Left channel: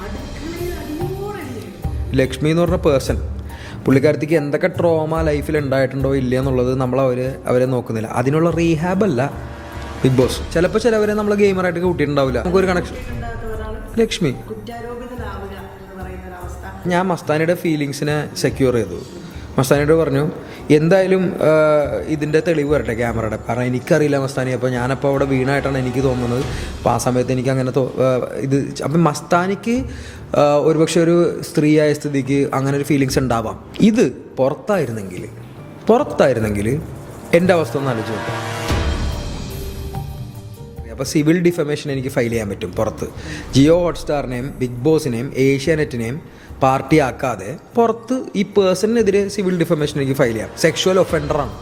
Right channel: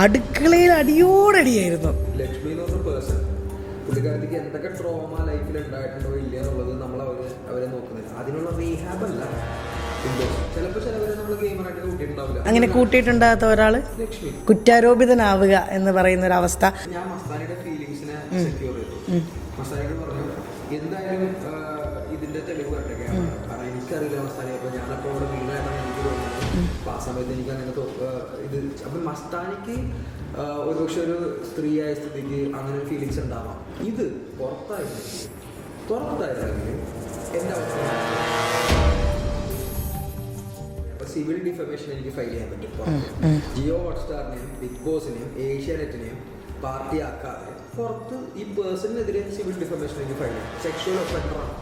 അടുക്കളയിൽ അടിയോടടിയായിരുന്നു. ലക്ഷ്മി എന്ന് പറഞ്ഞ പേഴ്സൺ, പുള്ളിക്കാരത്തിക്ക് എന്തൊക്കെ ട്രോമ ലൈഫിൽ ഉണ്ടായിട്ടുണ്ടോ ഇല്ല എന്നുള്ളത് അവരെ നോക്കുന്നില്ല. അതിനുള്ള റീഹാബ് അല്ല ബിഗ് ബോസ്. ചിലപ്പോൾ ചിലവരെ നമ്മൾ ഗെയിമറായിട്ട് കൂട്ടിയിട്ടുണ്ടാവില്ല. കൂട്ടിയിട്ടുണ്ടാകാത്ത ഒരാള് ലക്ഷ്മി കുറ്റാരോപിതനാവുക എന്ന് പറയുന്ന ഒരു അവസ്ഥ. ഞാൻ മസ്താനിയുടെ ഫീലിങ്സിനെ സെക്യൂർ ചെയ്തു. മസ്താനിയോട് പറഞ്ഞു എന്തായാലും ഇതിൻ്റെ തെളിവ് വരട്ടെ ക്യാമറയുടെ, കാരണം എനിക്കറിയില്ല മസ്താനി. അപ്പോൾ ഞാനപ്പോൾ അവിടെ വീണായിട്ടാണ് എനിക്ക് തോന്നുന്നത്. അപ്പോൾ ആ സമയത്ത് എനിക്ക് അങ്ങനെ ഇത് അപ്പം മസ്താനിക്ക് ഒരുപക്ഷെ ഒരു സ്ത്രീയായ സ്ഥിതിക്ക് അങ്ങനെ ഒരു ഫീലിങ്സ് ഉണ്ടാവാം. ഇത് പുറത്തായിരുന്നെങ്കിൽ എൻ്റെ അവസ്ഥ ഒന്ന് ആലോചിച്ചു. അപ്പോൾ സിവിൽ ഡിഫമേഷൻ എനിക്ക് ഫയൽ ചെയ്യാൻ പറ്റും പുറത്ത്. ജിയോ ഹോട്ട്സ്റ്റാറിനെയും ബിഗ് ബോസിനെയും ഏഷ്യാനെറ്റിനെയും പാർട്ടി ആക്കാതെ പുറത്ത് ഈ പേഴ്സണിനെതിരെ സിവിൽ ഡിഫമേഷൻ എനിക്ക് ഫയൽ ചെയ്യാം. സെക്ഷുവൽ ഒഫൻഡറാണ്.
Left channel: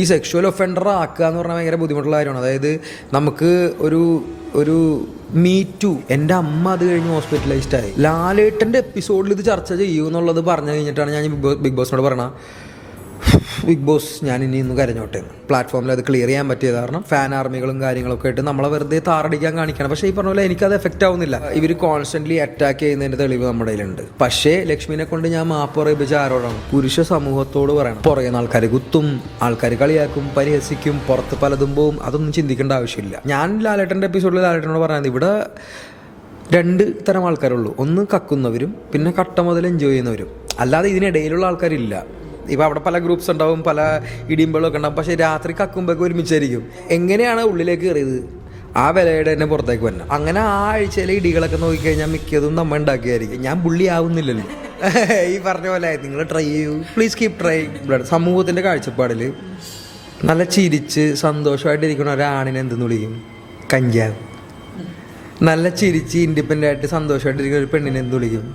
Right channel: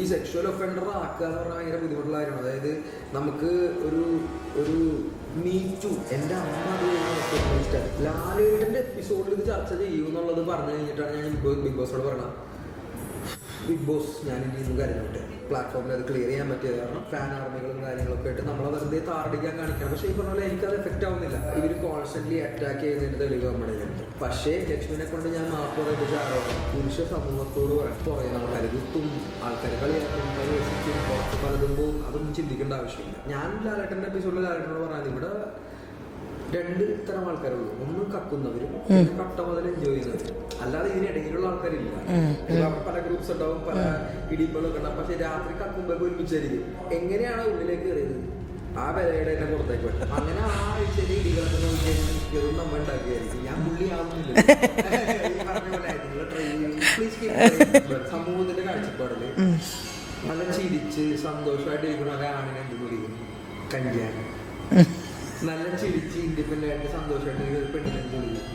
ഈ സെക്ഷുവൽ ഒഫൻഡർ ആക്കുക എന്ന് പറഞ്ഞാൽ ഭയങ്കര ബുദ്ധിമുട്ടുള്ള കാര്യമാണ്. അതായത് നമുക്ക് ഒരു മീറ്റു, എൻ്റെ അമ്മ അത് കഴിഞ്ഞ് ഹോസ്പിറ്റലൈസ്ഡ് ആയി. ലാലേട്ടൻ്റെ എപ്പിസോഡിൽ ഇത് ചർച്ച ചെയ്യുമെന്നുള്ളത് പറഞ്ഞു കഴിഞ്ഞിട്ടാണ് ഞാൻ ബിഗ് ബോസിനോട് പറഞ്ഞത്, ബിഗ് ബോസ് ഞാൻ ഇനി ഇന്ന് കരഞ്ഞോട്ടെ. പ്ലാറ്റ്ഫോമിൽ അത് ക്ലിയർ ചെയ്യാൻ പറ്റിയത് കാരണം ഫാൻ ആർമികളും കാര്യങ്ങളൊക്കെ ആയിട്ട് നമ്മളെ വെറുതെ താറടിക്കാൻ കാണിക്കണം. പക്ഷേ ഈ പറഞ്ഞ പോലെ എനിക്കത് എഫക്റ്റ് ആവുന്നില്ല. ഇവർ കോൺസ്റ്റന്റ്ലി അറ്റാക്ക് ചെയ്യുന്നതിൻ്റെ തെളിവ് നമ്മുടെ കയ്യിലുണ്ട്. പക്ഷേ ലക്ഷ്മിനെ കൊണ്ട് ഞാൻ മാപ്പ് പറയിപ്പിച്ച ആരോടാണ്? പുരുഷ സമൂഹത്തോട് പറയണം. പുറകെ ആൾക്കാർ കുത്തും, ആൾക്കാർ കളിയാക്കും, പരിഹസിക്കും, പുറത്ത് പലതും പോവും. അതൊന്നും ചിന്തിക്കേണ്ട ആവശ്യമില്ല. ഞാൻ ലാലേട്ടൻ്റെ എപ്പിസോഡിൽ ലാലേട്ടനോട് പറയുന്നത് ഇവിടെ 2 തരം ആൾക്കാരുള്ളൂ. ഒന്ന് കക്കുന്നവരും പിന്നെ കട്ട മുതൽ എൻജോയ് ചെയ്യുന്നവരും. അല്ലാതെ ഇതിനിടയിലുള്ള ആൾക്കാരില്ല. ഇപ്പം അവിടെ പല ഗ്രൂപ്പ്സ് ഉണ്ടാവും, പല ഇടിയുമ്പോഴൊക്കെ ഉണ്ടാവും. പക്ഷേ രാത്രി കക്കുമ്പോഴൊക്കെ ഒരുമിച്ചായിരിക്കും. എങ്ങനെയാണ് ഉള്ളിലേക്ക് കയറിയത് ആ വിലയുടെ തന്നെ പുറത്തേക്ക് വരണം. അങ്ങനെ ആ ആഴ്ചയിലെ ഇടികളൊക്കെ നോക്കിക്കഴിഞ്ഞാൽ മിക്കതും നമ്മൾ ഉണ്ടാക്കിയായിരിക്കും. ഞാൻ പുള്ളി ആവുന്നില്ലല്ലോ. ഈ പറഞ്ഞ പോലെ നിങ്ങൾ ട്രൈ ചെയ്യൂ, പ്ലീസ് കീപ് ട്രൈ. സമൂഹത്തിന്റെ കാഴ്ചപ്പാടിൽ നല്ല ചിരിച്ച് സന്തോഷമായിട്ടിരിക്കുന്ന ഒരാണിനെ എന്തെന്ന് വിളിക്കും? കഞ്ചാവ്. നല്ല ചിരിച്ച് ഇൻഡിപെൻഡൻ്റ് ആയിട്ട് സന്തോഷമായിട്ടിരിക്കുന്ന ഒരു പെണ്ണിനെ എന്ത് വിളിക്കും?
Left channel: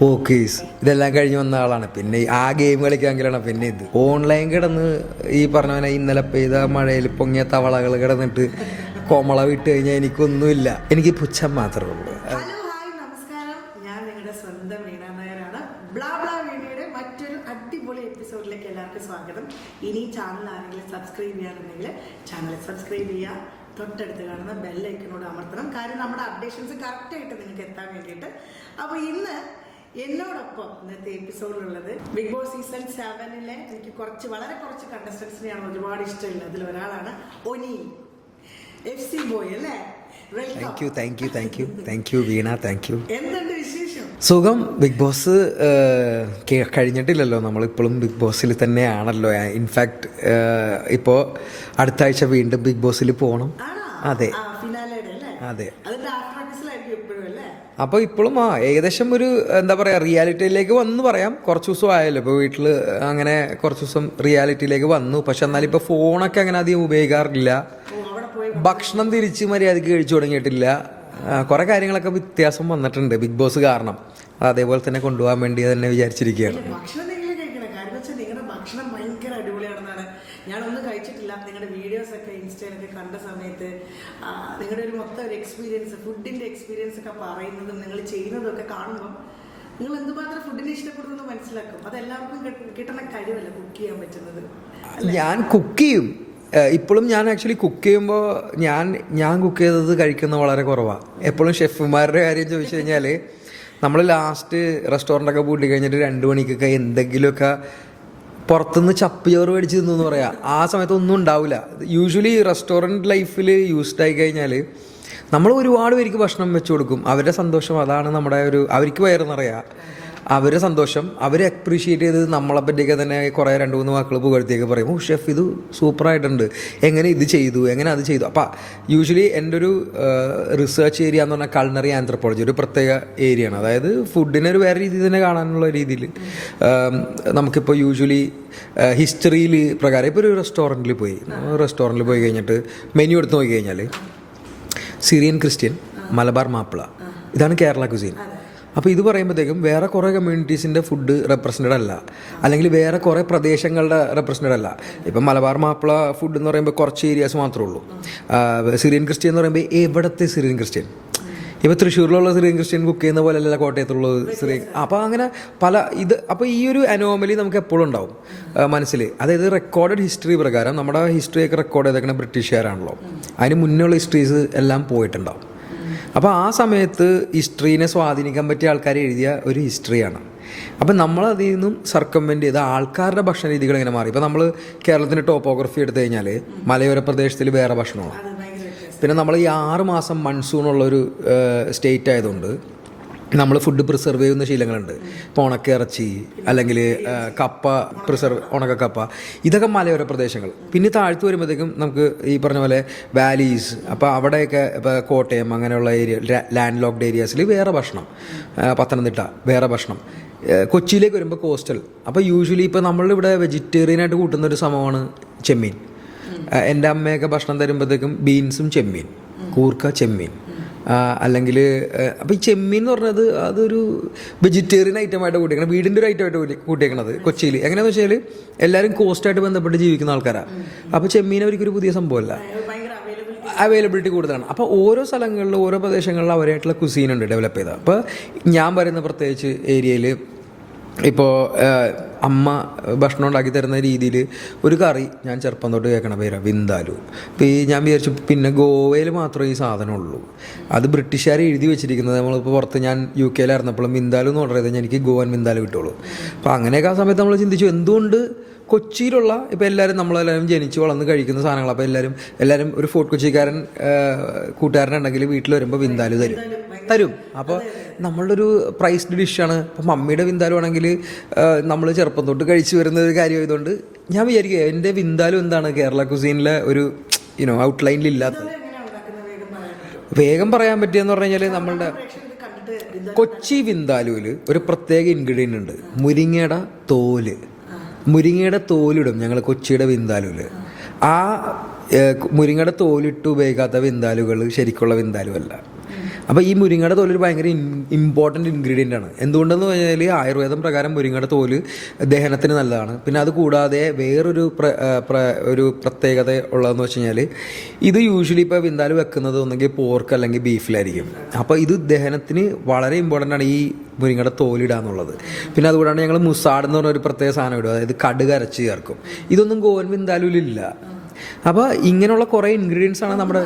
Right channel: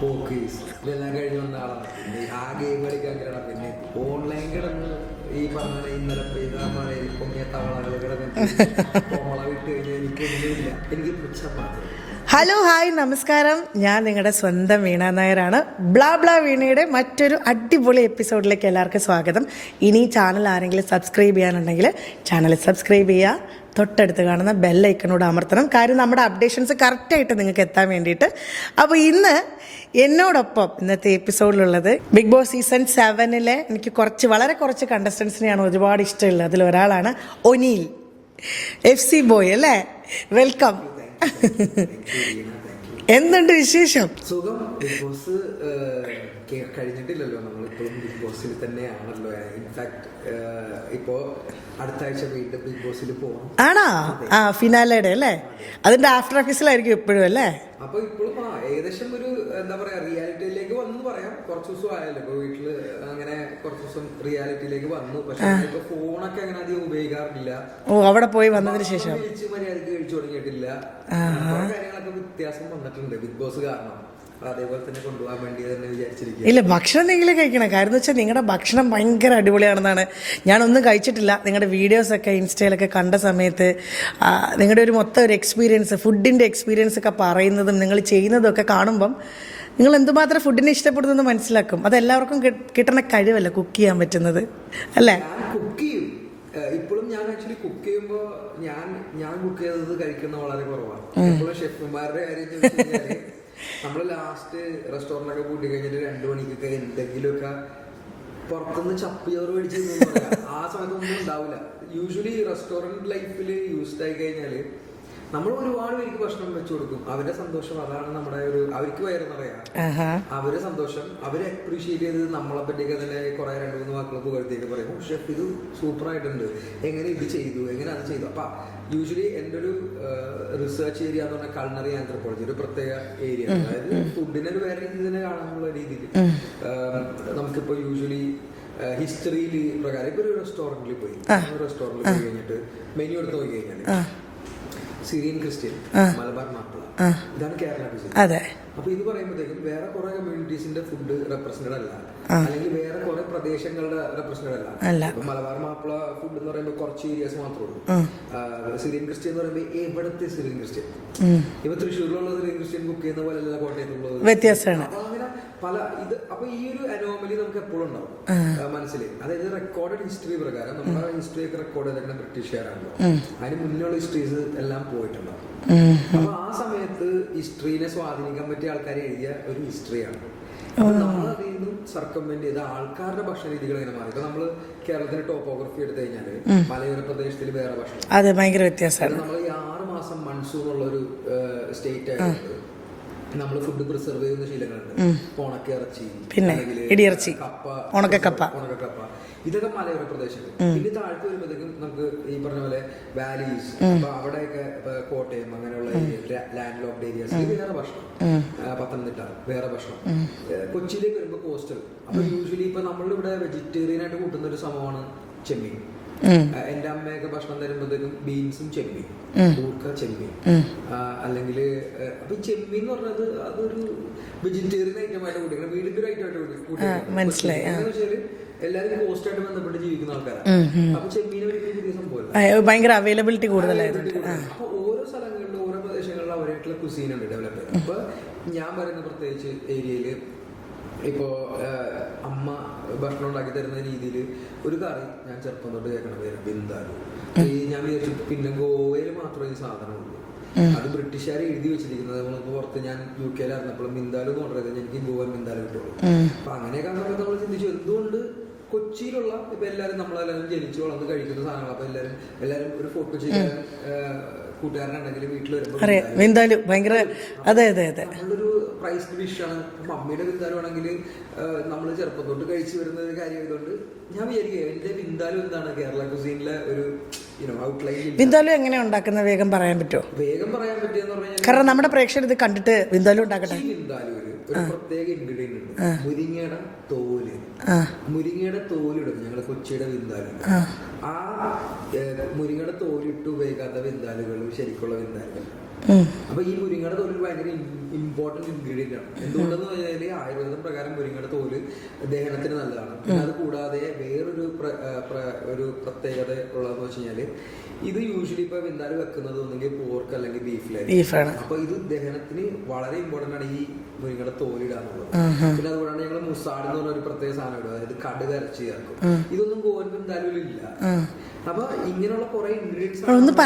പോക്കീസ്. ഇതെല്ലാം കഴിഞ്ഞ് വന്ന ആളാണ്. പിന്നെ ആ ഗെയിം കളിക്കാമെങ്കിലാണ്. പിന്നെ ഇത് ഓൺലൈൻ കിടന്ന് ഈ പറഞ്ഞ പോലെ ഇന്നലെ പെയ്ത മഴയിൽ പൊങ്ങിയ തവളകൾ കിടന്നിട്ട് കോമള വിട്ട് കഴിഞ്ഞാൽ എനിക്കൊന്നുമില്ല. എനിക്ക് പുച്ഛം മാത്രമേ ഉള്ളൂ. ഹലോ, ഹായ്, നമസ്കാരം. ഞാൻ നിങ്ങളുടെ സ്വന്തം വീണ നായരാണ്. ബ്ലാ ബ്ലാ വീണയുടെ മറ്റൊരു അടിപൊളി എപ്പിസോഡിലേക്ക് എല്ലാവർക്കും സ്വാഗതം. ഇനി ചാനൽ ആരെങ്കിലും സബ്സ്ക്രൈബ് ചെയ്യാനുണ്ടെങ്കിൽ ചാനൽ സബ്സ്ക്രൈബ് ചെയ്യുക. തൊട്ടടുത്ത് കാണുന്ന ബെല്ലൈക്കനോട് അമർത്തണം. കാര്യം നമ്മുടെ അപ്ഡേഷൻസ് കറക്റ്റായിട്ട് നിങ്ങൾക്ക് എത്താൻ വേണ്ടിയിട്ട്. അപ്പോൾ ഇന്ന് എന്നോടൊപ്പം ഇന്നത്തെ എപ്പിസോഡിലുള്ളത് ബിഗ് ബോസ് സീസൺ 7 എനിക്ക് വളരെ കുറച്ച് കണ്ടസ്റ്റൻസിനെയാണ് ഒരുപാട് ഇഷ്ടമുള്ളത്. അതിലൊരാളാണ് ഒനീൽ, FC ബോയ് അല്ലേ? Welcome. Thank you Veena, thank you. എന്തുണ്ട് വിശേഷം? സുഖം. ബിഗ് ബോസ് കഴിഞ്ഞിട്ടില്ലല്ലോ, നമ്മളിപ്പോഴും ബിഗ് ബോസിൽ തന്നെയാണല്ലോ. ഇൻഫാക്ട് ഇപ്പോൾ അടുത്ത ആഴ്ച വീണ്ടും ബിഗ് ബോസിൽ പോകണം. ആണോ? അതെ, ഫിനാലയുടെ അല്ലേ? അതെ. അതിന്റെ ആഫ്റ്റർ എപ്പിസോഡിലായിരിക്കും എപ്പോഴും അല്ലേ? അപ്പോൾ ഇപ്പോഴും ഏകദേശം ഒരു എന്താ പറയുക, റിയാലിറ്റിയിലേക്ക് വന്നു പറയാം. കുറച്ച് ദിവസം ആയല്ലോ ഇപ്പോൾ വീട്ടിൽ, അങ്ങനെ കുറച്ച് ദിവസം റിയാലിറ്റിയിലേക്ക് വന്നു. പക്ഷെ എന്നാലും ഇപ്പോൾ ഫോണൊക്കെ അങ്ങനെ അധികം ഉപയോഗിക്കാറില്ല. അവിടെ പോയി ഭക്ഷണം തിരിച്ച് മര്യാദയ്ക്ക് കഴിച്ചു തുടങ്ങിയിട്ടില്ല. കുറെ കാര്യങ്ങളൊക്കെ വ്യത്യാസം വന്നിട്ടുണ്ട് ബിഗ് ബോസ് കാരണം. അതേപോലെ തന്നെ കൊണ്ടുപോകാൻ വേണ്ടി തന്നെ വിചാരിച്ചിരിക്കുക. ഇല്ല, ഭക്ഷണം എന്തെങ്കിലും കഴിക്കണം. കാര്യം എന്ന് വെച്ചാൽ നിങ്ങളുടെ ഭക്ഷണം ഭയങ്കര അടിപൊളിയാണെന്നാണ്. ഞാനൊന്നും കഴിച്ചിട്ടില്ല. നിങ്ങളുടെ വീഡിയോസൊക്കെ ഇൻസ്റ്റയിലൊക്കെ കണ്ട സമയത്ത് നിങ്ങളുടെ ഒരു മൊത്തം ഒരു എക്സ്പീരിയൻസ്, ഫുഡിൻ്റെ എക്സ്പീരിയൻസ് ഒക്കെ പറയുന്നതും നിങ്ങൾ ചെയ്യുന്നതും ഒക്കെ കാണുമ്പം നിങ്ങൾ എന്തുമാത്രം ഫുഡിനെ ഇഷ്ടപ്പെടുന്നത് മനസ്സിലാക്കും. അത് എല്ലാവർക്കും കിട്ടുന്ന കഴിവല്ല കുക്ക് ചെയ്യാൻ പറ്റുന്നത് അല്ലേ? ഞാൻ കുക്ക് ചെയ്യും. ഇപ്പോഴും ഞാൻ ആക്ച്വലി കുക്ക് ചെയ്യുമ്പോൾ ഞാൻ കുക്ക് ചെയ്തത് കഴിക്കുന്ന വളരെ കുറവാണ്. എപ്പോഴും ഷെഫുമാരുടെ കാര്യം ചോദിച്ചു കഴിഞ്ഞാൽ നമ്മൾ ലാസ്റ്റ് റെസ്റ്റോറൻ്റൊക്കെ പൂട്ടി കഴിഞ്ഞിട്ട് 2 മണിക്കൊക്കെ എന്തെങ്കിലുമൊക്കെ പുറത്തുനിന്ന് ചപ്പിയോറ് മേടിച്ച് തിന്നെന്ന് പറയാം. ആ സമയത്ത് ഒന്നും ഉണ്ടാവില്ല. യൂഷ്വലി റെസ്റ്റോറൻറ്റ് ലൈഫിൽ യൂസ്ഡ് ആയി കഴിഞ്ഞാൽ നമ്മൾ ഒരുപാട് പേർക്ക് ഭക്ഷണം വെച്ചു കൊടുക്കും. അവരുടെ സന്തോഷം അതാണ് നമ്മുടെ അവർക്ക് വയറെന്നറിയാം. അവരുടെ സന്തോഷം അവരെ അപ്രീഷിയേറ്റ് ചെയ്ത് നമ്മളെ പറ്റിയൊക്കെ തന്നെ കുറേ 2-3 വാക്കുകൾ പുകഴ്ത്തിയൊക്കെ പറയും, ഓ ഷെഫ് ഇത് സൂപ്പറായിട്ടുണ്ട്, എങ്ങനെ ഇത് ചെയ്തു, എങ്ങനെ അത് ചെയ്തു. അപ്പം യൂഷ്വലി എൻ്റെ ഒരു റിസർച്ച് ഏരിയ എന്ന് പറഞ്ഞാൽ കൾണറി ആന്ത്രപ്പോളജി, ഒരു പ്രത്യേക ഏരിയയാണ്. അതായത് ഫുഡിനെ ഒരു വേറെ രീതിയിൽ തന്നെ കാണാനുള്ള രീതിയിൽ നമുക്കിപ്പോൾ യൂഷ്വലി ഹിസ്റ്ററിയിൽ പ്രകാരം ഇപ്പോൾ ഒരു റെസ്റ്റോറൻറ്റിൽ പോയി കഴിഞ്ഞിട്ട് മെനു എടുത്ത് നോക്കി കഴിഞ്ഞാൽ സിറിയൻ ക്രിസ്ത്യൻ, മലബാർ മാപ്പിള, ഇതാണ് കേരള കുസീൻ. അപ്പോൾ ഇത് പറയുമ്പോഴത്തേക്കും വേറെ കുറേ കമ്മ്യൂണിറ്റീസിന്റെ ഫുഡ് റെപ്രസെന്റഡ് അല്ല, അല്ലെങ്കിൽ വേറെ കുറേ പ്രദേശങ്ങളുടെ റെപ്രസെന്റഡ് അല്ല. ഇപ്പം മലബാർ മാപ്പിള ഫുഡ് എന്ന് പറയുമ്പോൾ കുറച്ച് ഏരിയാസ് മാത്രമേ ഉള്ളൂ. സിറിയൻ ക്രിസ്ത്യൻ എന്ന് പറയുമ്പോൾ എവിടത്തെ സിറിയൻ ക്രിസ്ത്യൻ, ഇപ്പൊ തൃശ്ശൂരിലുള്ള സിറിയൻ ക്രിസ്ത്യൻ കുക്ക് ചെയ്യുന്ന പോലെ അല്ല കോട്ടയത്തുള്ളത്. അപ്പൊ അങ്ങനെ അപ്പൊ ഈ ഒരു അനോമലി നമുക്ക് എപ്പോഴും ഉണ്ടാവും മനസ്സിൽ. അതായത് റെക്കോർഡഡ് ഹിസ്റ്ററി പ്രകാരം നമ്മുടെ ഹിസ്റ്ററി ഒക്കെ റെക്കോർഡ് ചെയ്തേക്കുന്ന ബ്രിട്ടീഷുകാരാണല്ലോ. അതിന് മുന്നുള്ള ഹിസ്റ്ററീസ് എല്ലാം പോയിട്ടുണ്ടാവും. അപ്പോൾ ആ സമയത്ത് ഹിസ്റ്ററീനെ സ്വാധീനിക്കാൻ പറ്റിയ ആൾക്കാർ എഴുതിയ ഒരു ഹിസ്റ്ററിയാണ്. അപ്പം നമ്മൾ അതിൽ നിന്നും സർക്കംവെന്റ് ചെയ്ത് ആൾക്കാരുടെ ഭക്ഷണ രീതികൾ ഇങ്ങനെ മാറി. ഇപ്പം നമ്മൾ കേരളത്തിന്റെ ടോപ്പോഗ്രഫി എടുത്തു കഴിഞ്ഞാൽ മലയോര പ്രദേശത്തിൽ വേറെ ഭക്ഷണമാണ്. അതെ, ഭയങ്കര വ്യത്യാസം. പിന്നെ നമ്മൾ ഈ 6 മാസം മൺസൂൺ ഉള്ളൊരു സ്റ്റേറ്റ് ആയതുകൊണ്ട് നമ്മൾ ഫുഡ് പ്രിസർവ് ചെയ്യുന്ന ശീലങ്ങളുണ്ട്. ഉണക്കിറച്ചി അല്ലെങ്കിൽ കപ്പ, ഉണക്കക്കപ്പ, ഇതൊക്കെ മലയോര പ്രദേശങ്ങൾ. പിന്നെ താഴ്ത്തു വരുമ്പോഴത്തേക്കും നമുക്ക് ഈ പറഞ്ഞ പോലെ വാലീസ്, അപ്പൊ അവിടെയൊക്കെ ഇപ്പൊ കോട്ടയം അങ്ങനെയുള്ള ഏരിയ, ലാൻഡ് ലോക്ക്ഡ് ഏരിയാസിൽ വേറെ ഭക്ഷണം, പത്തനംതിട്ട വേറെ ഭക്ഷണം, കൊച്ചിയിലേക്ക് വരുമ്പോൾ കോസ്റ്റൽ. അപ്പൊ യൂഷ്വലി ഇപ്പൊ നമ്മളിവിടെ വെജിറ്റേറിയൻ ആയിട്ട് കൂട്ടുന്ന ഒരു സംഭവമാണ് ചെമ്മീൻ. എൻ്റെ അമ്മയൊക്കെ ഭക്ഷണം തരുമ്പോഴത്തേക്കും ബീൻസും ചെമ്മീൻ, കൂർക്ക ചെമ്മീൻ, അല്ലെങ്കിൽ അപ്പം ഈ ചെമ്മീൻ എന്ന് പറഞ്ഞത് അതൊരു വെജിറ്റേറിയൻ ഐറ്റമായിട്ട് കൂട്ടിയേക്കണം, വീടിൻ്റെ ഒരു ഐറ്റമായിട്ട് കൂട്ടിയേക്കണത് കൊച്ചിയിൽ. എങ്ങനെയാന്ന് വെച്ചാൽ എല്ലാവരും കോസ്റ്റായിട്ട് ബന്ധപ്പെട്ട് ജീവിക്കുന്ന ആൾക്കാരാണ്. അപ്പോൾ ചെമ്മീൻ അവർക്കൊരു പുതിയ സംഭവമല്ല, ഭയങ്കര അവൈലബിലിറ്റി കൂടുതലാണ്. അപ്പോൾ ഓരോ സ്ഥലങ്ങളിലും ഓരോ പ്രദേശങ്ങളിലും അവരായിട്ടുള്ള കുസീൻ ഉണ്ട് ഡെവലപ്പ് ചെയ്തത്. അപ്പോൾ ഞാൻ പറയുന്ന പ്രത്യേകിച്ച് ഏരിയയിൽ ഇപ്പോൾ അമ്മ ഭക്ഷണം ഉണ്ടാക്കി തരുന്ന രീതിയിൽ ഒരു കറി ഞാൻ ചെറുപ്പം തൊട്ട് കേൾക്കണ പേരാ വിന്താലു. ഈ ഞാൻ വിചാരിച്ചു പിന്നെ ഗോവയിൽ മാത്രമേ ഈ സാധനം ഉള്ളൂ, അത് ബ്രിട്ടീഷുകാർ എഴുതി വെച്ചിരിക്കുന്നത്. നമ്മളിപ്പോൾ പുറത്ത് ഞാൻ UK ലായിരുന്നപ്പോഴും വിന്താലു എന്ന് ഓർഡർ ചെയ്താൽ എനിക്ക് ഗോവൻ വിന്താലു കിട്ടുള്ളൂ. അപ്പോൾ അങ്ങനെയൊക്കെ ആ സമയത്ത് നമ്മൾ ചിന്തിച്ചു എന്തുകൊണ്ട് കൊച്ചിയിലുള്ള ഇപ്പം എല്ലാവരും നമ്മളെല്ലാവരും ജനിച്ച് വളർന്ന് കഴിക്കുന്ന സാധനങ്ങൾ. അപ്പോൾ എല്ലാവരും ഒരു ഫോർട്ട് കൊച്ചിക്കാരൻ കൂട്ടുകാരനുണ്ടെങ്കിൽ വീട്ടിൽ വരുമ്പോൾ വിന്താലു തരും. അപ്പോൾ നമ്മളുടെ ഒരു പ്രൈസ്ഡ് ഡിഷാണ്. അപ്പം മമ്മിയുടെ വിന്താലു ആണെങ്കിൽ നമ്മൾ ചെറുപ്പം തൊട്ട് കഴിച്ചു വരുന്ന ഒരു കാര്യം ആയതുകൊണ്ട് ഞാൻ വിചാരിക്കുക എൻ്റെ വിന്താലു എന്താണ് കേരള കുസീനിലെ ഒരു ഔട്ട്ലൈനിലില്ല. എങ്ങനെ ഉണ്ടാക്കുന്നത് വേഗം പറയാൻ പറ്റുമോ? വേഗം പറയാൻ പറ്റിയെന്ന് പറഞ്ഞു കഴിഞ്ഞാൽ നമ്മുടെ പ്രേക്ഷകർ ഇത് കണ്ടിട്ട് കൊച്ചി വിന്താലുവില് ഒരു പ്രത്യേക ഇൻഗ്രീഡിയന്റ് ഉണ്ട്, മുരിങ്ങയുടെ തോല്. മുരിങ്ങയുടെ തോലിടും ഞങ്ങൾ കൊച്ചിയുടെ വിന്താലുവില്. ആ മുരിങ്ങയുടെ തോലിട്ട് ഉപയോഗിക്കാത്ത വിന്താലുകൾ ശരിക്കുള്ള വിന്താലുവല്ല. അപ്പൊ ഈ മുരിങ്ങയുടെ തോല് ഭയങ്കര ഇമ്പോർട്ടന്റ് ഇൻഗ്രീഡിയന്റ് ആണ്. എന്തുകൊണ്ടെന്ന് പറഞ്ഞാൽ ആയുർവേദം പ്രകാരം മുരിങ്ങയുടെ തോല് ദഹനത്തിന് നല്ലതാണ്. പിന്നെ അത് കൂടാതെ വേറൊരു ഒരു പ്രത്യേകത ഉള്ളതെന്ന് വെച്ച് കഴിഞ്ഞാൽ ഇത് യൂഷ്വലി ഇപ്പൊ വിന്താലു വെക്കുന്നത് ഒന്നെങ്കിൽ പോർക്ക് അല്ലെങ്കിൽ ബീഫിലായിരിക്കും. അപ്പൊ ഇത് ദഹനത്തിന് വളരെ ഇമ്പോർട്ടന്റ് ആണ് ഈ മുരിങ്ങയുടെ തോലിടാന്നുള്ളത്. പിന്നെ അതുകൂടാണ്ട് ഞങ്ങൾ മുസാഡ് എന്ന് പറഞ്ഞ ഒരു പ്രത്യേക സാധനം ഇടും, അതായത് കടുക് അരച്ച് ചേർക്കും. ഇതൊന്നും ഗോവൻ വിന്താലുവിലില്ല. അപ്പൊ ഇങ്ങനെയുള്ള കുറെ ഇൻഗ്രീഡിയൻസ് ആണ് നമ്മുടെ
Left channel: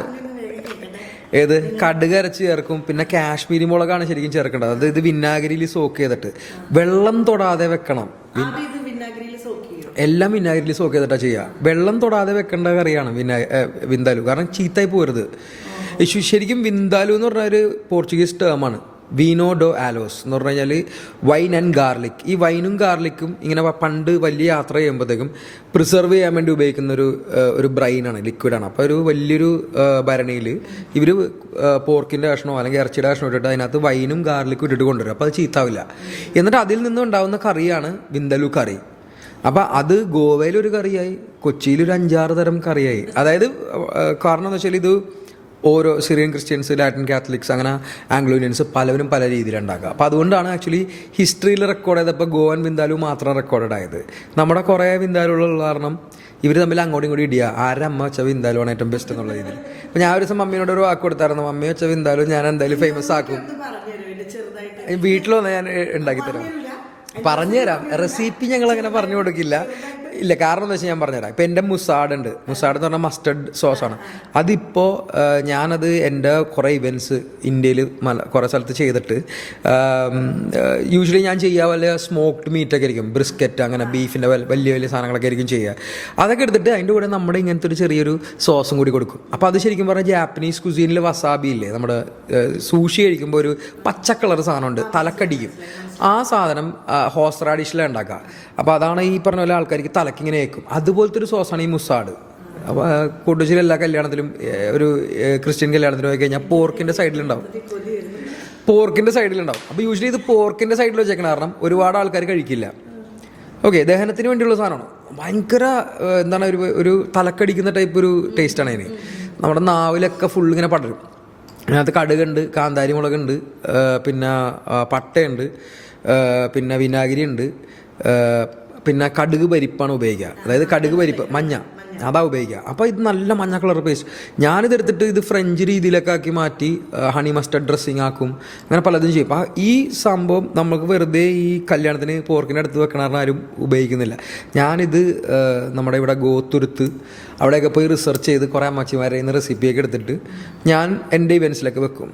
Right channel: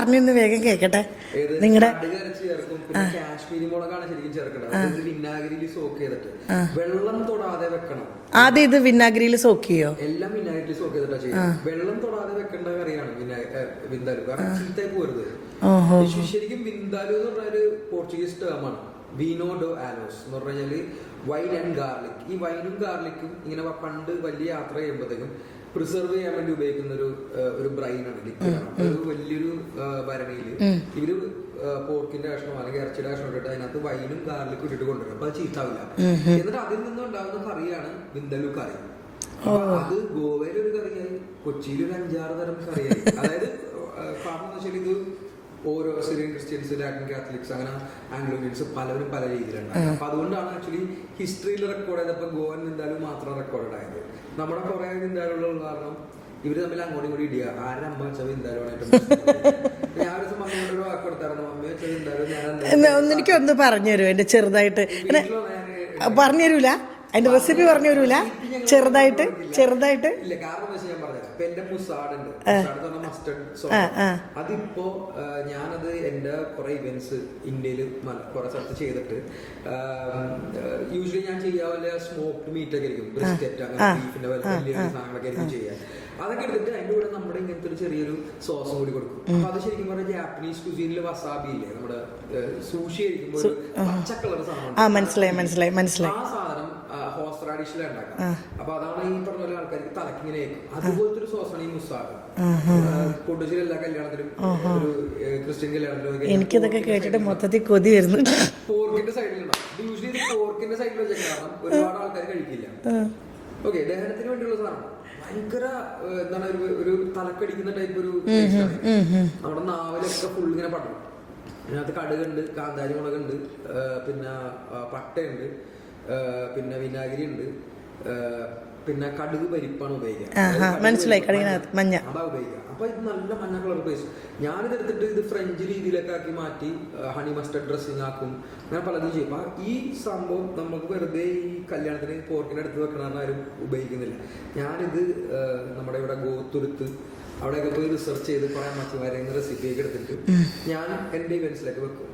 ഏത് കടുക് അരച്ച് ചേർക്കും. പിന്നെ കാശ്മീരി മുളകാണ് ശരിക്കും ചേർക്കേണ്ടത്. അത് ഇത് വിനാഗിരിയിൽ സോക്ക് ചെയ്തിട്ട് വെള്ളം തൊടാതെ വെക്കണം. ആദ്യം ഇത് വിനാഗിരിയിൽ സോക്ക് ചെയ്യോ? എല്ലാം വിനാഗിരിയിൽ സോക്ക് ചെയ്തിട്ടാ ചെയ്യാം. വെള്ളം തൊടാതെ വെക്കേണ്ട കറിയാണ് വിന്താലു, കാരണം ചീത്തായി പോരുത്. ശരിക്കും വിന്താലു എന്ന് പറഞ്ഞ ഒരു പോർച്ചുഗീസ് ടേമാണ്, വീനോ ഡോ ആലോസ് എന്ന് പറഞ്ഞു കഴിഞ്ഞാൽ വൈൻ ആൻഡ് ഗാർലിക്. ഈ വൈനും ഗാർലിക്കും ഇങ്ങനെ പണ്ട് വലിയ യാത്ര ചെയ്യുമ്പോഴത്തേക്കും പ്രിസർവ് ചെയ്യാൻ വേണ്ടി ഉപയോഗിക്കുന്ന ഒരു ബ്രൈനാണ്, ലിക്വിഡാണ്. അപ്പോൾ ഒരു വലിയൊരു ഭരണിയിൽ ഇവർ പോർക്കിന്റെ കഷ്ണമോ അല്ലെങ്കിൽ ഇറച്ചിയുടെ കഷ്ണമോ ഇട്ടിട്ട് അതിനകത്ത് വൈനും ഗാർലിക്കും ഇട്ടിട്ട് കൊണ്ടുവരും. അപ്പോൾ അത് ചീത്താവില്ല. എന്നിട്ട് അതിൽ നിന്ന് ഉണ്ടാവുന്ന കറിയാണ് വിന്താലു കറി. അപ്പൊ അത് ഗോവയിലൊരു കറിയായി, കൊച്ചിയിലൊരു 5-6 തരം കറിയായി. അതായത് കാരണം എന്ന് വെച്ചാൽ ഇത് ഓരോ സിറിയൻ ക്രിസ്ത്യൻസ്, ലാറ്റിൻ കാത്തലിക്സ്, അങ്ങനെ ആംഗ്ലോ ഇന്ത്യൻസ് പലവരും പല രീതിയിലുണ്ടാക്കുക. അപ്പോൾ അതുകൊണ്ടാണ് ആക്ച്വലി ഹിസ്റ്ററിയിൽ റെക്കോർഡ് ചെയ്തപ്പോൾ ഗോവൻ വിന്താലു മാത്രം റെക്കോർഡഡ് ആയത്. നമ്മുടെ കുറേ വിന്താലുകളുള്ള കാരണം ഇവർ തമ്മിൽ അങ്ങോട്ടും ഇങ്ങോട്ടും ഇടിയ ആരുടെ അമ്മ വെച്ച വിന്താലുവാണ് ഏറ്റവും ബെസ്റ്റ് എന്നുള്ള രീതിയിൽ. അപ്പോൾ ഞാൻ ഒരു ദിവസം മമ്മിയോട് ഒരു വാക്ക് കൊടുത്തായിരുന്നു, മമ്മി വെച്ച വിന്താലു ഞാൻ എന്തായാലും ഫേമസ് ആക്കി. ചെറുതായിട്ട് വീട്ടിലൊന്നും ഞാൻ പറഞ്ഞുതരൂല, റെസിപ്പി ഞങ്ങൾ പറഞ്ഞു കൊടുക്കില്ല. ഇല്ല, കാരണം എന്താ വെച്ചാൽ ഞാൻ പറഞ്ഞുതരാം. ഇപ്പൊ എന്റെ മുസാഡ് ഉണ്ട്, മുസാഡ് എന്ന് പറഞ്ഞാൽ മസ്റ്റർഡ് സോസ് ആണ്. അതിപ്പോ ഞാനത് എൻ്റെ കുറെ ഇവന്റ്സ് ഇന്ത്യയിൽ കുറെ സ്ഥലത്ത് ചെയ്തിട്ട് യൂഷ്വലി ഞാൻ ചെയ്യുക വല്ല സ്മോക്ഡ് മീറ്റ് ഒക്കെ ആയിരിക്കും, ബ്രിസ്ക്കറ്റ് അങ്ങനെ ബീഫിന്റെ വലിയ വലിയ സാധനങ്ങളൊക്കെ ആയിരിക്കും ചെയ്യുക. അതൊക്കെ എടുത്തിട്ട് അതിന്റെ കൂടെ നമ്മുടെ ഇങ്ങനത്തെ ഒരു ചെറിയൊരു സോസും കൂടി കൊടുക്കും. അപ്പൊ അത് ശരിക്കും പറഞ്ഞാൽ ജാപ്പനീസ് കുസീനിൽ വസാബി ഇല്ലേ, നമ്മുടെ സൂഷി കഴിക്കുമ്പോൾ ഒരു പച്ച കളർ സാധനം ഉണ്ട് തലക്കടി, ആ സാധനം ഹോസ് റാഡിഷിലെ ഉണ്ടാക്കാം. അപ്പൊ അതാണ് ഈ പറഞ്ഞ പോലെ ആൾക്കാർക്ക് തലക്ക് ഇങ്ങനെ വെക്കും. അതുപോലത്തെ ഒരു സോസാണ് ഈ മുസാഡ്. കൊണ്ടുവച്ചിൽ എല്ലാ കല്യാണത്തിലും, ഒരു ക്രിസ്ത്യൻ കല്യാണത്തിനും പോയി കഴിഞ്ഞാൽ പോർക്കിന്റെ സൈഡിലുണ്ടാവും, പോർക്കിന്റെ സൈഡിലുണ്ടാവും. അപ്പൊ യൂഷ്വലി ഇത് പോർക്കിന്റെ സൈഡിൽ വെച്ചേക്കണ കാരണം ഒരുപാട് ആൾക്കാർ കഴിക്കില്ല. ഓക്കെ, ദഹനത്തിന് വേണ്ടിയുള്ള സാധനമാണ്. ഭയങ്കര എന്താണ് ഒരു തലക്കടിക്കുന്ന ടൈപ്പ് ഒരു ടേസ്റ്റ് ആണ് അതിന്. നമ്മുടെ നാവിലൊക്കെ ഫുൾ ഇങ്ങനെ പടരും. അതിനകത്ത് കടുകുണ്ട്, കാന്താരി മുളകുണ്ട്, പിന്നെ പട്ടയുണ്ട്, പിന്നെ വിനാഗിരി ഉണ്ട്, പിന്നെ കടുക് പരിപ്പാണ് ഉപയോഗിക്കുക. അതായത് കടുക് പരിപ്പ് മഞ്ഞ അതാ ഉപയോഗിക്കുക. അപ്പോൾ ഇത് നല്ല മഞ്ഞ കളർ പേസ്റ്റ്. ഞാനിത് എടുത്തിട്ട് ഇത് ഫ്രഞ്ച് രീതിയിലൊക്കെ ആക്കി മാറ്റി ഹണി മസ്റ്റർഡ് ഡ്രസ്സിങ് ആക്കും, അങ്ങനെ പലതും ചെയ്യും. അപ്പോൾ ഈ സംഭവം നമുക്ക് വെറുതെ ഈ കല്യാണത്തിന് പോർക്കിൻ്റെ അടുത്ത് വെക്കണ ആരും ഉപയോഗിക്കുന്നില്ല. ഞാനിത് നമ്മുടെ ഇവിടെ ഗോത്തുരുത്ത് അവിടെയൊക്കെ പോയി റിസർച്ച് ചെയ്ത് കുറേ അമ്മച്ചിമാരെ ഇന്ന് റെസിപ്പിയൊക്കെ എടുത്തിട്ട് ഞാൻ എൻ്റെ ഇവൻറ്റ്സിലൊക്കെ വെക്കും.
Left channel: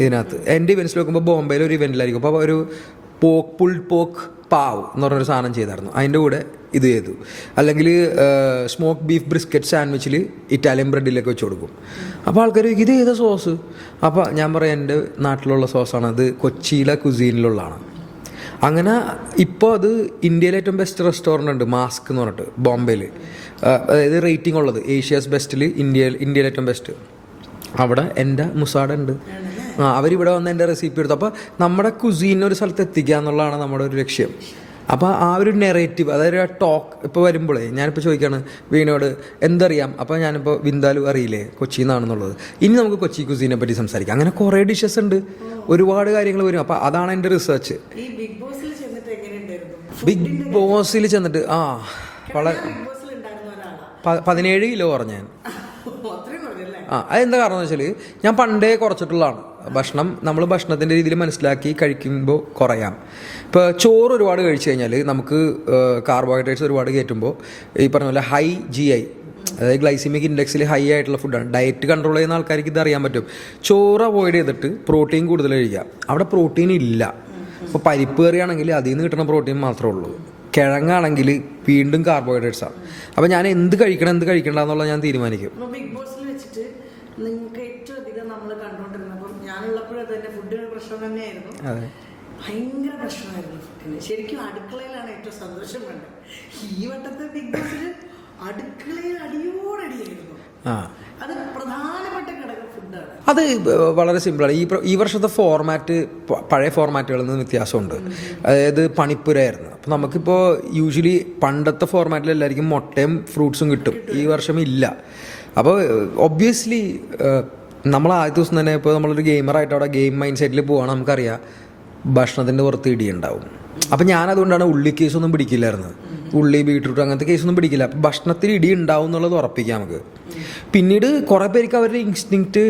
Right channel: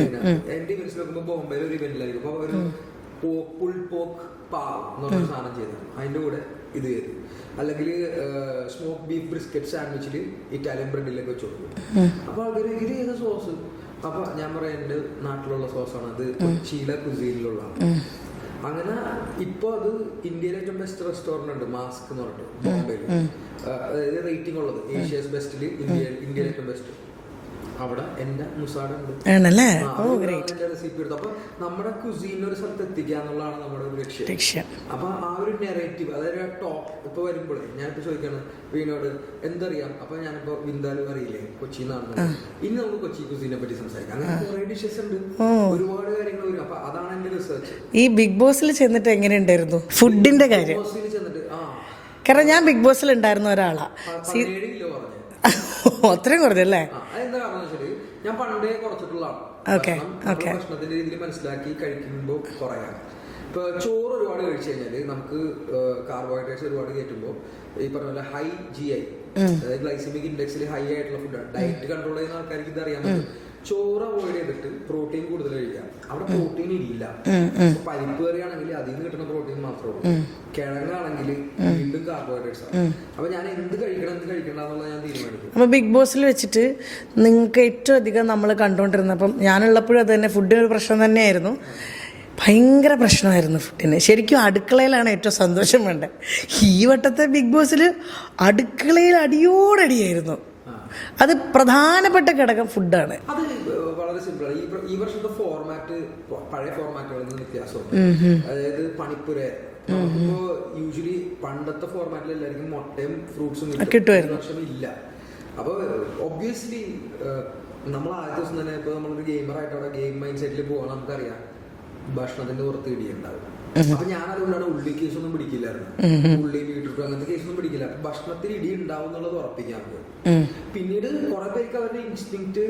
ഇതിനകത്ത് എൻ്റെ ഇവൻറ്റ്സിൽ വെക്കുമ്പോൾ ബോംബെയിൽ ഒരു ഇവൻറ്റിലായിരിക്കും. അപ്പോൾ ഒരു പോക്ക് പാവ് എന്ന് പറഞ്ഞൊരു സാധനം ചെയ്തായിരുന്നു, അതിൻ്റെ കൂടെ ഇത് ചെയ്തു. അല്ലെങ്കിൽ സ്മോക്ക് ബീഫ് ബ്രിസ്ക്കറ്റ് സാൻഡ്വിച്ചിൽ ഇറ്റാലിയൻ ബ്രെഡിലൊക്കെ വെച്ച് കൊടുക്കും. അപ്പോൾ ആൾക്കാർ ഇത് ചെയ്ത സോസ്. അപ്പോൾ ഞാൻ പറയാം എൻ്റെ നാട്ടിലുള്ള സോസാണ്, അത് കൊച്ചിയിലെ കുസീനിലുള്ളതാണ്. അങ്ങനെ ഇപ്പോൾ അത് ഇന്ത്യയിലെ ഏറ്റവും ബെസ്റ്റ് റെസ്റ്റോറൻ്റ് ഉണ്ട്, മാസ്ക് എന്ന് പറഞ്ഞിട്ട് ബോംബെയിൽ. അതായത് റേറ്റിംഗ് ഉള്ളത് ഏഷ്യാസ് ബെസ്റ്റിൽ ഇന്ത്യയിലെ ഏറ്റവും ബെസ്റ്റ്. അവിടെ എൻ്റെ മുസാഡ ഉണ്ട്. അവരിവിടെ വന്ന് എൻ്റെ റെസിപ്പി എടുത്തു. അപ്പോൾ നമ്മുടെ കുസീനെ ഒരു സ്ഥലത്ത് എത്തിക്കുക എന്നുള്ളതാണ് നമ്മുടെ ഒരു ലക്ഷ്യം. അപ്പോൾ ആ ഒരു നെറേറ്റീവ്, അതായത് ആ ടോക്ക് ഇപ്പോൾ വരുമ്പോഴേ ഞാനിപ്പോൾ ചോദിക്കുകയാണ് വീണോട് എന്തറിയാം, അപ്പോൾ ഞാനിപ്പോൾ വിന്താലു അറിയില്ലേ കൊച്ചിയിൽ നിന്നാണെന്നുള്ളത്, ഇനി നമുക്ക് കൊച്ചി കുസീനെ പറ്റി സംസാരിക്കാം. അങ്ങനെ കുറേ ഡിഷസ് ഉണ്ട്, ഒരുപാട് കാര്യങ്ങൾ വരും. അപ്പോൾ അതാണ് എൻ്റെ റിസർച്ച്. ഈ ബിഗ് ബോസിൽ ചെന്നിട്ട് എങ്ങനെയുണ്ടായിരുന്നു ഫുഡിന്റെ ബിഗ് ബോസിൽ ചെന്നിട്ട്? കാരണം ഞാൻ ബിഗ് ബോസിൽ ഉണ്ടായിരുന്ന ഒരാളാ. 17 കിലോ കുറഞ്ഞ. അത്രയും കുറഞ്ഞല്ലേ? അതെന്താ കാരണം എന്ന് വെച്ചാൽ ഞാൻ പണ്ടേ കുറച്ചിട്ടുള്ളതാണ്. ഭക്ഷണം നമ്മൾ ഭക്ഷണത്തിന്റെ രീതിയിൽ മനസ്സിലാക്കി കഴിക്കുമ്പോൾ കുറയാം. ഇപ്പോൾ ചോറ് ഒരുപാട് കഴിച്ചു കഴിഞ്ഞാൽ നമുക്ക് കാർബോഹൈഡ്രേറ്റ്സ് ഒരുപാട് കയറ്റുമ്പോൾ ഈ പറഞ്ഞ പോലെ ഹൈ GI, അതായത് ഗ്ലൈസിമിക് ഇൻഡെക്സിൽ ഹൈ ആയിട്ടുള്ള ഫുഡാണ്. ഡയറ്റ് കൺട്രോൾ ചെയ്യുന്ന ആൾക്കാർക്ക് ഇത് അറിയാൻ പറ്റും. ചോറ് അവോയ്ഡ് ചെയ്തിട്ട് പ്രോട്ടീൻ കൂടുതൽ കഴിക്കുക. അവിടെ പ്രോട്ടീൻ ഇല്ല. ഇപ്പോൾ പരിപ്പ് കറിയാണെങ്കിൽ അതിൽ നിന്ന് കിട്ടുന്ന പ്രോട്ടീൻ മാത്രമേ ഉള്ളൂ. കിഴങ്ങാണെങ്കിൽ വീണ്ടും കാർബോഹൈഡ്രേറ്റ്സ് ആണ്. അപ്പോൾ ഞാൻ എന്ത് കഴിക്കണം എന്ത് കഴിക്കണ്ട എന്നുള്ളത് ഞാൻ തീരുമാനിക്കും. അപ്പോൾ ബിഗ് ബോസിൽ വെച്ചിട്ട് നിങ്ങൾക്ക് ഏറ്റവും അധികം നമ്മൾ കണ്ടുകൊണ്ടിരുന്നപ്പം ഞാനുള്ളപ്പോഴും അത് തന്നെ ഫുഡിനൊരു പ്രശ്നം തന്നെയായിരുന്നു. ഭയങ്കര പ്രശ്നമായിരുന്നു ഫുഡിന്. ശരിക്കും അടുക്കളയിലാണ് ഏറ്റവും സന്തോഷം വേണ്ടത്. ഈ വട്ടത്തെ ബിഗ് ബോസിൽ അടുക്കളയിൽ അടിയോടടിയായിരുന്നു. അത് പ്രധാനപ്പെട്ട ഘടകം ഫുഡാണ്. അത് വളരെ സിമ്പിളാണ്. ഈ വർഷത്തെ ഫോർമാറ്റ് പഴയ ഫോർമാറ്റുകളിൽ നിന്ന് വ്യത്യാസമുണ്ട്. അതായത് പണിപ്പുരയായിരുന്നു. അപ്പം നമുക്കിപ്പോൾ യൂഷ്വലി പണ്ടത്തെ ഫോർമാറ്റിൽ എല്ലാവർക്കും മുട്ടയും ഫ്രൂട്ട്സും കിട്ടും. ഈ വർഷം ഇല്ല. അപ്പോൾ ഒബ്വിയസ്ലി നമ്മൾ ആദ്യ ദിവസം തന്നെ ഇപ്പോൾ നമ്മളൊരു ഗെയിമറായിട്ട് അവിടെ ഗെയിം മൈൻഡ് സെറ്റിൽ പോവാണ്, നമുക്കറിയാം ഭക്ഷണത്തിൻ്റെ പുറത്ത് ഇടിയുണ്ടാവും. അപ്പം ഞാനതുകൊണ്ടാണ് ഉള്ളി കേസൊന്നും പിടിക്കില്ലായിരുന്നു. ഉള്ളി ബീട്രൂട്ട് അങ്ങനത്തെ കേസൊന്നും പിടിക്കില്ല. അപ്പം ഭക്ഷണത്തിൽ ഇടി ഉണ്ടാവും എന്നുള്ളത് ഉറപ്പിക്കാം നമുക്ക്. പിന്നീട് കുറെ പേർക്ക് അവരുടെ ഇൻസ്റ്റിങ്ക്റ്റ്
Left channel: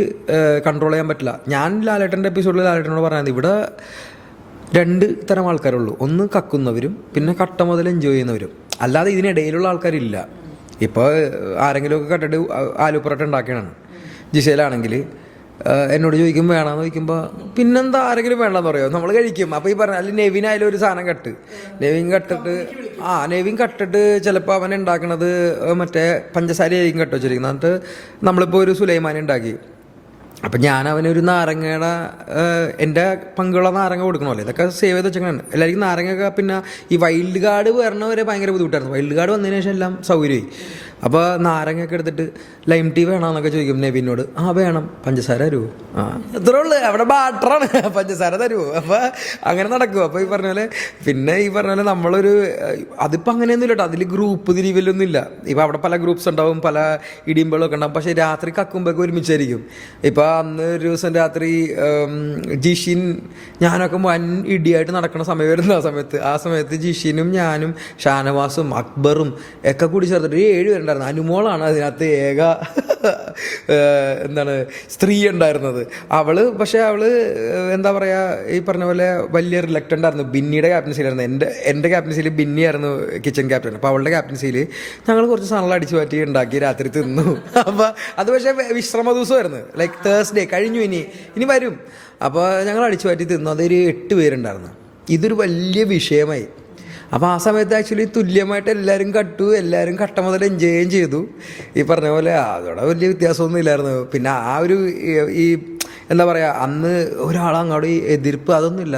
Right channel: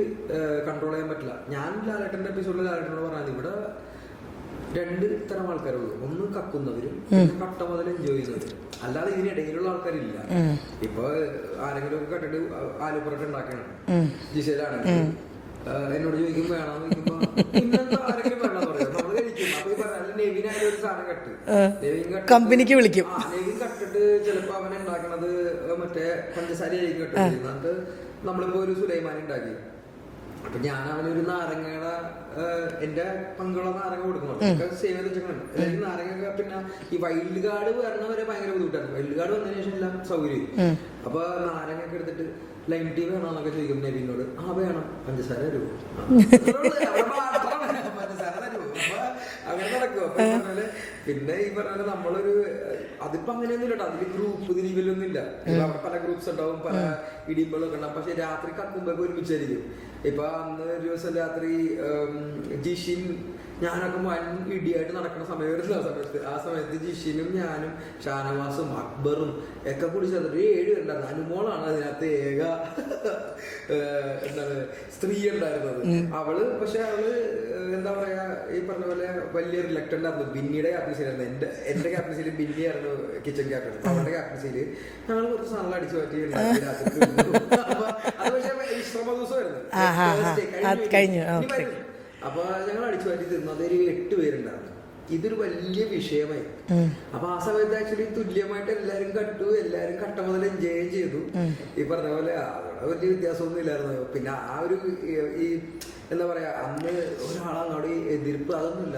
കൺട്രോൾ ചെയ്യാൻ പറ്റില്ല. ഞാൻ ലാലേട്ടൻ്റെ എപ്പിസോഡിൽ ലാലേട്ടനോട് പറഞ്ഞത് ഇവിടെ 2 തരം ആൾക്കാരുള്ളൂ. ഒന്ന് കക്കുന്നവരും പിന്നെ കട്ട മുതൽ എൻജോയ് ചെയ്യുന്നവരും. അല്ലാതെ ഇതിനിടയിലുള്ള ആൾക്കാരില്ല. ഇപ്പോൾ ആരെങ്കിലും ഒക്കെ കട്ടിട്ട് ആലു പൊറോട്ട ഉണ്ടാക്കിയാണ് ജിസയിലാണെങ്കിൽ എന്നോട് ചോദിക്കും വേണമെന്ന് ചോദിക്കുമ്പോൾ പിന്നെന്താ ആരെങ്കിലും വേണ്ടെന്ന് പറയോ, നമ്മൾ കഴിക്കും. അപ്പൊ ഈ പറഞ്ഞ അല്ലെങ്കിൽ നെവിൻ ആയാലും ഒരു സാധനം നെവിൻ കമ്പനിക്ക് വിളിക്കും. നെവിൻ കട്ടിട്ട് ചിലപ്പോൾ അവൻ ഉണ്ടാക്കണത് മറ്റേ പഞ്ചസാര ആയിരിക്കും കട്ട് വെച്ചിരിക്കുന്നത്. എന്നിട്ട് നമ്മളിപ്പോൾ ഒരു സുലൈമാൻ ഉണ്ടാക്കി, അപ്പം ഞാൻ അവനൊരു നാരങ്ങയുടെ എൻ്റെ പങ്കുള്ള നാരങ്ങ കൊടുക്കണമല്ലോ, ഇതൊക്കെ സേവ് ചെയ്ത് വെച്ചേക്കാണ് എല്ലാവർക്കും നാരങ്ങ. പിന്നെ ഈ വൈൽഡ് കാർഡ് വരണവരെ ഭയങ്കര ബുദ്ധിമുട്ടായിരുന്നു. വൈൽഡ് കാർഡ് വന്നതിന് ശേഷം എല്ലാം സൗകര്യമായി. അപ്പോൾ നാരങ്ങയൊക്കെ എടുത്തിട്ട് ലൈം ടീ വേണമെന്നൊക്കെ ചോദിക്കും നെവിനോട്. വേണം. പഞ്ചസാര തരുമോ? ഇത്രേ ഉള്ളു, അവിടെ ബാട്ടറാണ്, പഞ്ചസാര തരുമോ? അപ്പോൾ അങ്ങനെ നടക്കും. അപ്പോൾ ഈ പറഞ്ഞ പോലെ പിന്നെ ഈ പറഞ്ഞ പോലെ നമ്മളൊരു അതിപ്പോൾ അങ്ങനെയൊന്നും ഇല്ല കേട്ടോ. അതിൽ ഗ്രൂപ്പ് തിരിവലൊന്നും ഇല്ല. ഇപ്പം അവിടെ പല ഗ്രൂപ്പ്സ് ഉണ്ടാവും, പല ഇടിയുമ്പോഴൊക്കെ ഉണ്ടാവും. പക്ഷേ രാത്രി കക്കുമ്പോഴൊക്കെ ഒരുമിച്ചായിരിക്കും. ഇപ്പം അന്ന് ഒരു ദിവസം രാത്രി ജിഷിൻ ഞാനൊക്കെ വൻ ഇടിയായിട്ട് നടക്കുന്ന സമയമായിരുന്നു. ആ സമയത്ത് ജിഷിനും ഞാനും ഷാനവാസും അക്ബറും ഒക്കെ കൂടി ചേർത്തിട്ട് 7 പേരുണ്ടായിരുന്നു. അനുമോളാണ് അതിനകത്ത് ഏക എന്താണ് സ്ത്രീ ഉണ്ടായിരുന്നത്. പക്ഷെ അവള് എന്താ പറയാ, ഈ പറഞ്ഞ പോലെ വലിയ റിലക്റ്റന്റ് ആയിരുന്നു. ബിന്നിയുടെ ക്യാപ്റ്റൻസിയിലായിരുന്നു. എൻ്റെ ക്യാപ്റ്റൻസിയിൽ ബിന്നി ആയിരുന്നു കിച്ചൺ ക്യാപ്റ്റൻ. അപ്പൊ അവളുടെ ക്യാപ്റ്റൻസിയിൽ ഞങ്ങൾ കുറച്ച് സാധനങ്ങൾ അടിച്ചു മാറ്റി ഉണ്ടാക്കി രാത്രി തിന്നു. അപ്പൊ അത് പക്ഷെ വിശ്രമ ദിവസമായിരുന്നു. ലൈക്ക് തേഴ്സ്ഡേ കഴിഞ്ഞു, ഇനി വരും. അപ്പൊ ഞങ്ങൾ അടിച്ചു മാറ്റി തിന്നു. അതൊരു 8 പേരുണ്ടായിരുന്നു. ഇതൊരു വലിയ വിഷയമായി. അപ്പൊ ആ സമയത്ത് ആക്ച്വലി തുല്യമായിട്ട് എല്ലാവരും എല്ലാവരും കട്ട മുതൽ എൻജോയും ചെയ്തു. ഈ പറഞ്ഞ പോലെ അതോടെ വലിയ വ്യത്യാസമൊന്നും ഇല്ലായിരുന്നു. പിന്നെ ആ ഒരു ഈ എന്താ പറയാ, അന്ന് ഒരാളങ്ങോട്ട് എതിർപ്പ് അതൊന്നുമില്ല.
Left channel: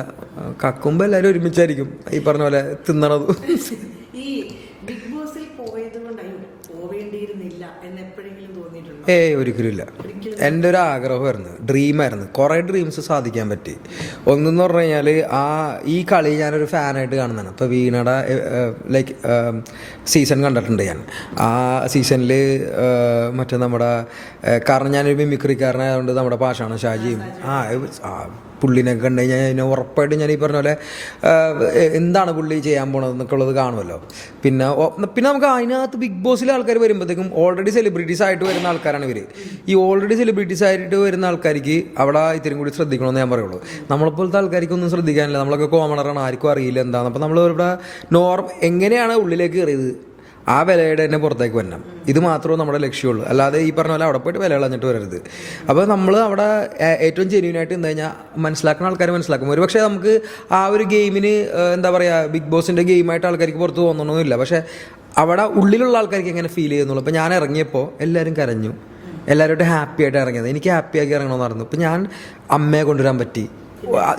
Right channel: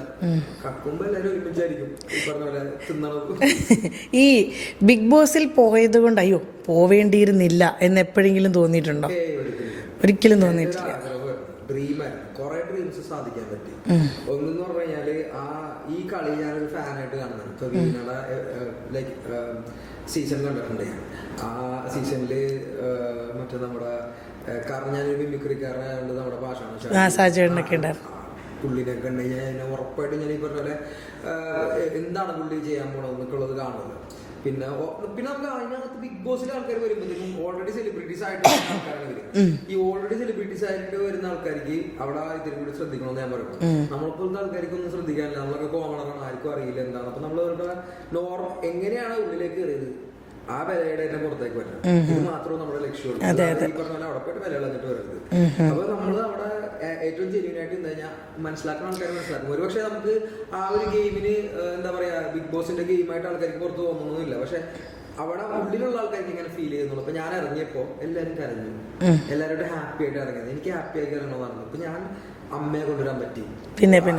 കക്കുമ്പോൾ എല്ലാവരും ഒരുമിച്ചായിരിക്കും ഈ പറഞ്ഞ പോലെ തിന്നണത്. ഈ ബിഗ് ബോസിൽ പോയത് കൊണ്ട് അയ്യോ പോവേണ്ടിയിരുന്നില്ല എന്ന് എപ്പോഴെങ്കിലും തോന്നിയിട്ടുണ്ടോ? ഒരിക്കലും. എൻ്റെ ഒരു ആഗ്രഹമായിരുന്നു, ഡ്രീമായിരുന്നു. കുറെ ഡ്രീംസ് സാധിക്കാൻ പറ്റി. ഒന്നെന്ന് പറഞ്ഞു കഴിഞ്ഞാൽ ഈ കളി ഞാനൊരു ഫാനായിട്ട് കാണുന്നതാണ്. ഇപ്പൊ വീണയുടെ ലൈക്ക് സീസൺ കണ്ടിട്ടുണ്ട് ഞാൻ. ആ സീസണിൽ മറ്റേ നമ്മുടെ കാരണം ഞാനൊരു മിമിക്രിക്കാരനായതുകൊണ്ട് നമ്മുടെ പാഷാണ് ഷാജി പുള്ളിനെ കണ്ടു കഴിഞ്ഞാൽ ഉറപ്പായിട്ടും ഞാൻ ഈ പറഞ്ഞ പോലെ എന്താണ് പുള്ളി ചെയ്യാൻ പോണത് എന്നൊക്കെ ഉള്ളത് കാണുമല്ലോ. പിന്നെ നമുക്ക് അതിനകത്ത് ബിഗ് ബോസിലെ ആൾക്കാർ വരുമ്പോഴത്തേക്കും ഓൾറെഡി സെലിബ്രിറ്റീസ് ആയിട്ട് വരുന്ന ആൾക്കാരാണ് ഇവർ. ഈ ഓൾറെഡി സെലിബ്രിറ്റീസ് ആയിട്ട് വരുന്ന ആൾക്കാർക്ക് അവിടെ ഇത്തിരി കൂടി ശ്രദ്ധിക്കണമെന്ന് ഞാൻ പറയുള്ളൂ. നമ്മളെപ്പോലത്തെ ആൾക്കാർക്ക് ഒന്നും ശ്രദ്ധിക്കാനില്ല, നമ്മളൊക്കെ കോമണറാണ്, ആർക്കും അറിയില്ല എന്താണ്. അപ്പം നമ്മൾ ഇവിടെ എങ്ങനെയാണ് ഉള്ളിലേക്ക് കയറിയത് ആ വിലയുടെ തന്നെ പുറത്തേക്ക് വരണം. ഇത് മാത്രമേ നമ്മുടെ ലക്ഷ്യമുള്ളൂ. അല്ലാതെ ഈ പറഞ്ഞ പോലെ അവിടെ പോയിട്ട് വില കളഞ്ഞിട്ട് വരരുത്. അപ്പോൾ നമ്മൾ അവിടെ ഏറ്റവും ജെന്യൂനായിട്ട് എന്താ കഴിഞ്ഞാൽ മനസ്സിലാക്കുന്ന ആൾക്കാർ മനസ്സിലാക്കും. ഒരു പക്ഷേ നമുക്ക് ആ ഒരു ഗെയിമിന് എന്താ പറയുക, ബിഗ് ബോസിൻ്റെ ഗെയിമായിട്ട് ആൾക്കാർക്ക് പുറത്ത് തോന്നണമെന്നില്ല. പക്ഷേ അവിടെ ഉള്ളിലുള്ള ആൾക്കാർക്ക് എങ്ങനെ ഫീൽ ചെയ്യുന്നുള്ളൂ. ഇപ്പം ഞാൻ ഇറങ്ങിയപ്പോൾ എല്ലാവരും കരഞ്ഞു, എല്ലാവരും ഹാപ്പി ആയിട്ട് ഇറങ്ങിയത്. എനിക്ക് ഹാപ്പിയാക്കി ഇറങ്ങണമെന്ന് പറഞ്ഞു. ഇപ്പം ഞാൻ അമ്മയെ കൊണ്ടുവരാൻ പറ്റി.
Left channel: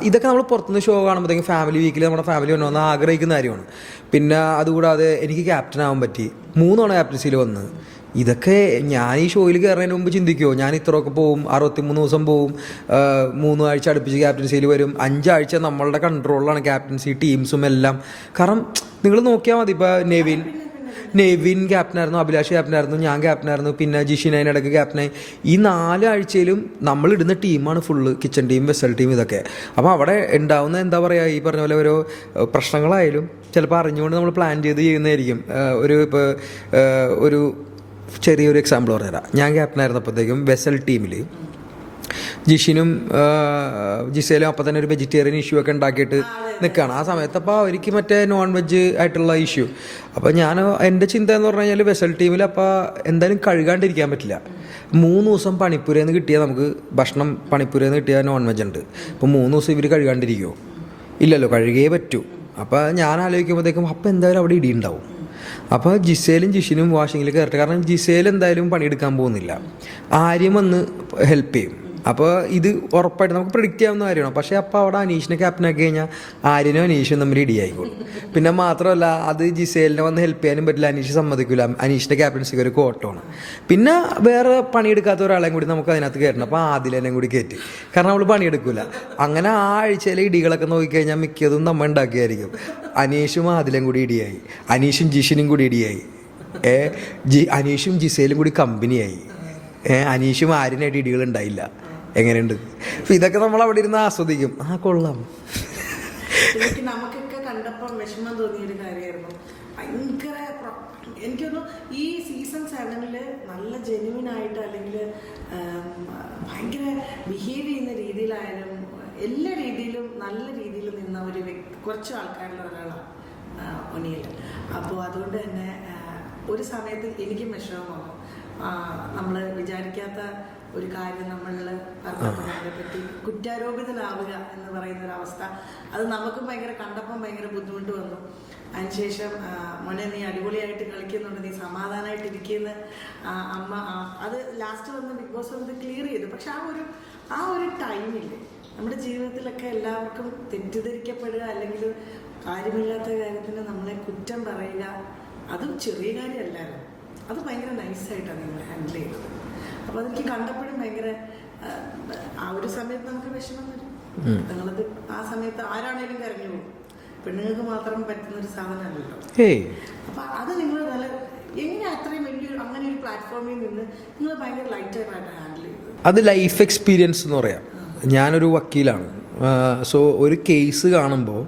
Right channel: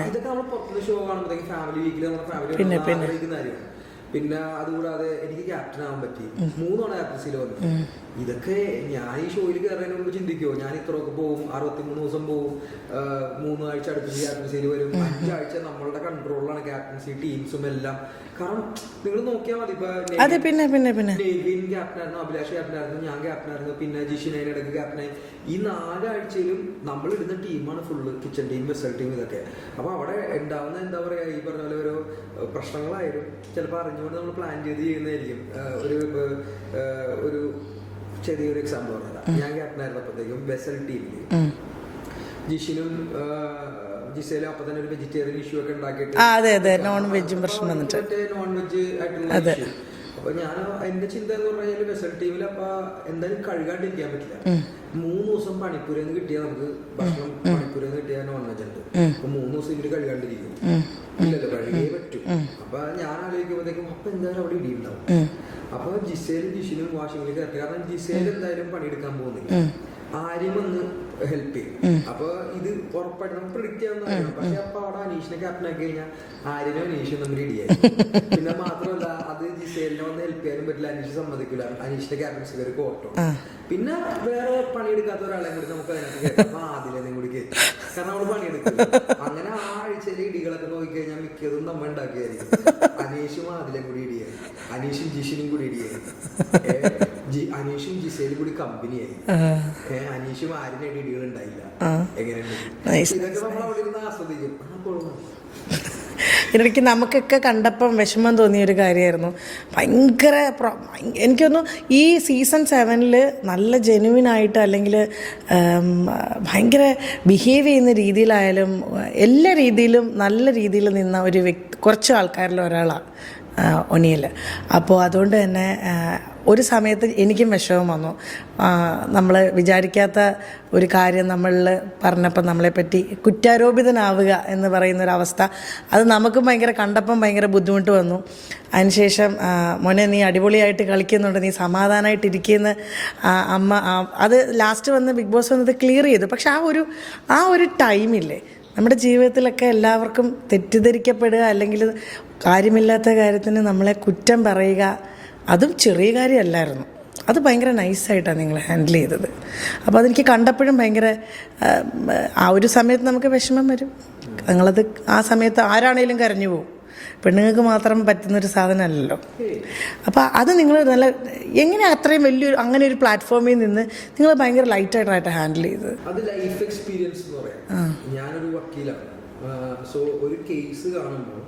ഇതൊക്കെ നമ്മൾ പുറത്തുനിന്ന് ഷോ കാണുമ്പോഴത്തേക്കും ഫാമിലി വീക്കിൽ നമ്മുടെ ഫാമിലി വരണമെന്ന് ആഗ്രഹിക്കുന്ന കാര്യമാണ്. പിന്നെ അതുകൂടാതെ എനിക്ക് ക്യാപ്റ്റൻ ആവാൻ പറ്റി, 3 തവണ ക്യാപ്റ്റൻസിയിൽ വന്ന്. ഇതൊക്കെ ഞാൻ ഈ ഷോയിൽ കയറുന്നതിന് മുമ്പ് ചിന്തിക്കുമോ ഞാൻ ഇത്രയൊക്കെ പോവും, 63 ദിവസം പോവും, 3 ആഴ്ച അടുപ്പിച്ച് ക്യാപ്റ്റൻസിയിൽ വരും, 5 ആഴ്ച നമ്മളുടെ കൺട്രോളിലാണ് ക്യാപ്റ്റൻസി ടീംസും എല്ലാം. കാരണം നിങ്ങൾ നോക്കിയാൽ മതി, ഇപ്പൊ നെവിൻ ക്യാപ്റ്റനായിരുന്നു, അഭിലാഷ് ക്യാപ്റ്റനായിരുന്നു, ഞാൻ ക്യാപ്റ്റനായിരുന്നു, പിന്നെ ജിഷിൻ അതിനിടയ്ക്ക് ക്യാപ്റ്റനായി. ഈ 4 ആഴ്ചയിലും നമ്മൾ ഇടുന്ന ടീമാണ് full, kitchen team, vessel team, ഇതൊക്കെ. അപ്പോൾ അവിടെ ഉണ്ടാവുന്ന എന്താ പറയുക, ഈ പറഞ്ഞ പോലെ ഓരോ പ്രശ്നങ്ങളായാലും ചിലപ്പോൾ അറിഞ്ഞുകൊണ്ട് നമ്മൾ പ്ലാൻ ചെയ്ത് ചെയ്യുന്നതായിരിക്കും. ഇപ്പോൾ ഒരു ചെറിയൊരു എക്സാമ്പിൾ പറഞ്ഞുതരാം. ഞാൻ ക്യാപ്റ്റനായിരുന്നപ്പോഴത്തേക്കും വെസൽ ടീമിൽ ജിഷിനും ജിസേലും അപ്പം തന്നെ ഒരു വെജിറ്റേറിയൻ ഇഷ്യൂ ഒക്കെ ഉണ്ടാക്കിയിട്ട് നിൽക്കുകയാണ് ആ സമയത്ത്. അപ്പോൾ എനിക്ക് മറ്റേ നോൺ വെജ് ആയിട്ടുള്ള ഇഷ്യൂ. അപ്പോൾ ഞാൻ എൻ്റെ ചിന്ത എന്ന് പറഞ്ഞു കഴിഞ്ഞാൽ വെസൽ ടീമിൽ അപ്പോൾ എന്തായാലും കഴുകാണ്ടിരിക്കാൻ പറ്റില്ല. 3 ദിവസം പണിപ്പുരയിൽ നിന്ന് കിട്ടിയാൽ നമുക്ക് ഭക്ഷണം, പണിപ്പുരയിൽ നിന്ന് കിട്ടിയാൽ നോൺ വെജ് ഉണ്ട്. അപ്പോൾ 3 ദിവസം ഇവർ കഴുകാണ്ടിരിക്കുമോ? ഇല്ലല്ലോ, കഴുകിയേ പറ്റൂ. അപ്പോൾ ഞാൻ ആലോചിക്കുമ്പോഴത്തേക്കും അപ്പം എന്തായാലും അവിടെ ഇടിയുണ്ടാവും. അപ്പോൾ ജിസേലും ജിഷിനും വാഷിങ്ങിൽ കയറട്ടെ. കാരണം ജിസേൽ എന്തായാലും പണിയെടുക്കാൻ പോകുന്നില്ല, ആര്യം വന്ന് ഹെൽപ്പ് ചെയ്യും. അപ്പോൾ ഇത് ഉറപ്പായിട്ട് നമുക്ക് പ്രിഡിക്റ്റ് ചെയ്യാവുന്ന കാര്യമാണ്. പക്ഷേ അപ്പോൾ അവിടെ അനീഷിനെ ക്യാപ്റ്റനാക്കി കഴിഞ്ഞാൽ ആര്യനും അനീഷും തമ്മിൽ ഇടിയായി. പിന്നെ മാത്രമല്ല അത് ജിസേലിനെ വന്ന് ഹെൽപ്പ് ചെയ്യാനും പറ്റില്ല, അനീഷ് സമ്മതിക്കില്ല. അനീഷിന്റെ ക്യാപ്റ്റൻസിക്ക് ഒരു കോട്ടമാണ്. പിന്നെ വേറെ പണിയെടുക്കാത്ത ഒരാളെയും കൂടി നമുക്ക് അതിനകത്ത് കയറ്റണം. അപ്പോൾ ആദിലെന്നെ കൂടി കയറ്റും, കാരണം അവള് പണിയെടുക്കില്ല. അങ്ങനെ ആ ആഴ്ചയിലെ ഇടികളൊക്കെ നോക്കിക്കഴിഞ്ഞാൽ മിക്കതും നമ്മ ഉണ്ടാക്കിയായിരിക്കും. അനീഷും ആദിലും കൂടി ഇടിയായി, അനീഷും ജിഷിനും കൂടി ഇടിയായി, അനീഷും ജിസേലും കൂടി കമ്പനിയായി, അനീഷും ആര്യനായിട്ട് ഇടികൾ ഉണ്ടായില്ല. എങ്ങനെയുണ്ട്? ഇതൊക്കെ നമ്മൾ അവിടെ ഇരുന്ന് ആസ്വദിക്കും. ആ കൊള്ളാം. എനിക്ക് നമുക്കൊക്കെ കണ്ടപ്പം വിഷമം തോന്നിയൊരു കാര്യമായിരുന്നു. ഭയങ്കര എനിക്കൊന്നു ഈ സീസൺ 7 നല്ല ജെനുവിനായിട്ട് അല്ലെങ്കിൽ ഭയങ്കര ബിഹേവ് ചെയ്യുന്ന രീതിയിലായാലും എല്ലാ രീതിയിലും നല്ല രീതിയിൽ നിന്ന ഒരു കുറച്ച് ആൾക്കാരിൽ ഒരാളാണ് ഒനിയൽ. അപ്പോൾ അതുകൊണ്ട് തന്നെ ഒരു സമയത്ത് എനിക്കും വിഷമം വന്നു. നമ്മൾ വിചാരിക്കാത്ത ഒരു കാര്യം നമ്മളിൽ പറഞ്ഞപ്പോൾ നമ്മളെപ്പറ്റി കുറ്റാരോപിതനാവുക എന്ന് പറയുന്നൊരവസ്ഥ, അത് നമുക്കും ഭയങ്കര കണ്ടപ്പം ഭയങ്കര ബുദ്ധിമുട്ട് വന്നു. അതിനുശേഷം മോനെ നീ അടിപൊളിയായിട്ട് കളിക്കുന്നുണ്ട്, നീ സമാധാനമായിട്ടിരിക്കുന്ന അമ്മ അത് ലാസ്റ്റ് വന്ന് ബിഗ് ബോസ് വന്നത് ക്ലിയർ ചെയ്തു. പക്ഷെ ആ ഒരു ടൈമില്ലേ നമ്മുടെ ജീവിതത്തിലൊക്കെ എല്ലാവർക്കും തെറ്റിദ്ധരിക്കപ്പെടുക, അല്ലെങ്കിൽ കാര്യമില്ലാത്ത കാര്യത്തിന് നമ്മളെ കുറ്റം പറയുക, അതും ചെറിയ കാര്യമല്ലായിരുന്നു. അത് ഭയങ്കര നൈസായിട്ടാണ് നിങ്ങൾ ഹാൻഡിൽ ചെയ്തത്. അപ്പോൾ അതെനിക്ക് കണ്ടപ്പോഴും ഭയങ്കര ആ ഒരു സമയത്ത് നമുക്ക് വിഷമം വരും. നിങ്ങളത് ആ സമയത്ത് ആരാണേലും കരഞ്ഞു പോകും. പെണ്ണുങ്ങൾക്ക് മാത്രം പറ്റുന്നൊരു സാധനമല്ലല്ലോ. അപ്പോൾ അത് നിങ്ങൾ നല്ല എങ്ങനെ അത്രയും വലിയൊരു അങ്ങനെ ഒരു പ്ലാറ്റ്ഫോമിൽ നിന്ന് നിങ്ങൾ ഭയങ്കര ലൈറ്റായിട്ടായിട്ട് ഹാൻഡിൽ ചെയ്തത്? അത് ലൈഫ് എക്സ്പീരിയൻസ് എന്ന് പറയാം. ഞാനൊരു വക്കീലാണ്. സോ ഒരു കേസ് കാണുമ്പോൾ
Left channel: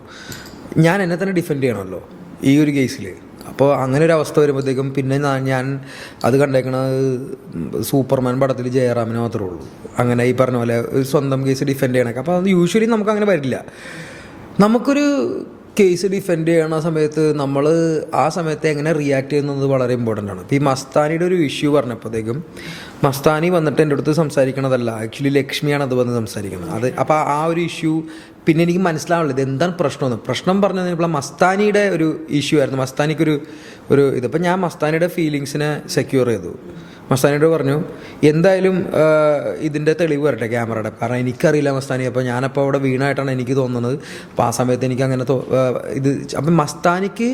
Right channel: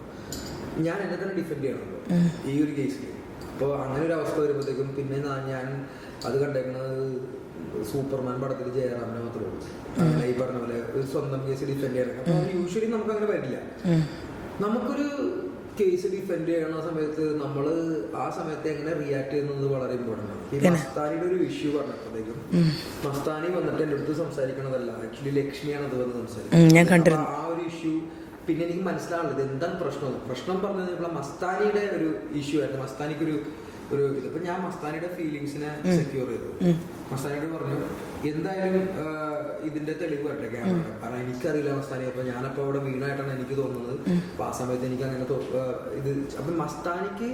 ഞാൻ എന്നെ തന്നെ ഡിഫെൻഡ് ചെയ്യണമല്ലോ ഈ ഒരു കേസിൽ. അപ്പോൾ അങ്ങനെ ഒരു അവസ്ഥ വരുമ്പോഴത്തേക്കും പിന്നെ ഞാൻ അത് കണ്ടേക്കണത് സൂപ്പർമാൻ പടത്തിൽ ജയറാമിന് മാത്രമേ ഉള്ളൂ. അങ്ങനെ ഈ പറഞ്ഞ പോലെ ഒരു സ്വന്തം കേസ് ഡിഫെൻഡ് ചെയ്യണൊക്കെ. അപ്പോൾ അത് യൂഷ്വലി നമുക്ക് അങ്ങനെ വരില്ല. നമുക്കൊരു കേസ് ഡിഫെൻഡ് ചെയ്യണ സമയത്ത് നമ്മൾ ആ സമയത്ത് എങ്ങനെ റിയാക്ട് ചെയ്യുന്നത് വളരെ ഇമ്പോർട്ടൻ്റ് ആണ്. ഇപ്പോൾ ഈ മസ്താനിയുടെ ഒരു ഇഷ്യൂ പറഞ്ഞപ്പോഴത്തേക്കും മസ്താനി വന്നിട്ട് എൻ്റെ അടുത്ത് സംസാരിക്കണതല്ല, ആക്ച്വലി ലക്ഷ്മിയാണ് അത് വന്ന് സംസാരിക്കുന്നത്. അപ്പോൾ ആ ഒരു ഇഷ്യൂ പിന്നെ എനിക്ക് മനസ്സിലാവുള്ളൂ ഇത് എന്താണ് പ്രശ്നമെന്ന്. പ്രശ്നം പറഞ്ഞപ്പോൾ മസ്താനിയുടെ ഒരു ഇഷ്യൂ ആയിരുന്നു. മസ്താനിക്കൊരു ഇതിപ്പോൾ ഞാൻ മസ്താനിയുടെ ഫീലിങ്സിനെ സെക്യൂർ ചെയ്തു. മസ്താനിയോട് പറഞ്ഞു എന്തായാലും ഇതിൻ്റെ തെളിവ് വരട്ടെ ക്യാമറയുടെ, കാരണം എനിക്കറിയില്ല മസ്താനി. അപ്പോൾ ഞാനപ്പോൾ അവിടെ വീണായിട്ടാണ് എനിക്ക് തോന്നുന്നത്. അപ്പോൾ ആ സമയത്ത് എനിക്ക് അങ്ങനെ ഇത് അപ്പം മസ്താനിക്ക്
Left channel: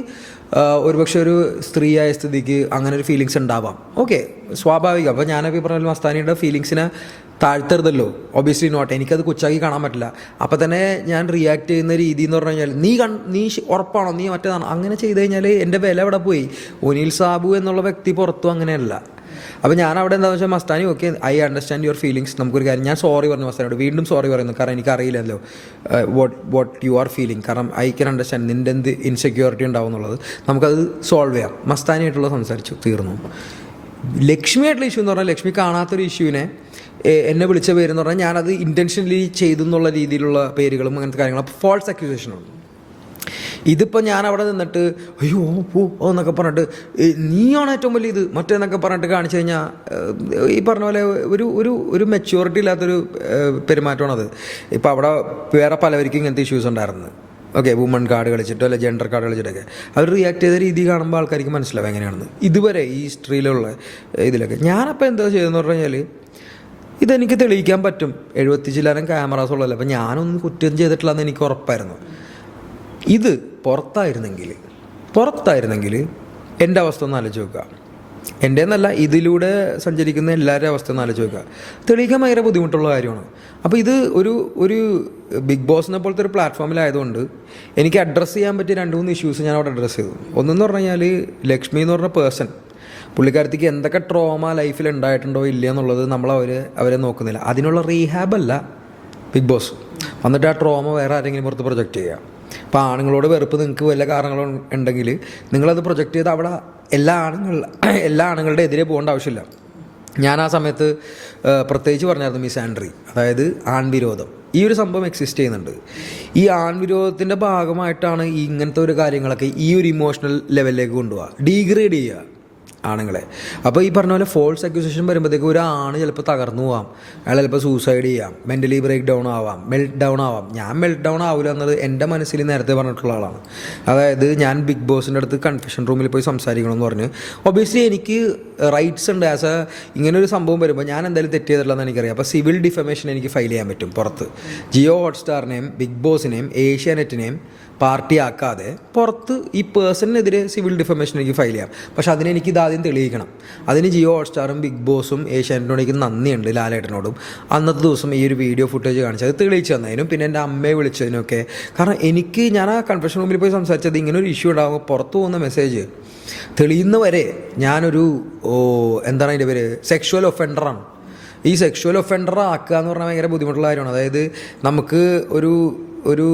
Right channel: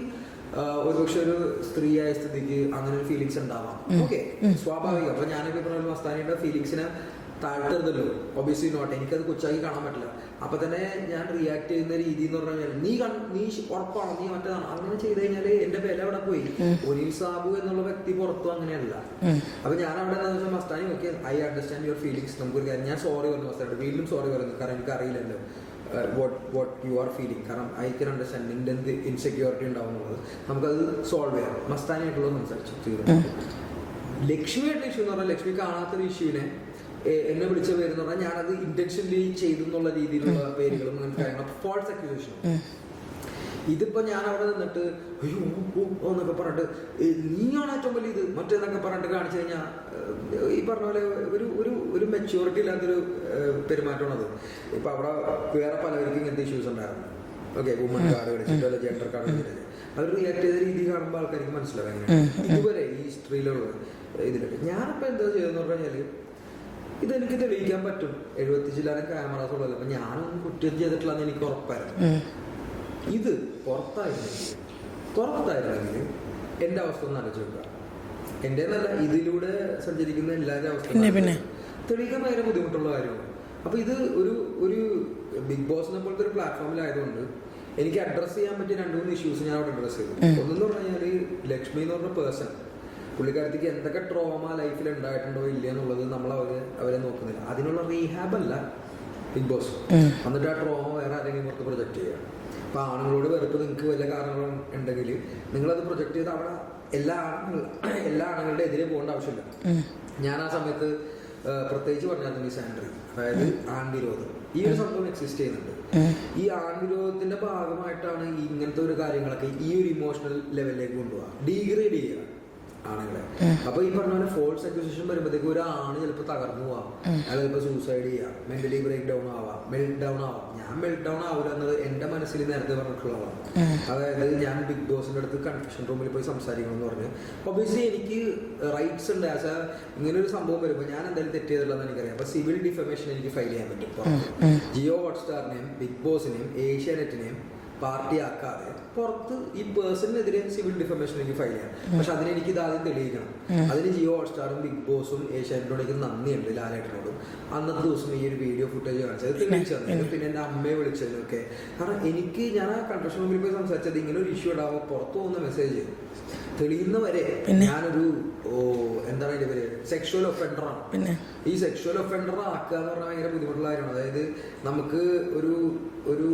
ഒരുപക്ഷെ ഒരു സ്ത്രീയായ സ്ഥിതിക്ക് അങ്ങനെ ഒരു ഫീലിങ്സ് ഉണ്ടാവാം. ഓക്കെ, സ്വാഭാവികം. അപ്പോൾ ഞാനപ്പോൾ ഈ പറഞ്ഞ മസ്താനിയുടെ ഫീലിങ്സിനെ താഴ്ത്തരുതല്ലോ. Obviously not. എനിക്കത് കൊച്ചാക്കി കാണാൻ പറ്റില്ല. അപ്പം തന്നെ ഞാൻ റിയാക്ട് ചെയ്യുന്ന രീതി എന്ന് പറഞ്ഞു കഴിഞ്ഞാൽ നീ ഉറപ്പാണോ, നീ മറ്റേതാണോ, അങ്ങനെ ചെയ്ത് കഴിഞ്ഞാൽ എൻ്റെ വില അവിടെ പോയി. ഒനീൽ സാബു എന്നുള്ള വ്യക്തി പുറത്തും അങ്ങനെയല്ല. അപ്പം ഞാൻ അവിടെ എന്താണെന്ന് വെച്ചാൽ Mastani okay, I understand your feelings. നമുക്കൊരു കാര്യം, ഞാൻ സോറി പറഞ്ഞു മസ്താനിയോട്, വീണ്ടും സോറി പറയുന്നു. കാരണം എനിക്കറിയില്ലല്ലോ വാട്ട് യു ആർ ഫീലിംഗ്. കാരണം ഐ ക്യാൻ അണ്ടർസ്റ്റാൻഡ് നിൻ്റെ എന്ത് ഇൻസെക്യൂരിറ്റി ഉണ്ടാവും എന്നുള്ളത്. നമുക്കത് സോൾവ് ചെയ്യാം. മസ്താനിയായിട്ടുള്ള സംസാരിച്ചു, തീർന്നു. ലക്ഷ്മിയായിട്ടുള്ള ഇഷ്യൂ എന്ന് പറഞ്ഞാൽ, ലക്ഷ്മി കാണാത്തൊരു ഇഷ്യൂവിനെ എന്നെ വിളിച്ച പേരെന്ന് പറഞ്ഞാൽ ഞാനത് ഇൻറ്റൻഷനലി ചെയ്തു എന്നുള്ള രീതിയിലുള്ള പേരുകളും അങ്ങനത്തെ കാര്യങ്ങളും ഫോൾസ് അക്യൂസേഷനാണ്. ഇതിപ്പോൾ ഞാൻ അവിടെ നിന്നിട്ട് അയ്യോ ഓ എന്നൊക്കെ പറഞ്ഞിട്ട് നീയാണ് ഏറ്റവും വലിയ ഇത് മറ്റേന്നൊക്കെ പറഞ്ഞിട്ട് കാണിച്ചു കഴിഞ്ഞാൽ ഈ പറഞ്ഞ പോലെ ഒരു മെച്യൂരിറ്റി ഇല്ലാത്തൊരു പെരുമാറ്റമാണത്. ഇപ്പോൾ അവിടെ വേറെ പലവർക്കും ഇങ്ങനത്തെ ഇഷ്യൂസ് ഉണ്ടായിരുന്നു. ഓക്കെ, വുമൺ കാർഡ് കളിച്ചിട്ടോ അല്ലെ ജെൻഡർ കാർഡ് കളിച്ചിട്ടൊക്കെ അവർ റിയാക്ട് ചെയ്ത രീതി കാണുമ്പോൾ ആൾക്കാർക്ക് മനസ്സിലാവും എങ്ങനെയാണ് ഇതുവരെ ഈ ഹിസ്റ്ററിയിലുള്ള ഇതിലൊക്കെ. ഞാനപ്പോൾ എന്താ ചെയ്തതെന്ന് പറഞ്ഞു കഴിഞ്ഞാൽ, ഇതെനിക്ക് തെളിയിക്കാൻ പറ്റും. 70 ചില്ലാനും ക്യാമറാസ് ഉള്ളതല്ല. അപ്പം ഞാനൊന്നും കുറ്റം ചെയ്തിട്ടില്ലെന്ന് എനിക്ക് ഉറപ്പായിരുന്നു. ഇത് പുറത്തായിരുന്നെങ്കിൽ എൻ്റെ അവസ്ഥ ഒന്ന് ആലോചിച്ച് നോക്കുക. എൻ്റെ എന്നല്ല, ഇതിലൂടെ സഞ്ചരിക്കുന്ന എല്ലാവരുടെ അവസ്ഥ ഒന്ന് ആലോചിച്ച് നോക്കുക. തെളിയിക്കാൻ ഭയങ്കര ബുദ്ധിമുട്ടുള്ള കാര്യമാണ്. അപ്പോൾ ഇത് ഒരു ബിഗ് ബോസിനെ പോലത്തെ ഒരു പ്ലാറ്റ്ഫോമിലായതുകൊണ്ട് എനിക്ക് അഡ്രസ്സ് ചെയ്യാൻ പറ്റിയ 2-3 ഇഷ്യൂസ് ഞാൻ അവിടെ അഡ്രസ്സ് ചെയ്തു. ഒന്നെന്ന് പറഞ്ഞു കഴിഞ്ഞാൽ, ലക്ഷ്മി എന്ന് പറഞ്ഞ പേഴ്സൺ, പുള്ളിക്കാരത്തേക്ക് എന്തൊക്കെ ട്രോമ ലൈഫിൽ ഉണ്ടായിട്ടുണ്ടോ ഇല്ല എന്നുള്ളത് അവരെ നോക്കുന്നില്ല. അതിനുള്ള റീഹാബല്ല ബിഗ് ബോസ്. എന്നിട്ട് ആ ട്രോമ വേറെ ആരെങ്കിലും പുറത്ത് പ്രൊജക്റ്റ് ചെയ്യുക. അപ്പോൾ ആണുങ്ങളോട് വെറുപ്പ് നിങ്ങൾക്ക് വല്ല കാരണങ്ങളും ഉണ്ടെങ്കിൽ നിങ്ങളത് പ്രൊജക്റ്റ് ചെയ്ത് അവിടെ എല്ലാ ആണുങ്ങളുടെ എതിരെ പോകേണ്ട ആവശ്യമില്ല. ഞാൻ ആ സമയത്ത് പ്രത്യേകിച്ച് പറഞ്ഞായിരുന്നു മിസാൻഡ്രി, അതായത് ആൺവിരോധം. ഈ ഒരു സംഭവം എക്സിസ്റ്റ് ചെയ്യുന്നുണ്ട്. ഈ ആൺവിരോധത്തിൻ്റെ ഭാഗമായിട്ടാണ് ഇങ്ങനത്തെ ഒരു കാര്യങ്ങളൊക്കെ ഈ ഒരു ഇമോഷണൽ ലെവലിലേക്ക് കൊണ്ടുപോകുക, ഡീഗ്രേഡ് ചെയ്യുക ആണുങ്ങളെ. അപ്പോൾ ഈ പറഞ്ഞ പോലെ ഫോൾസ് അക്യൂസേഷൻ വരുമ്പോഴത്തേക്ക് ഒരു ആണ് ചിലപ്പോൾ തകർന്നു പോവാം, അയാൾ ചിലപ്പോൾ സൂസൈഡ് ചെയ്യാം, മെൻ്റലി ബ്രേക്ക് ഡൗൺ ആവാം, മെൽറ്റ് ഡൗൺ ആവാം. ഞാൻ മെൽറ്റ് ഡൗൺ ആവില്ല എന്നത് എൻ്റെ മനസ്സിൽ നേരത്തെ പറഞ്ഞിട്ടുള്ള ആളാണ്. അതായത് ഞാൻ ബിഗ് ബോസിൻ്റെ അടുത്ത് കൺഫെഷൻ റൂമിൽ പോയി സംസാരിക്കണമെന്ന് പറഞ്ഞ്, ഒബിയസ്ലി എനിക്ക് റൈറ്റ്സ് ഉണ്ട്. ഇങ്ങനെ ഒരു സംഭവം വരുമ്പോൾ ഞാൻ എന്തായാലും തെറ്റ് ചെയ്തിട്ടില്ലെന്ന് എനിക്കറിയാം. അപ്പോൾ സിവിൽ ഡിഫമേഷൻ എനിക്ക് ഫയൽ ചെയ്യാൻ പറ്റും പുറത്ത്. ജിയോ ഹോട്ട്സ്റ്റാറിനെയും ബിഗ് ബോസിനെയും ഏഷ്യാനെറ്റിനെയും പാർട്ടിയാക്കാതെ പുറത്ത് ഈ പേഴ്സണിനെതിരെ സിവിൽ ഡിഫമേഷൻ എനിക്ക് ഫയൽ ചെയ്യാം. പക്ഷെ അതിനെനിക്ക് ഇതാദ്യം തെളിയിക്കണം. അതിന് ജിയോ ഹോട്ട്സ്റ്റാറും ബിഗ് ബോസും ഏഷ്യാനെറ്റിനോട് എനിക്ക് നന്ദിയുണ്ട്, ലാലേട്ടനോടും. അന്നത്തെ ദിവസം ഈ ഒരു വീഡിയോ ഫുട്ടേജ് കാണിച്ചത് തെളിയിച്ചു തന്നതിനും പിന്നെ എൻ്റെ അമ്മയെ വിളിച്ചതിനൊക്കെ. കാരണം ഞാൻ ആ കൺഫെഷൻ റൂമിൽ പോയി സംസാരിച്ചത് ഇങ്ങനെ ഒരു ഇഷ്യൂ ഉണ്ടാകുമ്പോൾ പുറത്തു പോകുന്ന മെസ്സേജ് തെളിയുന്നവരെ ഞാനൊരു എന്താണ് അതിൻ്റെ പേര്, സെക്ഷുവൽ ഒഫൻഡറാണ്. ഈ സെക്ഷുവൽ ഒഫൻഡർ ആക്കുക എന്ന് പറഞ്ഞാൽ ഭയങ്കര ബുദ്ധിമുട്ടുള്ള കാര്യമാണ്. അതായത് നമുക്ക് ഒരു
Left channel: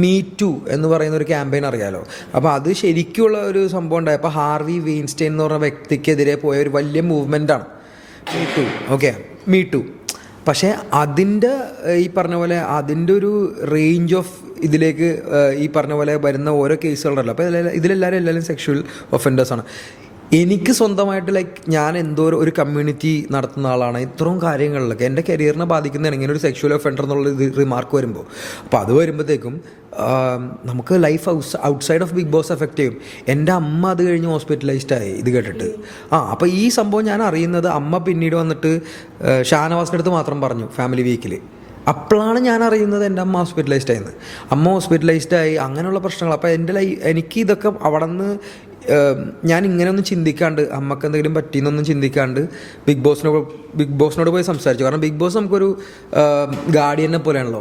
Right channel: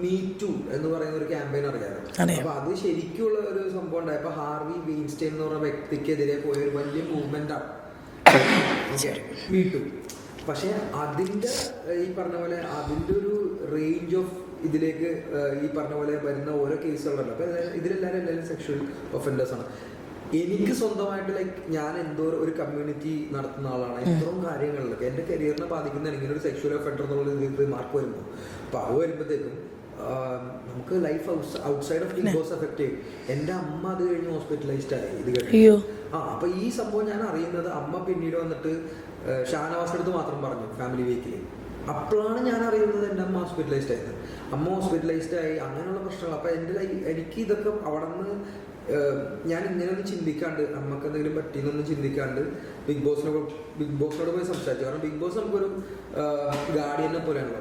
മീ ടു എന്ന് പറയുന്ന ഒരു ക്യാമ്പയിൻ അറിയാലോ. അപ്പോൾ അത് ശരിക്കുള്ള ഒരു സംഭവം ഉണ്ടായപ്പോൾ ഹാർവി വെയിൻസ്റ്റൈൻ എന്ന് പറഞ്ഞ വ്യക്തിക്കെതിരെ പോയ ഒരു വലിയ മൂവ്മെൻ്റാണ് ഓക്കെ മീ ടു. പക്ഷേ അതിൻ്റെ ഈ പറഞ്ഞ പോലെ അതിൻ്റെ ഒരു റേഞ്ച് ഓഫ് ഇതിലേക്ക് ഈ പറഞ്ഞ പോലെ വരുന്ന ഓരോ കേസുകളുണ്ടല്ലോ. അപ്പോൾ എല്ലാവരും സെക്ഷുവൽ ഒഫൻഡേഴ്സാണ്. എനിക്ക് സ്വന്തമായിട്ട് ഞാൻ എന്തോ ഒരു കമ്മ്യൂണിറ്റി നടത്തുന്ന ആളാണ്. ഇത്രയും കാര്യങ്ങളിലൊക്കെ എൻ്റെ കരിയറിനെ ബാധിക്കുന്നതാണ് ഇങ്ങനെ ഒരു സെക്ഷുവൽ ഒഫൻഡർ എന്നുള്ള റിമാർക്ക് വരുമ്പോൾ. അപ്പോൾ അത് വരുമ്പോഴത്തേക്കും നമുക്ക് life outside of Bigg Boss effect ചെയ്യും. എൻ്റെ അമ്മ അത് കഴിഞ്ഞ് ഹോസ്പിറ്റലൈസ്ഡ് ആയി ഇത് കേട്ടിട്ട്. അപ്പോൾ ഈ സംഭവം ഞാൻ അറിയുന്നത് അമ്മ പിന്നീട് വന്നിട്ട് ഷാനവാസിൻ്റെ അടുത്ത് മാത്രം പറഞ്ഞു ഫാമിലി വീക്കിൽ. അപ്പോഴാണ് ഞാൻ അറിയുന്നത് എൻ്റെ അമ്മ ഹോസ്പിറ്റലൈസ്ഡ് ആയിരുന്നു. അമ്മ ഹോസ്പിറ്റലൈസ്ഡ് ആയി, അങ്ങനെയുള്ള പ്രശ്നങ്ങൾ. അപ്പോൾ എനിക്ക് ഇതൊക്കെ അവിടെ നിന്ന് ഞാൻ ഇങ്ങനെയൊന്നും ചിന്തിക്കാണ്ട്, അമ്മക്ക് എന്തെങ്കിലും പറ്റിയെന്നൊന്നും ചിന്തിക്കാണ്ട് ബിഗ് ബോസിനോട് പോയി സംസാരിച്ചു. കാരണം ബിഗ് ബോസ് നമുക്കൊരു ഗാർഡിയനെ പോലെയാണല്ലോ.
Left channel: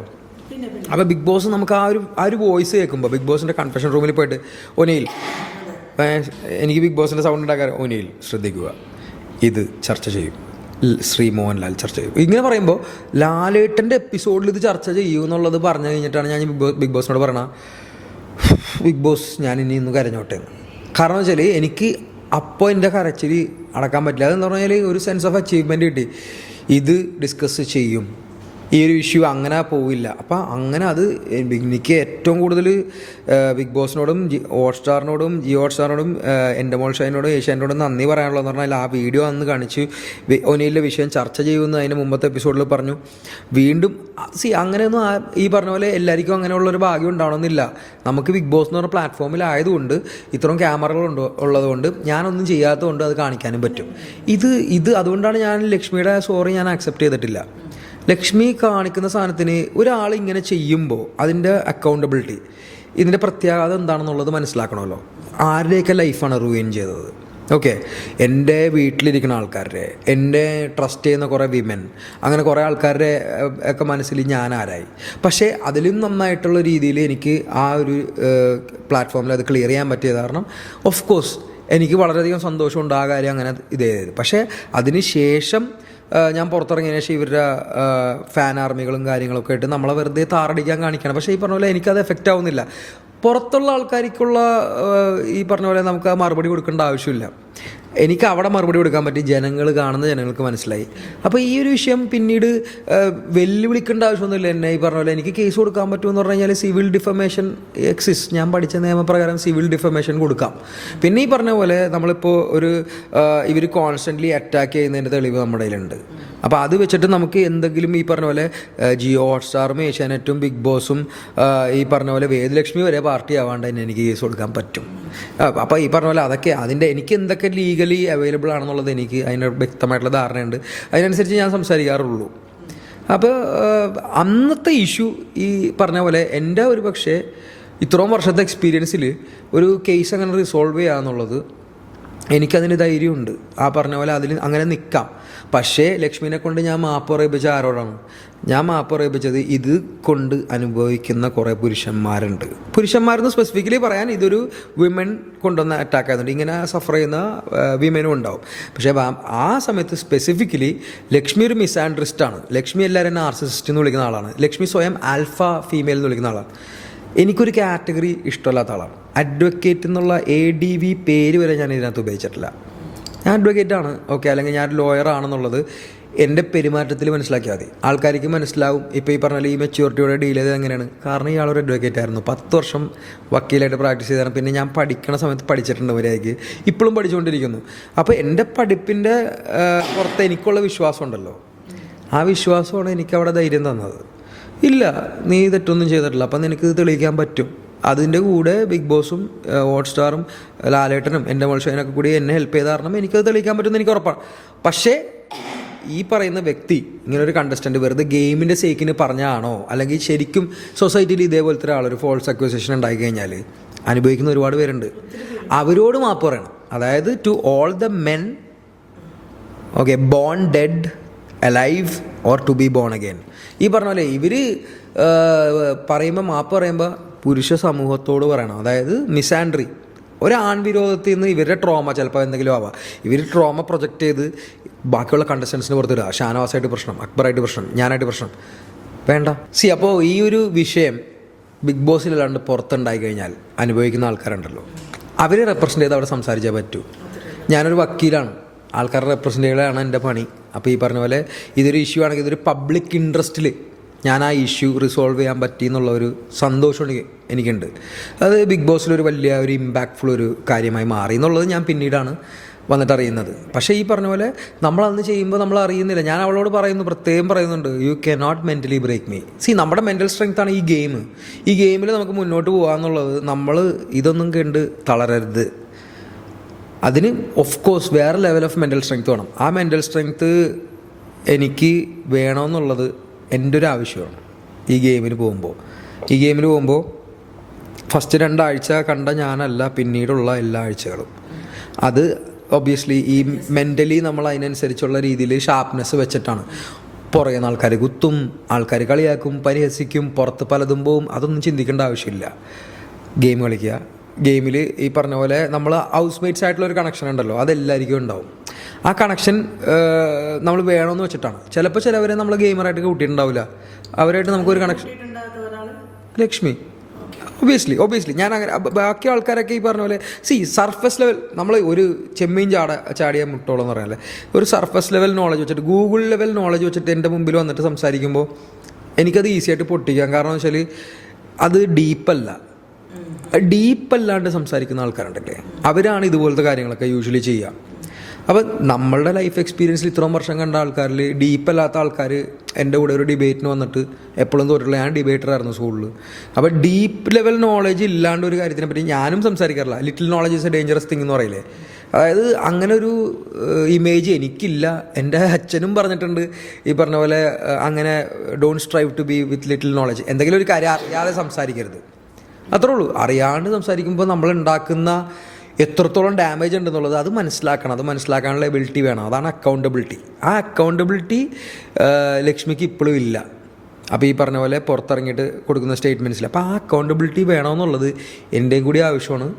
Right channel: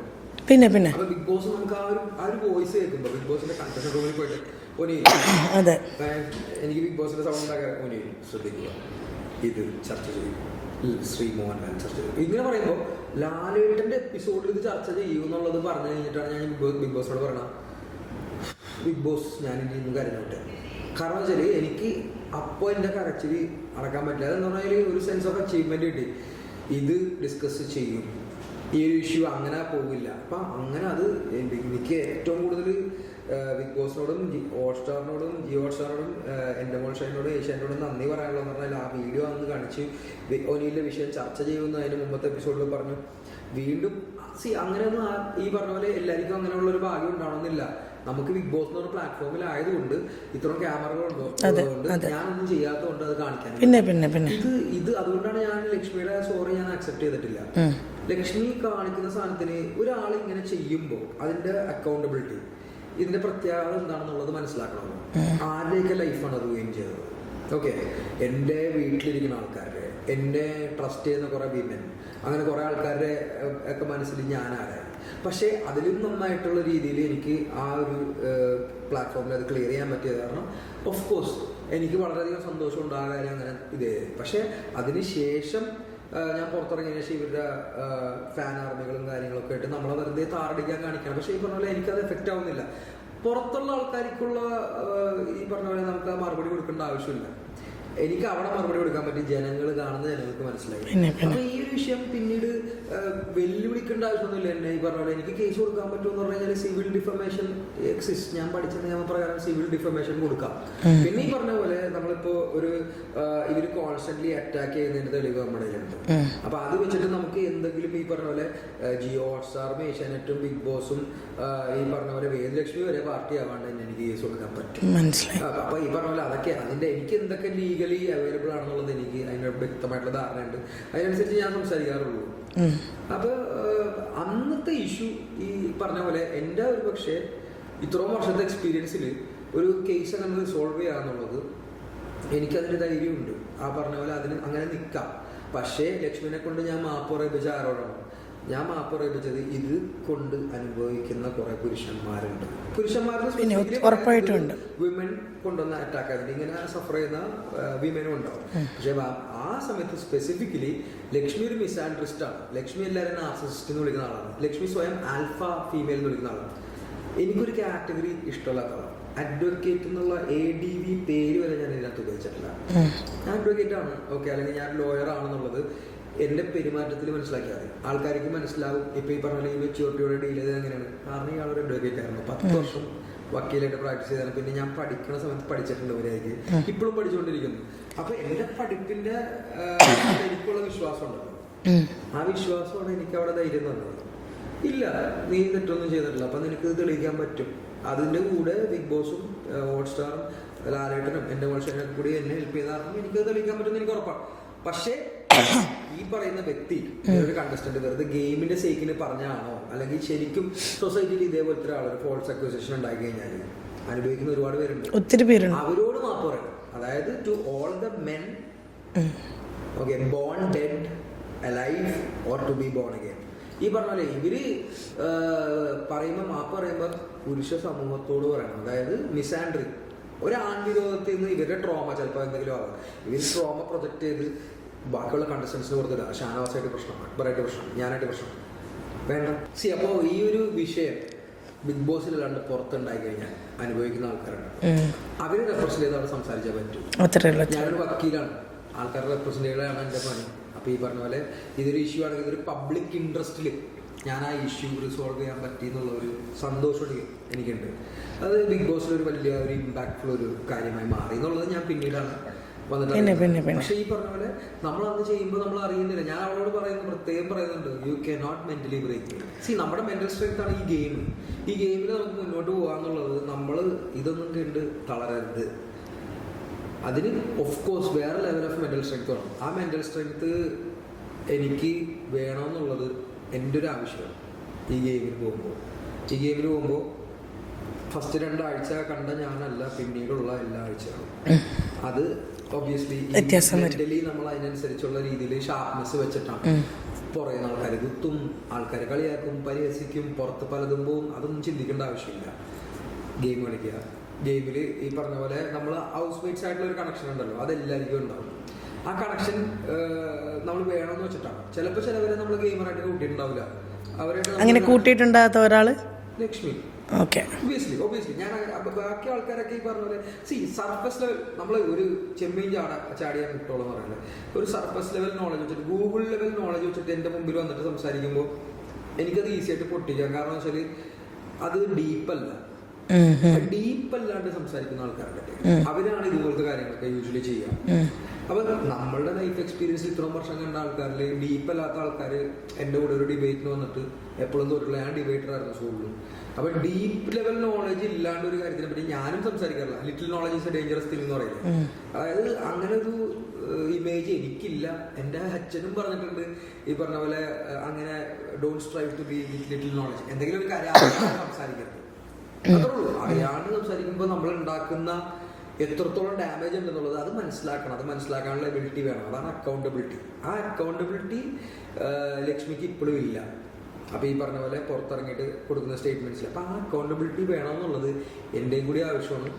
പിന്നെ അപ്പോൾ ബിഗ് ബോസ് നമുക്ക് ആ ഒരു വോയിസ് കേൾക്കുമ്പോൾ, ബിഗ് ബോസിൻ്റെ കൺഫെഷൻ റൂമിൽ പോയിട്ട് ഒനിയിൽ, എനിക്ക് ബിഗ് ബോസിൻ്റെ സൗണ്ട് ഉണ്ടാക്കാൻ, ഒനിയിൽ ശ്രദ്ധിക്കുക, ഇത് ചർച്ച ചെയ്യും, ശ്രീ മോഹൻലാൽ ചർച്ച ചെയ്യും. ഇങ്ങനെ പറയുമ്പോൾ ലാലേട്ടൻ്റെ എപ്പിസോഡിൽ ഇത് ചർച്ച ചെയ്യൂ എന്നുള്ളത് പറഞ്ഞു കഴിഞ്ഞിട്ടാണ് ഞാൻ ബിഗ് ബോസിനോട് പറഞ്ഞ, ബിഗ് ബോസ് ഞാൻ ഇനി ഇന്ന് കരഞ്ഞോട്ടെ. കാരണം വെച്ചാൽ എനിക്ക് അപ്പോൾ എൻ്റെ കരച്ചിൽ അടക്കാൻ പറ്റില്ല. അതെന്ന് പറഞ്ഞാൽ ഒരു സെൻസ് ഓഫ് അച്ചീവ്മെൻറ്റ് കിട്ടി. ഇത് ഡിസ്കസ് ചെയ്യും, ഈ ഒരു ഇഷ്യൂ അങ്ങനെ പോവില്ല. അപ്പം അങ്ങനെ അത് എനിക്ക് ഏറ്റവും കൂടുതൽ ബിഗ് ബോസിനോടും ഹോട്ട്സ്റ്റാറിനോടും ജിയോ ഹോട്ട്സ്റ്റാറിനോടും എൻ്റെ മോൾ ഷൈനോടും ഏഷ്യാനോടും നന്ദി പറയാനുള്ളതെന്ന് പറഞ്ഞാൽ ആ വീഡിയോ അന്ന് കാണിച്ച് ഒനിയിലെ വിഷയം ചർച്ച ചെയ്യുമെന്ന് അതിന് മുമ്പത്തെ എപ്പിസോഡിൽ പറഞ്ഞു. വീണ്ടും അങ്ങനെയൊന്നും ഈ പറഞ്ഞ പോലെ എല്ലാവർക്കും അങ്ങനെയുള്ളൊരു ഭാഗ്യം ഉണ്ടാവണമെന്നില്ല. നമുക്ക് ബിഗ് ബോസ് എന്ന് പറഞ്ഞ പ്ലാറ്റ്ഫോമിലായതുകൊണ്ട് ഇത്രയും ക്യാമറകളുണ്ടോ ഉള്ളതുകൊണ്ട് ഞാനൊന്നും ചെയ്യാത്തതുകൊണ്ട് അത് കാണിക്കാനും പറ്റും. ഇത് അതുകൊണ്ടാണ് ഞാൻ ലക്ഷ്മിയുടെ സോറി ഞാൻ അക്സെപ്റ്റ് ചെയ്തിട്ടില്ല. ലക്ഷ്മി കാണിക്കുന്ന സാധനത്തിന് ഒരാൾ ഇങ്ങനെ ചെയ്യുമ്പോൾ അതിൻ്റെ അക്കൗണ്ടബിലിറ്റി, ഇതിൻ്റെ പ്രത്യാഘാതം എന്താണെന്നുള്ളത് മനസ്സിലാക്കണമല്ലോ. ആരുടെയൊക്കെ ലൈഫാണ് റൂയിൻ ചെയ്തത്. ഓക്കെ, എൻ്റെ വീട്ടിലിരിക്കുന്ന ആൾക്കാരുടെ, എൻ്റെ ട്രസ്റ്റ് ചെയ്യുന്ന കുറേ വിമൻ, അങ്ങനെ കുറേ ആൾക്കാരുടെ ഒക്കെ മനസ്സിൽ ഞാൻ ആരായി. പക്ഷേ അതിലും നന്നായിട്ടുള്ള രീതിയിൽ എനിക്ക് ആ ഒരു പ്ലാറ്റ്ഫോമിൽ അത് ക്ലിയർ ചെയ്യാൻ പറ്റിയത് കാരണം ഓഫ് കോഴ്സ് എനിക്ക് വളരെയധികം സന്തോഷമുണ്ട് ആ കാര്യം അങ്ങനെ ഇതേ. പക്ഷേ അതിന് ശേഷം ഞാൻ പുറത്തിറങ്ങിയതിന് ശേഷം ഇവരുടെ ഫാൻ ആർമികളും കാര്യങ്ങളൊക്കെ ആയിട്ട് നമ്മളെ വെറുതെ താറടിക്കാൻ കാണിക്കണം. പക്ഷേ ഈ പറഞ്ഞ പോലെ എനിക്കത് എഫക്റ്റ് ആവുന്നില്ല. പുറത്തുള്ള ആൾക്കാർക്കുള്ള ഈ പറഞ്ഞ പോലെ നമുക്ക് ആ മറുപടി കൊടുക്കേണ്ട ആവശ്യമില്ല. എനിക്ക് അവിടെ മറുപടി കൊടുക്കാൻ പറ്റി, ജനങ്ങൾ കാണുന്ന ജനങ്ങൾക്ക് മനസ്സിലായി. അപ്പോൾ ഈ ഒരു വിഷയം പിന്നീട് വെല്ലുവിളിക്കേണ്ട ആവശ്യമൊന്നുമില്ല എന്നെ. ഈ പറഞ്ഞ പോലെ എനിക്ക് കേസ് കൊടുക്കാൻ പറ്റുമെന്ന് പറഞ്ഞു കഴിഞ്ഞാൽ സിവിൽ ഡിഫമേഷൻ എക്സിസ്റ്റ്. ഞാൻ പഠിച്ച നിയമപ്രകാരം സിവിൽ ഡിഫമേഷൻ കൊടുക്കാം. പിന്നെ ഈ പറഞ്ഞ പോലെ നമ്മളിപ്പോൾ ഒരു ഇവർ കോൺസ്റ്റൻ്റ്ലി അറ്റാക്ക് ചെയ്യുന്നതിൻ്റെ തെളിവ് നമ്മുടെ കയ്യിലുണ്ട്. അപ്പോൾ അത് വെച്ചിട്ട് നമുക്ക് എന്തെങ്കിലും ഈ പറഞ്ഞ പോലെ ജിയോ ഹോട്ട്സ്റ്റാറും ഏഷ്യാനെറ്റും ബിഗ് ബോസും ഈ പറഞ്ഞ പോലെ വേദലക്ഷ്മി വരെ പാർട്ടി ആവാണ്ട് തന്നെ എനിക്ക് കേസ് കൊടുക്കാൻ പറ്റും. അപ്പോൾ ഈ പറഞ്ഞ പോലെ അതൊക്കെ അതിൻ്റെ എനിക്ക് എന്തൊക്കെ ലീഗലി അവൈലബിൾ ആണെന്നുള്ളത് എനിക്ക് അതിന് വ്യക്തമായിട്ടുള്ള ധാരണയുണ്ട്. അതിനനുസരിച്ച് ഞാൻ സംസാരിക്കാറുള്ളൂ. അപ്പോൾ അന്നത്തെ ഇഷ്യൂ ഈ പറഞ്ഞ പോലെ എൻ്റെ ഒരു പക്ഷേ ഇത്രയും വർഷത്തെ എക്സ്പീരിയൻസിൽ ഒരു കേസ് അങ്ങനെ റിസോൾവ് ചെയ്യാന്നുള്ളത് എനിക്കതിന് ധൈര്യമുണ്ട്. ആ പറഞ്ഞ പോലെ അതിൽ അങ്ങനെ നിൽക്കാം. പക്ഷേ ലക്ഷ്മിനെ കൊണ്ട് ഞാൻ മാപ്പ് പറയിപ്പിച്ച ആരോടാണ്? ഞാൻ മാപ്പ് പറയിപ്പിച്ചത് ഇത് കൊണ്ട് അനുഭവിക്കുന്ന കുറേ പുരുഷന്മാരുണ്ട്. പുരുഷന്മാരെന്ന് സ്പെസിഫിക്കലി പറയാൻ ഇതൊരു വിമൻ കൊണ്ടുവന്ന അറ്റാക്ക് ആയതുകൊണ്ട് ഇങ്ങനെ സഫർ ചെയ്യുന്ന വിമനും ഉണ്ടാവും. പക്ഷേ ആ സമയത്ത് സ്പെസിഫിക്കലി ലക്ഷ്മി ഒരു മിസ്ആൻഡ്രിസ്റ്റാണ്. ലക്ഷ്മി എല്ലാവരും നാർസിസിസ്റ്റ് എന്ന് വിളിക്കുന്ന ആളാണ്. ലക്ഷ്മി സ്വയം ആൽഫ ഫീമെയിൽ എന്ന് വിളിക്കുന്ന ആളാണ്. എനിക്കൊരു കാറ്റഗറി ഇഷ്ടമല്ലാത്ത ആളാണ്. അഡ്വക്കേറ്റ് എന്നുള്ള ADV പേര് വരെ ഞാൻ ഇതിനകത്ത് ഉപയോഗിച്ചിട്ടില്ല. ഞാൻ അഡ്വക്കേറ്റ് ആണ്, ഓക്കെ, അല്ലെങ്കിൽ ഞാൻ ലോയർ ആണെന്നുള്ളത് എൻ്റെ പെരുമാറ്റത്തിൽ മനസ്സിലാക്കിയാൽ മതി. ആൾക്കാർക്ക് മനസ്സിലാവും. ഇപ്പോൾ ഈ പറഞ്ഞാൽ ഈ മെച്യൂരിറ്റിയോടെ ഡീൽ ചെയ്തത് എങ്ങനെയാണ്. കാരണം ഇയാളൊരു അഡ്വക്കേറ്റ് ആയിരുന്നു, 10 വർഷം വക്കീലായിട്ട് പ്രാക്ടീസ് ചെയ്താണ്. പിന്നെ ഞാൻ പഠിക്കണ സമയത്ത് പഠിച്ചിട്ടുണ്ട് അവരായിരിക്കും, ഇപ്പോഴും പഠിച്ചുകൊണ്ടിരിക്കുന്നു. അപ്പോൾ എൻ്റെ പഠിപ്പിൻ്റെ പുറത്ത് എനിക്കുള്ള വിശ്വാസം ഉണ്ടല്ലോ, ആ വിശ്വാസമാണ് എനിക്ക് അവിടെ ധൈര്യം തന്നത്. ഇല്ല, നീ തെറ്റൊന്നും ചെയ്തിട്ടില്ല, അപ്പം നിനക്ക് തെളിയിക്കാൻ പറ്റും. അതിൻ്റെ കൂടെ ബിഗ് ബോസും ഹോട്ട്സ്റ്റാറും ലാലേട്ടനും എൻ്റെ മോൾഷനൊക്കെ കൂടി എന്നെ ഹെൽപ്പ് ചെയ്ത കാരണം എനിക്കത് തെളിയിക്കാൻ പറ്റുമെന്ന് എനിക്ക് ഉറപ്പാണ്. പക്ഷേ ഈ പറയുന്ന വ്യക്തി ഇങ്ങനെ ഒരു കണ്ടസ്റ്റൻറ്റ് വെറുതെ ഗെയിമിൻ്റെ സേക്കിന് പറഞ്ഞാണോ, അല്ലെങ്കിൽ ശരിക്കും സൊസൈറ്റിയിൽ ഇതേപോലത്തെ ഒരാളൊരു ഫോൾസ് അക്യൂസേഷൻ ഉണ്ടായി കഴിഞ്ഞാൽ അനുഭവിക്കുന്ന ഒരുപാട് പേരുണ്ട്. ഒത്തിരി പേരുണ്ട്. അവരോട് മാപ്പ് പറയണം. അതായത് to all the men, okay, born dead, alive or to be born again. ഈ പറഞ്ഞ പോലെ ഇവർ പറയുമ്പോൾ മാപ്പ് പറയുമ്പോൾ പുരുഷ സമൂഹത്തോട് പറയണം. അതായത് മിസാൻഡ്രി, ഒരു ആൺവിരോധത്തിൽ നിന്ന് ഇവരുടെ ട്രോമ ചിലപ്പോൾ എന്തെങ്കിലും ആവാം. ഇവർ ട്രോമ പ്രൊജക്റ്റ് ചെയ്ത് ബാക്കിയുള്ള കണ്ടസ്റ്റൻസിന് പുറത്തിടുക. ഷാനവാസായിട്ട് പ്രശ്നം, അക്ബറായിട്ട് പ്രശ്നം, ഞാനായിട്ട് പ്രശ്നം വേണ്ട. അപ്പോൾ ഈ ഒരു വിഷയം ബിഗ് ബോസിലല്ലാണ്ട് പുറത്തുണ്ടായി കഴിഞ്ഞാൽ അനുഭവിക്കുന്ന ആൾക്കാരുണ്ടല്ലോ, അവരെ റെപ്രസെൻ്റ് ചെയ്ത് അവിടെ സംസാരിച്ചേ പറ്റൂ. ഞാനൊരു വക്കീലാണ്, ആൾക്കാരെ റെപ്രസെൻ്റ് ചെയ്യുകയാണ് എൻ്റെ പണി. അപ്പോൾ ഈ പറഞ്ഞ പോലെ ഇതൊരു ഇഷ്യൂ ആണെങ്കിൽ ഇതൊരു പബ്ലിക് ഇൻട്രസ്റ്റിൽ ഞാൻ ആ ഇഷ്യൂ റിസോൾവ് ചെയ്യാൻ പറ്റി എന്നുള്ള ഒരു സന്തോഷം എനിക്കുണ്ട്. അത് ബിഗ് ബോസിലൊരു വലിയ ഒരു ഇമ്പാക്റ്റ്ഫുൾ ഒരു കാര്യമായി മാറി എന്നുള്ളത് ഞാൻ പിന്നീടാണ് വന്നിട്ട് അറിയുന്നത്. പക്ഷേ ഈ പറഞ്ഞ പോലെ നമ്മളന്ന് ചെയ്യുമ്പോൾ നമ്മൾ അറിയുന്നില്ല. ഞാൻ അവളോട് പ്രത്യേകം പറയുന്നുണ്ട്, you cannot mentally break me. നമ്മുടെ മെൻ്റൽ സ്ട്രെങ്ത് ആണ് ഈ ഗെയിം. ഈ ഗെയിമിൽ നമുക്ക് മുന്നോട്ട് പോകാമെന്നുള്ളത്, നമ്മൾ ഇതൊന്നും കണ്ട് തളരരുത്. അതിന് ഓഫ് കോഴ്സ് വേറെ ലെവൽ ഓഫ് മെൻ്റൽ സ്ട്രെങ്ത് വേണം. ആ മെൻ്റൽ സ്ട്രെങ്ത് എനിക്ക് വേണമെന്നുള്ളത് എൻ്റെ ഒരു ആവശ്യമാണ്. ഈ ഗെയിമിന് പോകുമ്പോൾ ഫസ്റ്റ് 2 ആഴ്ച കണ്ട ഞാനല്ല പിന്നീടുള്ള എല്ലാ ആഴ്ചകളും. അത് ഒബ്വിയസ്ലി ഈ മെൻ്റലി നമ്മൾ അതിനനുസരിച്ചുള്ള രീതിയിൽ ഷാർപ്നെസ് വെച്ചിട്ടാണ്. പുറകെ ആൾക്കാർ കുത്തും, ആൾക്കാർ കളിയാക്കും, പരിഹസിക്കും, പുറത്ത് പലതും പോവും. അതൊന്നും ചിന്തിക്കേണ്ട ആവശ്യമില്ല. ഗെയിം കളിക്കുക. ഗെയിമിൽ ഈ പറഞ്ഞ പോലെ നമ്മൾ ഹൗസ് മേറ്റ്സ് ആയിട്ടുള്ള ഒരു കണക്ഷൻ ഉണ്ടല്ലോ, അതെല്ലാവർക്കും ഉണ്ടാവും. ആ കണക്ഷൻ നമ്മൾ വേണമെന്ന് വെച്ചിട്ടാണ്. ചിലപ്പോൾ ചിലവരെ നമ്മൾ ഗെയിമറായിട്ട് കൂട്ടിയിട്ടുണ്ടാവില്ല. അവരായിട്ട് നമുക്ക് കൂട്ടിയിട്ടുണ്ടാകാത്ത ഒരാൾ ലക്ഷ്മി. ഓക്കെ, ഒബിയസ്ലി ഞാൻ അങ്ങനെ ബാക്കി ആൾക്കാരൊക്കെ ഈ പറഞ്ഞ പോലെ സർഫസ് ലെവൽ നമ്മൾ ഒരു ചെമ്മീൻ ചാടിയ മുട്ടോളം എന്ന് പറയാനല്ലേ, ഒരു സർഫസ് ലെവൽ നോളജ് വെച്ചിട്ട്, ഗൂഗിൾ ലെവൽ നോളജ് വെച്ചിട്ട് എൻ്റെ മുമ്പിൽ വന്നിട്ട് സംസാരിക്കുമ്പോൾ എനിക്കത് ഈസി ആയിട്ട് പൊട്ടിക്കാം. കാരണം എന്ന് വെച്ചാൽ അത് ഡീപ്പല്ലാണ്ട് സംസാരിക്കുന്ന ആൾക്കാരുണ്ടല്ലേ, അവരാണ് ഇതുപോലത്തെ കാര്യങ്ങളൊക്കെ യൂഷ്വലി ചെയ്യുക. അപ്പം നമ്മളുടെ ലൈഫ് എക്സ്പീരിയൻസിൽ ഇത്രയും വർഷം കണ്ട ആൾക്കാരിൽ ഡീപ്പല്ലാത്ത ആൾക്കാർ എൻ്റെ കൂടെ ഒരു ഡിബേറ്റിന് വന്നിട്ട് എപ്പോഴും തോറ്റില്ല. ഞാൻ ഡിബേറ്റർ ആയിരുന്നു സ്കൂളിൽ. അപ്പോൾ ഡീപ്പ് ലെവൽ നോളജ് ഇല്ലാണ്ട് ഒരു കാര്യത്തിനെ പറ്റി ഞാനും സംസാരിക്കാറില്ല. Little knowledge is a dangerous thing എന്ന് പറയില്ലേ. അതായത് അങ്ങനെ ഒരു ഇമേജ് എനിക്കില്ല. എൻ്റെ അച്ഛനും പറഞ്ഞിട്ടുണ്ട് ഈ പറഞ്ഞ പോലെ, അങ്ങനെ don't strive to be with little knowledge. എന്തെങ്കിലും ഒരു കാര്യം അറിയാതെ സംസാരിക്കരുത്, അത്രേ ഉള്ളൂ. അറിയാണ്ട് സംസാരിക്കുമ്പോൾ നമ്മൾ ഉണ്ടാക്കുന്ന എത്രത്തോളം ഡാമേജ് ഉണ്ടെന്നുള്ളത് അത് മനസ്സിലാക്കണം. അത് മനസ്സിലാക്കാനുള്ള എബിലിറ്റി വേണം. അതാണ് അക്കൗണ്ടബിലിറ്റി. ആ അക്കൗണ്ടബിലിറ്റി ലക്ഷ്മിക്ക് ഇപ്പോഴും ഇല്ല. അപ്പോൾ ഈ പറഞ്ഞ പോലെ പുറത്തിറങ്ങിയിട്ട് കൊടുക്കുന്ന സ്റ്റേറ്റ്മെൻറ്റ്സിൽ അപ്പോൾ ആ അക്കൗണ്ടബിലിറ്റി വേണമെന്നുള്ളത് എൻ്റെയും കൂടി ആവശ്യമാണ്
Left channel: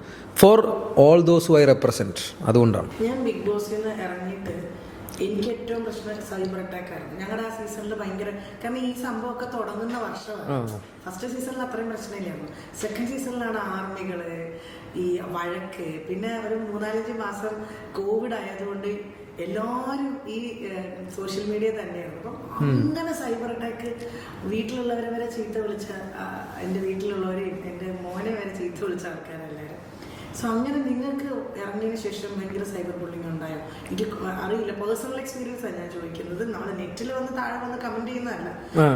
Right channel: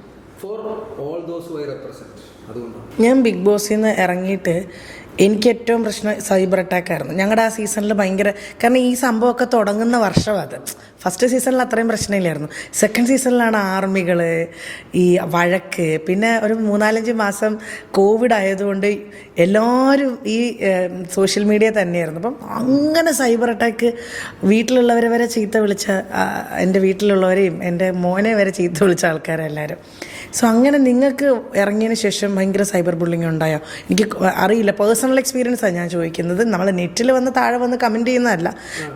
for all those who I represent. അതുകൊണ്ടാണ് ഞാൻ ബിഗ് ബോസിൽ നിന്ന് ഇറങ്ങിയിട്ട് എനിക്ക് ഏറ്റവും പ്രശ്നം സൈബർ അറ്റാക്ക് ആയിരുന്നു. ഞങ്ങളുടെ ആ സീസണിൽ ഭയങ്കര, കാരണം ഈ സംഭവമൊക്കെ തുടങ്ങുന്ന വർഷമാണ്. ഫസ്റ്റ് സീസണിൽ അത്രയും പ്രശ്നമില്ലായിരുന്നു. സെക്കൻഡ് സീസണിലാണ് ആർമികൾ, ഈ വഴക്ക്, പിന്നെ ഒരു 3-4 മാസം കോവിഡ് ആയതുകൊണ്ട് എല്ലാവരും ഈ സോഷ്യൽ മീഡിയ തന്നെയായിരുന്നു. അപ്പം അങ്ങനെ സൈബർ അറ്റാക്ക് വീട്ടിലുള്ളവരെ വരെ ചീത്ത വിളിച്ച, എൻ്റെ വീട്ടിലുള്ളവരെയും എൻ്റെ മോനെ വരെ ചീത്ത വിളിച്ച ആൾക്കാരെല്ലാവരും. സോ അങ്ങനെ നിങ്ങൾക്ക് ഇറങ്ങിയതിന് ശേഷം ഭയങ്കര സൈബർ ബുള്ളിങ് ഉണ്ടായോ? എനിക്ക് അറിയില്ല, പേഴ്സണൽ എക്സ്പീരിയൻസാണ് ഞാൻ ചോദിക്കുന്നത്. നമ്മൾ നെറ്റിൽ വന്ന് താഴെ വന്ന് കമൻറ്റ് ചെയ്യുന്നതല്ല.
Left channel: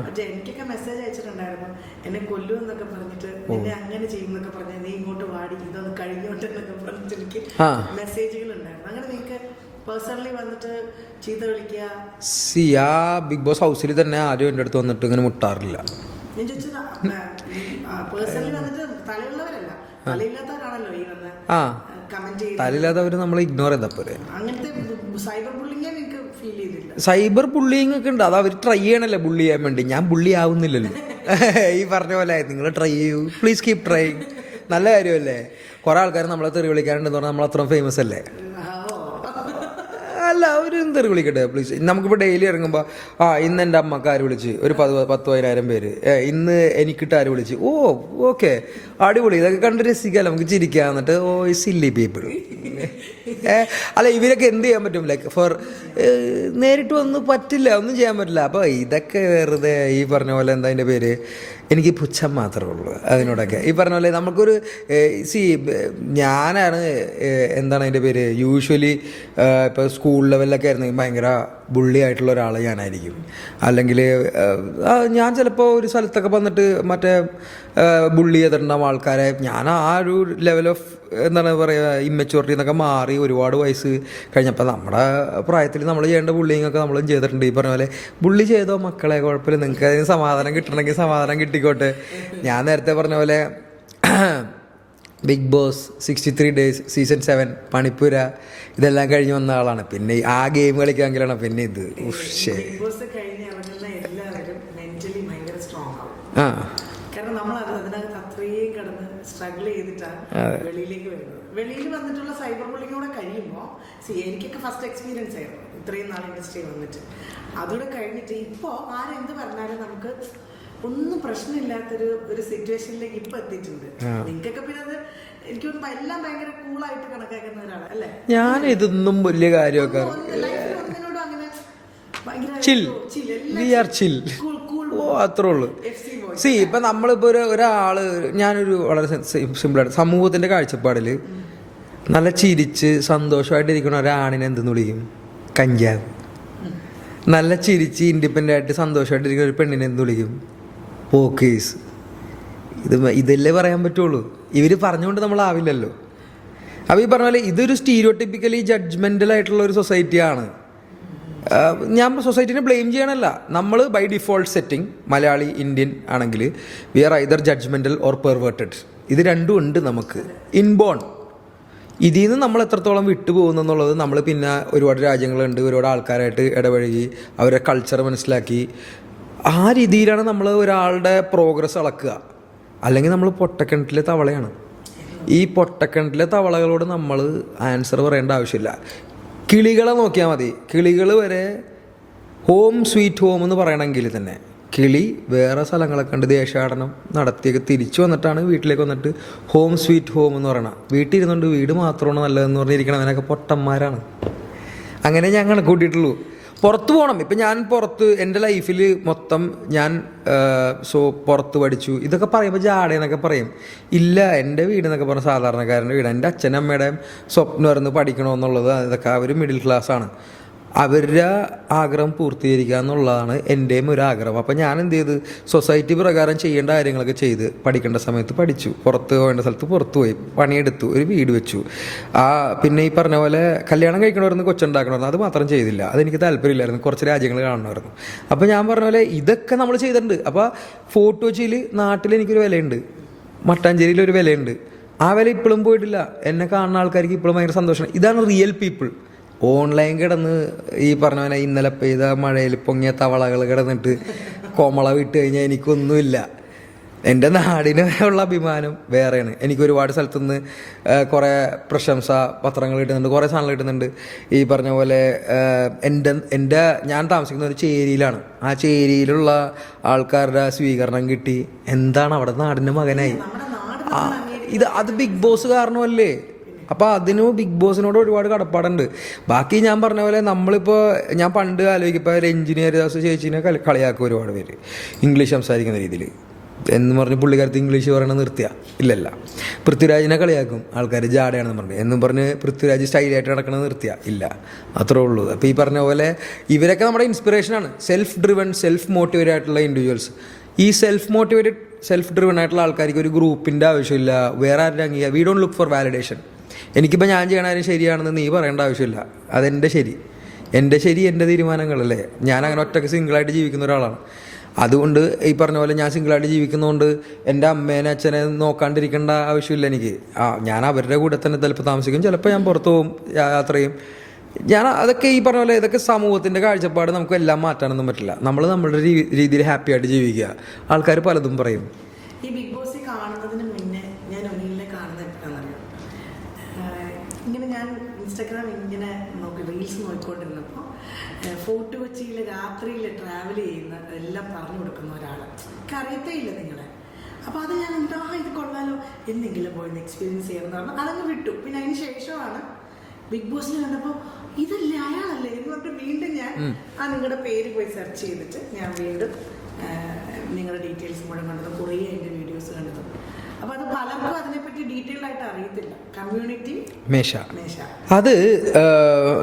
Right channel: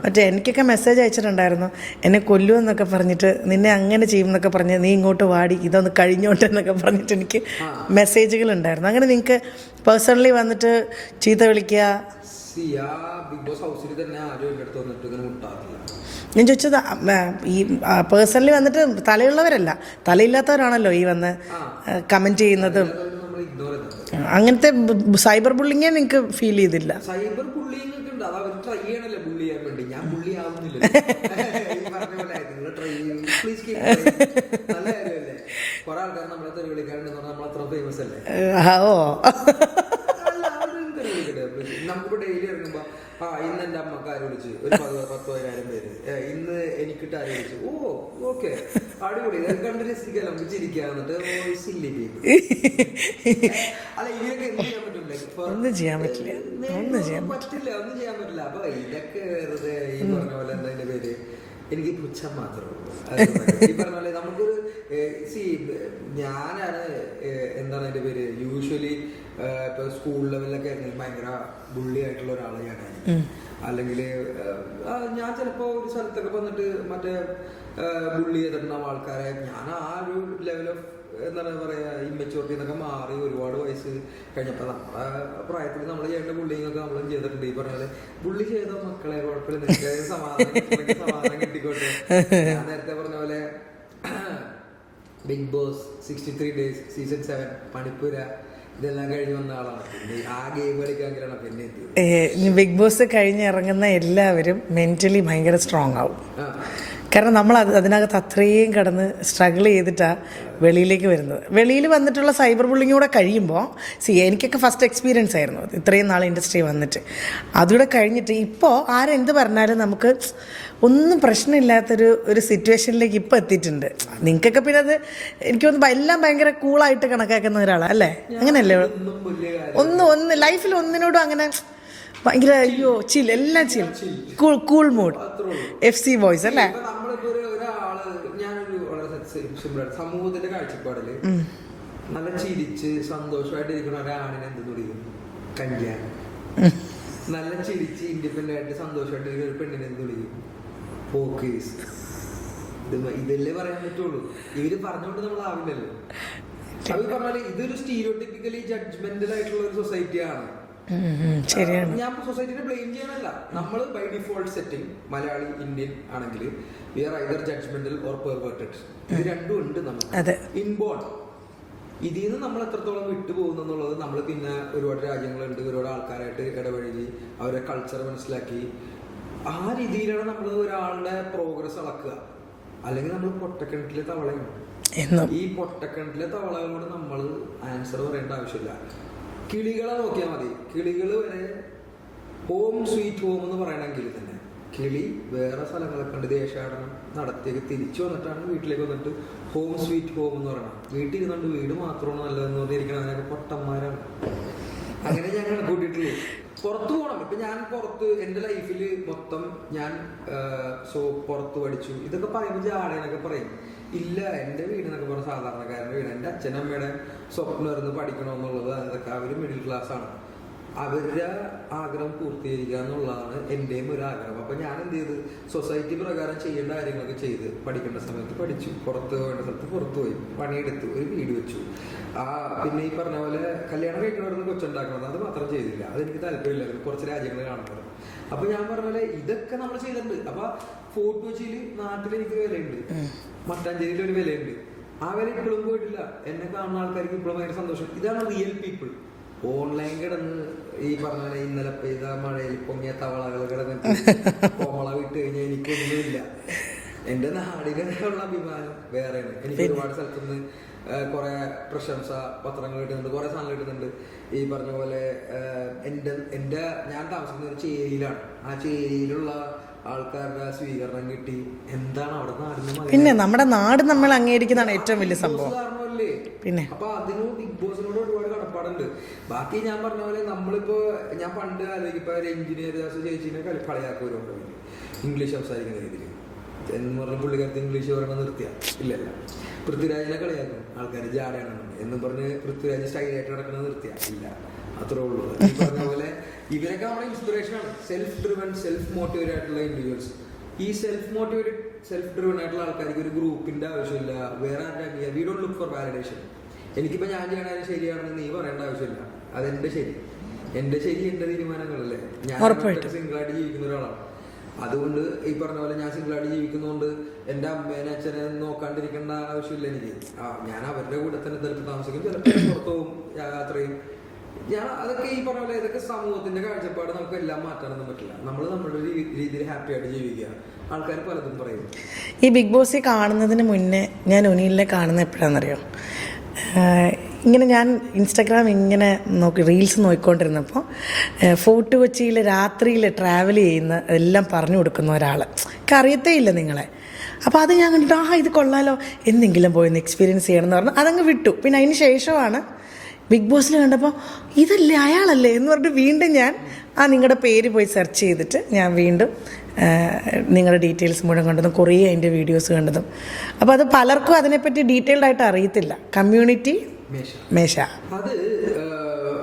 മറ്റേ എനിക്കൊക്കെ മെസ്സേജ് അയച്ചിട്ടുണ്ടായിരുന്നു, എന്നെ കൊല്ലുമെന്നൊക്കെ പറഞ്ഞിട്ട്, നിന്നെ അങ്ങനെ ചെയ്യുമെന്നൊക്കെ പറഞ്ഞ്, നീ ഇങ്ങോട്ട് വാടി, ഇതൊന്ന് കഴിഞ്ഞോട്ടെ എന്നൊക്കെ പറഞ്ഞിട്ട് എനിക്ക് മെസ്സേജുകൾ ഉണ്ടായിരുന്നു. അങ്ങനെ നിങ്ങൾക്ക് പേഴ്സണലി വന്നിട്ട് ചീത്ത വിളിക്കുക? ആ ബിഗ് ബോസ് ഹൗസിൽ തന്നെ ആരും എൻ്റെ അടുത്ത് വന്നിട്ട് ഇങ്ങനെ മുട്ടാറില്ല. ഞാൻ ചോദിച്ചത് ഈ പേഴ്സണലി വന്നിട്ട് തലയുള്ളവരല്ല, തലയില്ലാത്തവരാണല്ലോ ഈ വന്ന് കമന്റ് ചെയ്യുന്നത്. നമ്മൾ ഇഗ്നോർ ചെയ്തപ്പോൾ അങ്ങനത്തെ സൈബർ ബുള്ളിങ്ങേ നിങ്ങൾക്ക് ഫീൽ ചെയ്തില്ല? സൈബർ ബുള്ളിങ് ഒക്കെ ഉണ്ട്. അത് അവർ ട്രൈ ചെയ്യണല്ലേ ബുള്ളി ചെയ്യാൻ വേണ്ടി. ഞാൻ ബുള്ളി ആവുന്നില്ലല്ലോ. ഈ പറഞ്ഞ പോലെ നിങ്ങൾ ട്രൈ ചെയ്യൂ, പ്ലീസ് കീപ് ട്രൈ. നല്ല കാര്യമല്ലേ? കുറെ ആൾക്കാർ നമ്മളെ തെറി വിളിക്കാറുണ്ടെന്ന് പറഞ്ഞാൽ നമ്മൾ അത്ര ഫേമസ് അല്ലേ? ഓ അല്ല, അവരും തെറി വിളിക്കട്ടെ പ്ലീസ്. നമുക്കിപ്പോൾ ഡെയിലി ഇറങ്ങുമ്പോൾ ഇന്ന് എൻ്റെ അമ്മക്ക് ആര് വിളിച്ച് ഒരു 10,000 പേര്, ഇന്ന് എനിക്കിട്ട് ആര് വിളിച്ച്, ഓ ഓക്കെ അടിപൊളി, ഇതൊക്കെ കണ്ട് രസിക്കാമല്ലോ, നമുക്ക് ചിരിക്കാം. എന്നിട്ട് ഓ സില്ലി പീപ്പിൾ. അല്ല, ഇവരൊക്കെ എന്ത് ചെയ്യാൻ പറ്റും? ലൈക്ക് ഫോർ നേരിട്ട് ഒന്നും പറ്റില്ല, ഒന്നും ചെയ്യാൻ പറ്റില്ല. അപ്പോൾ ഇതൊക്കെ വെറുതെ ഈ പറഞ്ഞ പോലെ എന്താ അതിൻ്റെ പേര്, എനിക്ക് പുച്ഛം മാത്രമേ ഉള്ളൂ അതിനോടൊക്കെ. ഈ പറഞ്ഞ പോലെ നമുക്കൊരു ഞാനാണ് എന്താണ് അതിൻ്റെ പേര്, യൂഷ്വലി ഇപ്പോൾ സ്കൂൾ ലെവലിലൊക്കെ ആയിരുന്നെങ്കിൽ ഭയങ്കര ബുള്ളി ആയിട്ടുള്ള ഒരാൾ ഞാനായിരിക്കും. അല്ലെങ്കിൽ ഞാൻ ചിലപ്പോൾ ഒരു സ്ഥലത്തൊക്കെ വന്നിട്ട് മറ്റേ ബുള്ളി ചെയ്തിട്ടുണ്ടാവും ആൾക്കാരെ. ഞാൻ ആ ഒരു ലെവൽ ഓഫ് എന്താണ് പറയുക, ഇമ്മച്യൂരിറ്റി എന്നൊക്കെ മാറി ഒരുപാട് വയസ്സ് കഴിഞ്ഞപ്പോൾ നമ്മുടെ പ്രായത്തിൽ നമ്മൾ ചെയ്യേണ്ട ബുള്ളിങ് ഒക്കെ നമ്മളും ചെയ്തിട്ടുണ്ട്. ഈ പറഞ്ഞ പോലെ ബുള്ളി ചെയ്തോ മക്കളെ, കുഴപ്പമില്ല, നിങ്ങൾക്ക് അതിന് സമാധാനം കിട്ടണമെങ്കിൽ സമാധാനം കിട്ടിക്കോട്ടെ. ഞാൻ നേരത്തെ പറഞ്ഞ പോലെ ബിഗ് ബോസ് 63 days സീസൺ 7 പണിപ്പുര ഇതെല്ലാം കഴിഞ്ഞ് വന്ന ആളാണ്. പിന്നെ ആ ഗെയിം കളിക്കാമെങ്കിലാണ് പിന്നെ ഇത്. ബിഗ് ബോസ് കഴിഞ്ഞ് ഇറങ്ങുന്ന എല്ലാവരും മെന്റലി ഭയങ്കര സ്ട്രോങ് ആവും. കാരണം നമ്മൾ അതിനകത്ത് അത്രയും കിടന്ന് സ്ട്രഗിൾ ചെയ്തിട്ടാണ് വെളിയിലേക്ക് വരുന്നത്. വെളിയിൽ വന്നിട്ടുള്ള സൈബർ ബുള്ളിങ് കൂടെ കഴിയുമ്പോൾ എനിക്കൊക്കെ ഫസ്റ്റ് എക്സ്പീരിയൻസ് ആയിരുന്നു അത്, ഇത്രയും നാൾ ഇൻഡസ്ട്രി വന്നിട്ട്. അതുകൂടെ കഴിഞ്ഞിട്ട് ഇപ്പോൾ ആരെന്ത് പറഞ്ഞാലും നമുക്ക് ഒന്നും പ്രശ്നമില്ലാത്തൊരു സിറ്റുവേഷനിലേക്ക് ഇപ്പോൾ എത്തിയിട്ടുണ്ട്. നിങ്ങൾക്കൊക്കെ പിന്നെ അത് എനിക്ക് തോന്നുന്നു എല്ലാം ഭയങ്കര കൂളായിട്ട് കണക്കാക്കുന്ന ഒരാളാണ് അല്ലേ? അങ്ങനെയല്ലേ? ഒന്ന് ലൈഫിൽ ഒന്നിനോടും അങ്ങനെ ഭയങ്കര ചിൽ, എല്ലാം കൂൾ മോഡ്, അത്രേ ഉള്ളൂ. FC voice. ഇപ്പൊ നമ്മളിപ്പോ ഒരാള്, ഞാനൊരു വളരെ സിമ്പിളായിട്ട് സമൂഹത്തിന്റെ കാഴ്ചപ്പാടിൽ നല്ല ചിരിച്ച് സന്തോഷമായിട്ടിരിക്കുന്ന ഒരാണിനെ എന്തെന്ന് വിളിക്കും? കഞ്ചാവ്. നല്ല ചിരിച്ച് ഇൻഡിപെൻഡന്റ് ആയിട്ട് സന്തോഷമായിട്ടിരിക്കുന്ന ഒരു പെണ്ണിനെ എന്ത് വിളിക്കും? പോക്കീസ്. ഇതല്ലേ പറയാൻ പറ്റുള്ളൂ. ഇവര് പറഞ്ഞുകൊണ്ട് നമ്മളാവില്ലല്ലോ. അപ്പൊ ഈ പറഞ്ഞ പോലെ ഇതൊരു സ്റ്റീരിയോടിപ്പിക്കലി ജഡ്ജ്മെന്റൽ ആയിട്ടുള്ള ഒരു സൊസൈറ്റിയാണ്. ഞാൻ സൊസൈറ്റിനെ ബ്ലെയിം ചെയ്യണല്ല. നമ്മൾ by default setting Malayali Indian ആണെങ്കിൽ we are either judgmental or perverted. ഇത് രണ്ടും ഉണ്ട് നമുക്ക് ഇൻബോൺ. ഇതിൽ നിന്ന് നമ്മൾ എത്രത്തോളം വിട്ടുപോകുന്നുള്ളത് നമ്മൾ പിന്നെ ഒരുപാട് രാജ്യങ്ങളുണ്ട്, ഒരുപാട് ആൾക്കാരായിട്ട് ഇടപഴകി അവരുടെ കൾച്ചർ മനസ്സിലാക്കി ആ രീതിയിലാണ് നമ്മൾ ഒരാളുടെ പ്രോഗ്രസ് അളക്കുക. അല്ലെങ്കിൽ നമ്മൾ പൊട്ടക്കിണറ്റിലെ തവളയാണ്. ഈ പൊട്ടക്കിണറ്റിലെ തവളകളോട് നമ്മൾ ആൻസർ പറയേണ്ട ആവശ്യമില്ല. കിളികളെ നോക്കിയാൽ മതി. കിളികൾ വരെ ഹോം സ്വീറ്റ് ഹോം എന്ന് പറയണമെങ്കിൽ തന്നെ കിളി വേറെ സ്ഥലങ്ങളൊക്കെ കണ്ട് ദേശാടനം നടത്തിയൊക്കെ തിരിച്ചു വന്നിട്ടാണ് വീട്ടിലേക്ക് വന്നിട്ട് ഹോം സ്വീറ്റ് ഹോം എന്ന് പറയണം. വീട്ടിൽ ഇരുന്നുകൊണ്ട് വീട് മാത്രമാണ് നല്ലതെന്ന് പറഞ്ഞിരിക്കണവനൊക്കെ പൊട്ടന്മാരാണ്. അങ്ങനെ ഞാൻ കണക്കൂട്ടിയിട്ടുള്ളൂ. പുറത്ത് പോകണം. ഇപ്പം ഞാൻ പുറത്ത് എൻ്റെ ലൈഫിൽ മൊത്തം ഞാൻ പുറത്ത് പഠിച്ചു ഇതൊക്കെ പറയുമ്പോൾ ജാടയെന്നൊക്കെ പറയും. ഇല്ല, എൻ്റെ വീടെന്നൊക്കെ പറഞ്ഞ സാധാരണക്കാരൻ്റെ വീട്. എൻ്റെ അച്ഛനമ്മയുടെയും സ്വപ്നമായിരുന്നു പഠിക്കണമെന്നുള്ളത്. അതൊക്കെ അവർ മിഡിൽ ക്ലാസ്സാണ്. അവരുടെ ആഗ്രഹം പൂർത്തീകരിക്കുക എന്നുള്ളതാണ് എൻ്റെയും ഒരു ആഗ്രഹം. അപ്പോൾ ഞാൻ എന്ത് ചെയ്ത് സൊസൈറ്റി പ്രകാരം ചെയ്യേണ്ട കാര്യങ്ങളൊക്കെ ചെയ്ത് പഠിക്കേണ്ട സമയത്ത് പഠിച്ചു, പുറത്ത് പോകേണ്ട സ്ഥലത്ത് പുറത്ത് പോയി പണിയെടുത്തു, ഒരു വീട് വെച്ചു. പിന്നെ ഈ പറഞ്ഞ പോലെ കല്യാണം കഴിക്കണമായിരുന്നു, കൊച്ചുണ്ടാക്കണമായിരുന്നു, അത് മാത്രം ചെയ്തില്ല. അതെനിക്ക് താല്പര്യമില്ലായിരുന്നു, കുറച്ച് രാജ്യങ്ങൾ കാണണമായിരുന്നു. അപ്പോൾ ഞാൻ പറഞ്ഞ പോലെ ഇതൊക്കെ നമ്മൾ ചെയ്തിട്ടുണ്ട്. അപ്പോൾ ഫോർട്ട് കൊച്ചിയിൽ നാട്ടിൽ എനിക്കൊരു വിലയുണ്ട്, മട്ടാഞ്ചേരിയിൽ ഒരു വിലയുണ്ട്, ആ വില ഇപ്പോഴും പോയിട്ടില്ല. എന്നെ കാണുന്ന ആൾക്കാർക്ക് ഇപ്പോഴും ഭയങ്കര സന്തോഷമാണ്. ഇതാണ് റിയൽ പീപ്പിൾ. ഓൺലൈൻ കിടന്ന് ഈ പറഞ്ഞ പോലെ ഇന്നലെ പെയ്ത മഴയിൽ പൊങ്ങിയ തവളകൾ കിടന്നിട്ട് കോമള വിട്ട് കഴിഞ്ഞാൽ എനിക്കൊന്നുമില്ല. എൻ്റെ നാടിന് ഉള്ള അഭിമാനം വേറെയാണ്. എനിക്ക് ഒരുപാട് സ്ഥലത്തുനിന്ന് കുറേ പ്രശംസ പത്രങ്ങൾ കിട്ടുന്നുണ്ട്, കുറേ സാധനങ്ങൾ കിട്ടുന്നുണ്ട്. ഈ പറഞ്ഞ പോലെ എൻ്റെ ഞാൻ താമസിക്കുന്ന ഒരു ചേരിയിലാണ്. ആ ചേരിയിലുള്ള ആൾക്കാരുടെ സ്വീകരണം കിട്ടി. എന്താണ് അവിടെ നാടിൻ്റെ മകനെ, നമ്മുടെ നാട് നമ്മൾ അംഗീകരിക്കുന്ന ബിഗ് ബോസ് കാരണമല്ലേ. അപ്പൊ അതിന് ബിഗ് ബോസിനോട് ഒരുപാട് കടപ്പാടുണ്ട്. ബാക്കി ഞാൻ പറഞ്ഞ പോലെ നമ്മളിപ്പോ ഞാൻ പണ്ട് ആലോചിക്കും, ഒരു എഞ്ചിനീയർ ചേച്ചിനെ കളിയാക്കും ഒരുപാട് പേര് ഇംഗ്ലീഷ് സംസാരിക്കുന്ന രീതിയിൽ എന്ന് പറഞ്ഞ് പുള്ളിക്കാരത്ത് ഇംഗ്ലീഷ് പറയണത് നിർത്തിയ ഇല്ലല്ല. പൃഥ്വിരാജിനെ കളിയാക്കും ആൾക്കാർ, ജാടയാണെന്ന് പറഞ്ഞു എന്നും പറഞ്ഞ് പൃഥ്വിരാജ് സ്റ്റൈലായിട്ട് നടക്കണത് നിർത്തിയ ഇല്ല. അത്രേ ഉള്ളൂ. അപ്പോൾ ഈ പറഞ്ഞ പോലെ ഇവരൊക്കെ നമ്മുടെ ഇൻസ്പിറേഷനാണ്. സെൽഫ് ഡ്രിവൺ, സെൽഫ് മോട്ടിവേറ്റഡ് ആയിട്ടുള്ള ഇൻഡിവിജ്വൽസ്. ഈ സെൽഫ് മോട്ടിവേറ്റഡ്, സെൽഫ് ഡ്രിവൺ ആയിട്ടുള്ള ആൾക്കാർക്ക് ഒരു ഗ്രൂപ്പിൻ്റെ ആവശ്യമില്ല, വേറെ ആരുടെ അംഗീകാരം. We don't look for validation. എനിക്കിപ്പോൾ ഞാൻ ചെയ്യണ കാര്യം ശരിയാണെന്ന് നീ പറയേണ്ട ആവശ്യമില്ല. അതെൻ്റെ ശരി, എൻ്റെ ശരി, എൻ്റെ തീരുമാനങ്ങളല്ലേ. ഞാൻ അങ്ങനെ ഒറ്റയ്ക്ക് സിംഗിളായിട്ട് ജീവിക്കുന്ന ഒരാളാണ്. അതുകൊണ്ട് ഈ പറഞ്ഞ പോലെ ഞാൻ സിംഗിളായിട്ട് ജീവിക്കുന്നതുകൊണ്ട് എൻ്റെ അമ്മേനെ അച്ഛനെ നോക്കാണ്ടിരിക്കേണ്ട ആവശ്യമില്ല എനിക്ക്. ഞാൻ അവരുടെ കൂടെ തന്നെ ചിലപ്പോൾ താമസിക്കും, ചിലപ്പോൾ ഞാൻ പുറത്തു പോകും, യാത്ര ചെയ്യും. ഞാൻ അതൊക്കെ ഈ പറഞ്ഞ പോലെ ഇതൊക്കെ സമൂഹത്തിൻ്റെ കാഴ്ചപ്പാട് നമുക്ക് എല്ലാം മാറ്റാനൊന്നും പറ്റില്ല. നമ്മൾ നമ്മളുടെ രീതിയിൽ ഹാപ്പി ആയിട്ട് ജീവിക്കുക. ആൾക്കാർ പലതും പറയും. ഈ ബിഗ് ബോസ് കാണുന്നതിന് മുന്നേ ഞാൻ ഒനീലിനെ കാണുന്ന എപ്പോഴാണെന്നറിയോ? ഇങ്ങനെ ഞാൻ ഇൻസ്റ്റാഗ്രാം ഇങ്ങനെ റീൽസ് നോക്കിക്കൊണ്ടിരുന്നപ്പോൾ ഫോർട്ട് കൊച്ചിയിൽ രാത്രിയിൽ ട്രാവൽ ചെയ്യുന്ന എല്ലാം പറഞ്ഞു കൊടുക്കുന്ന ഒരാൾ, അറിയത്തേ ഇല്ല നിങ്ങളെ. അപ്പോൾ അത് ഞാൻ കണ്ടിട്ട് ഇത് കൊള്ളാലോ, എന്തെങ്കിലും പോയി ഒന്ന് എക്സ്പീരിയൻസ് ചെയ്യണം എന്ന് പറഞ്ഞു അതങ്ങ് വിട്ടു. പിന്നെ അതിന് ശേഷമാണ് ബിഗ് ബോസിൽ കണ്ടപ്പോൾ ഇതല്ലേ അയാളല്ലേ എന്ന് പറഞ്ഞിട്ട് വീണ്ടും ഞാൻ നിങ്ങളുടെ പേര് പോയി സെർച്ച് ചെയ്തിട്ട് ഞാൻ വീണ്ടും നിങ്ങളുടെ ഡീറ്റെയിൽസ് മുഴുവൻ കണ്ടതും കുറേ അതിൻ്റെ വീഡിയോസ് കണ്ടതും. അപ്പോൾ അത് പലർക്കും അതിനെപ്പറ്റി ഡീറ്റെയിൽഡ് ആയിട്ട് അറിയത്തില്ല. കമ്മ്യൂണിറ്റി മേശ അത്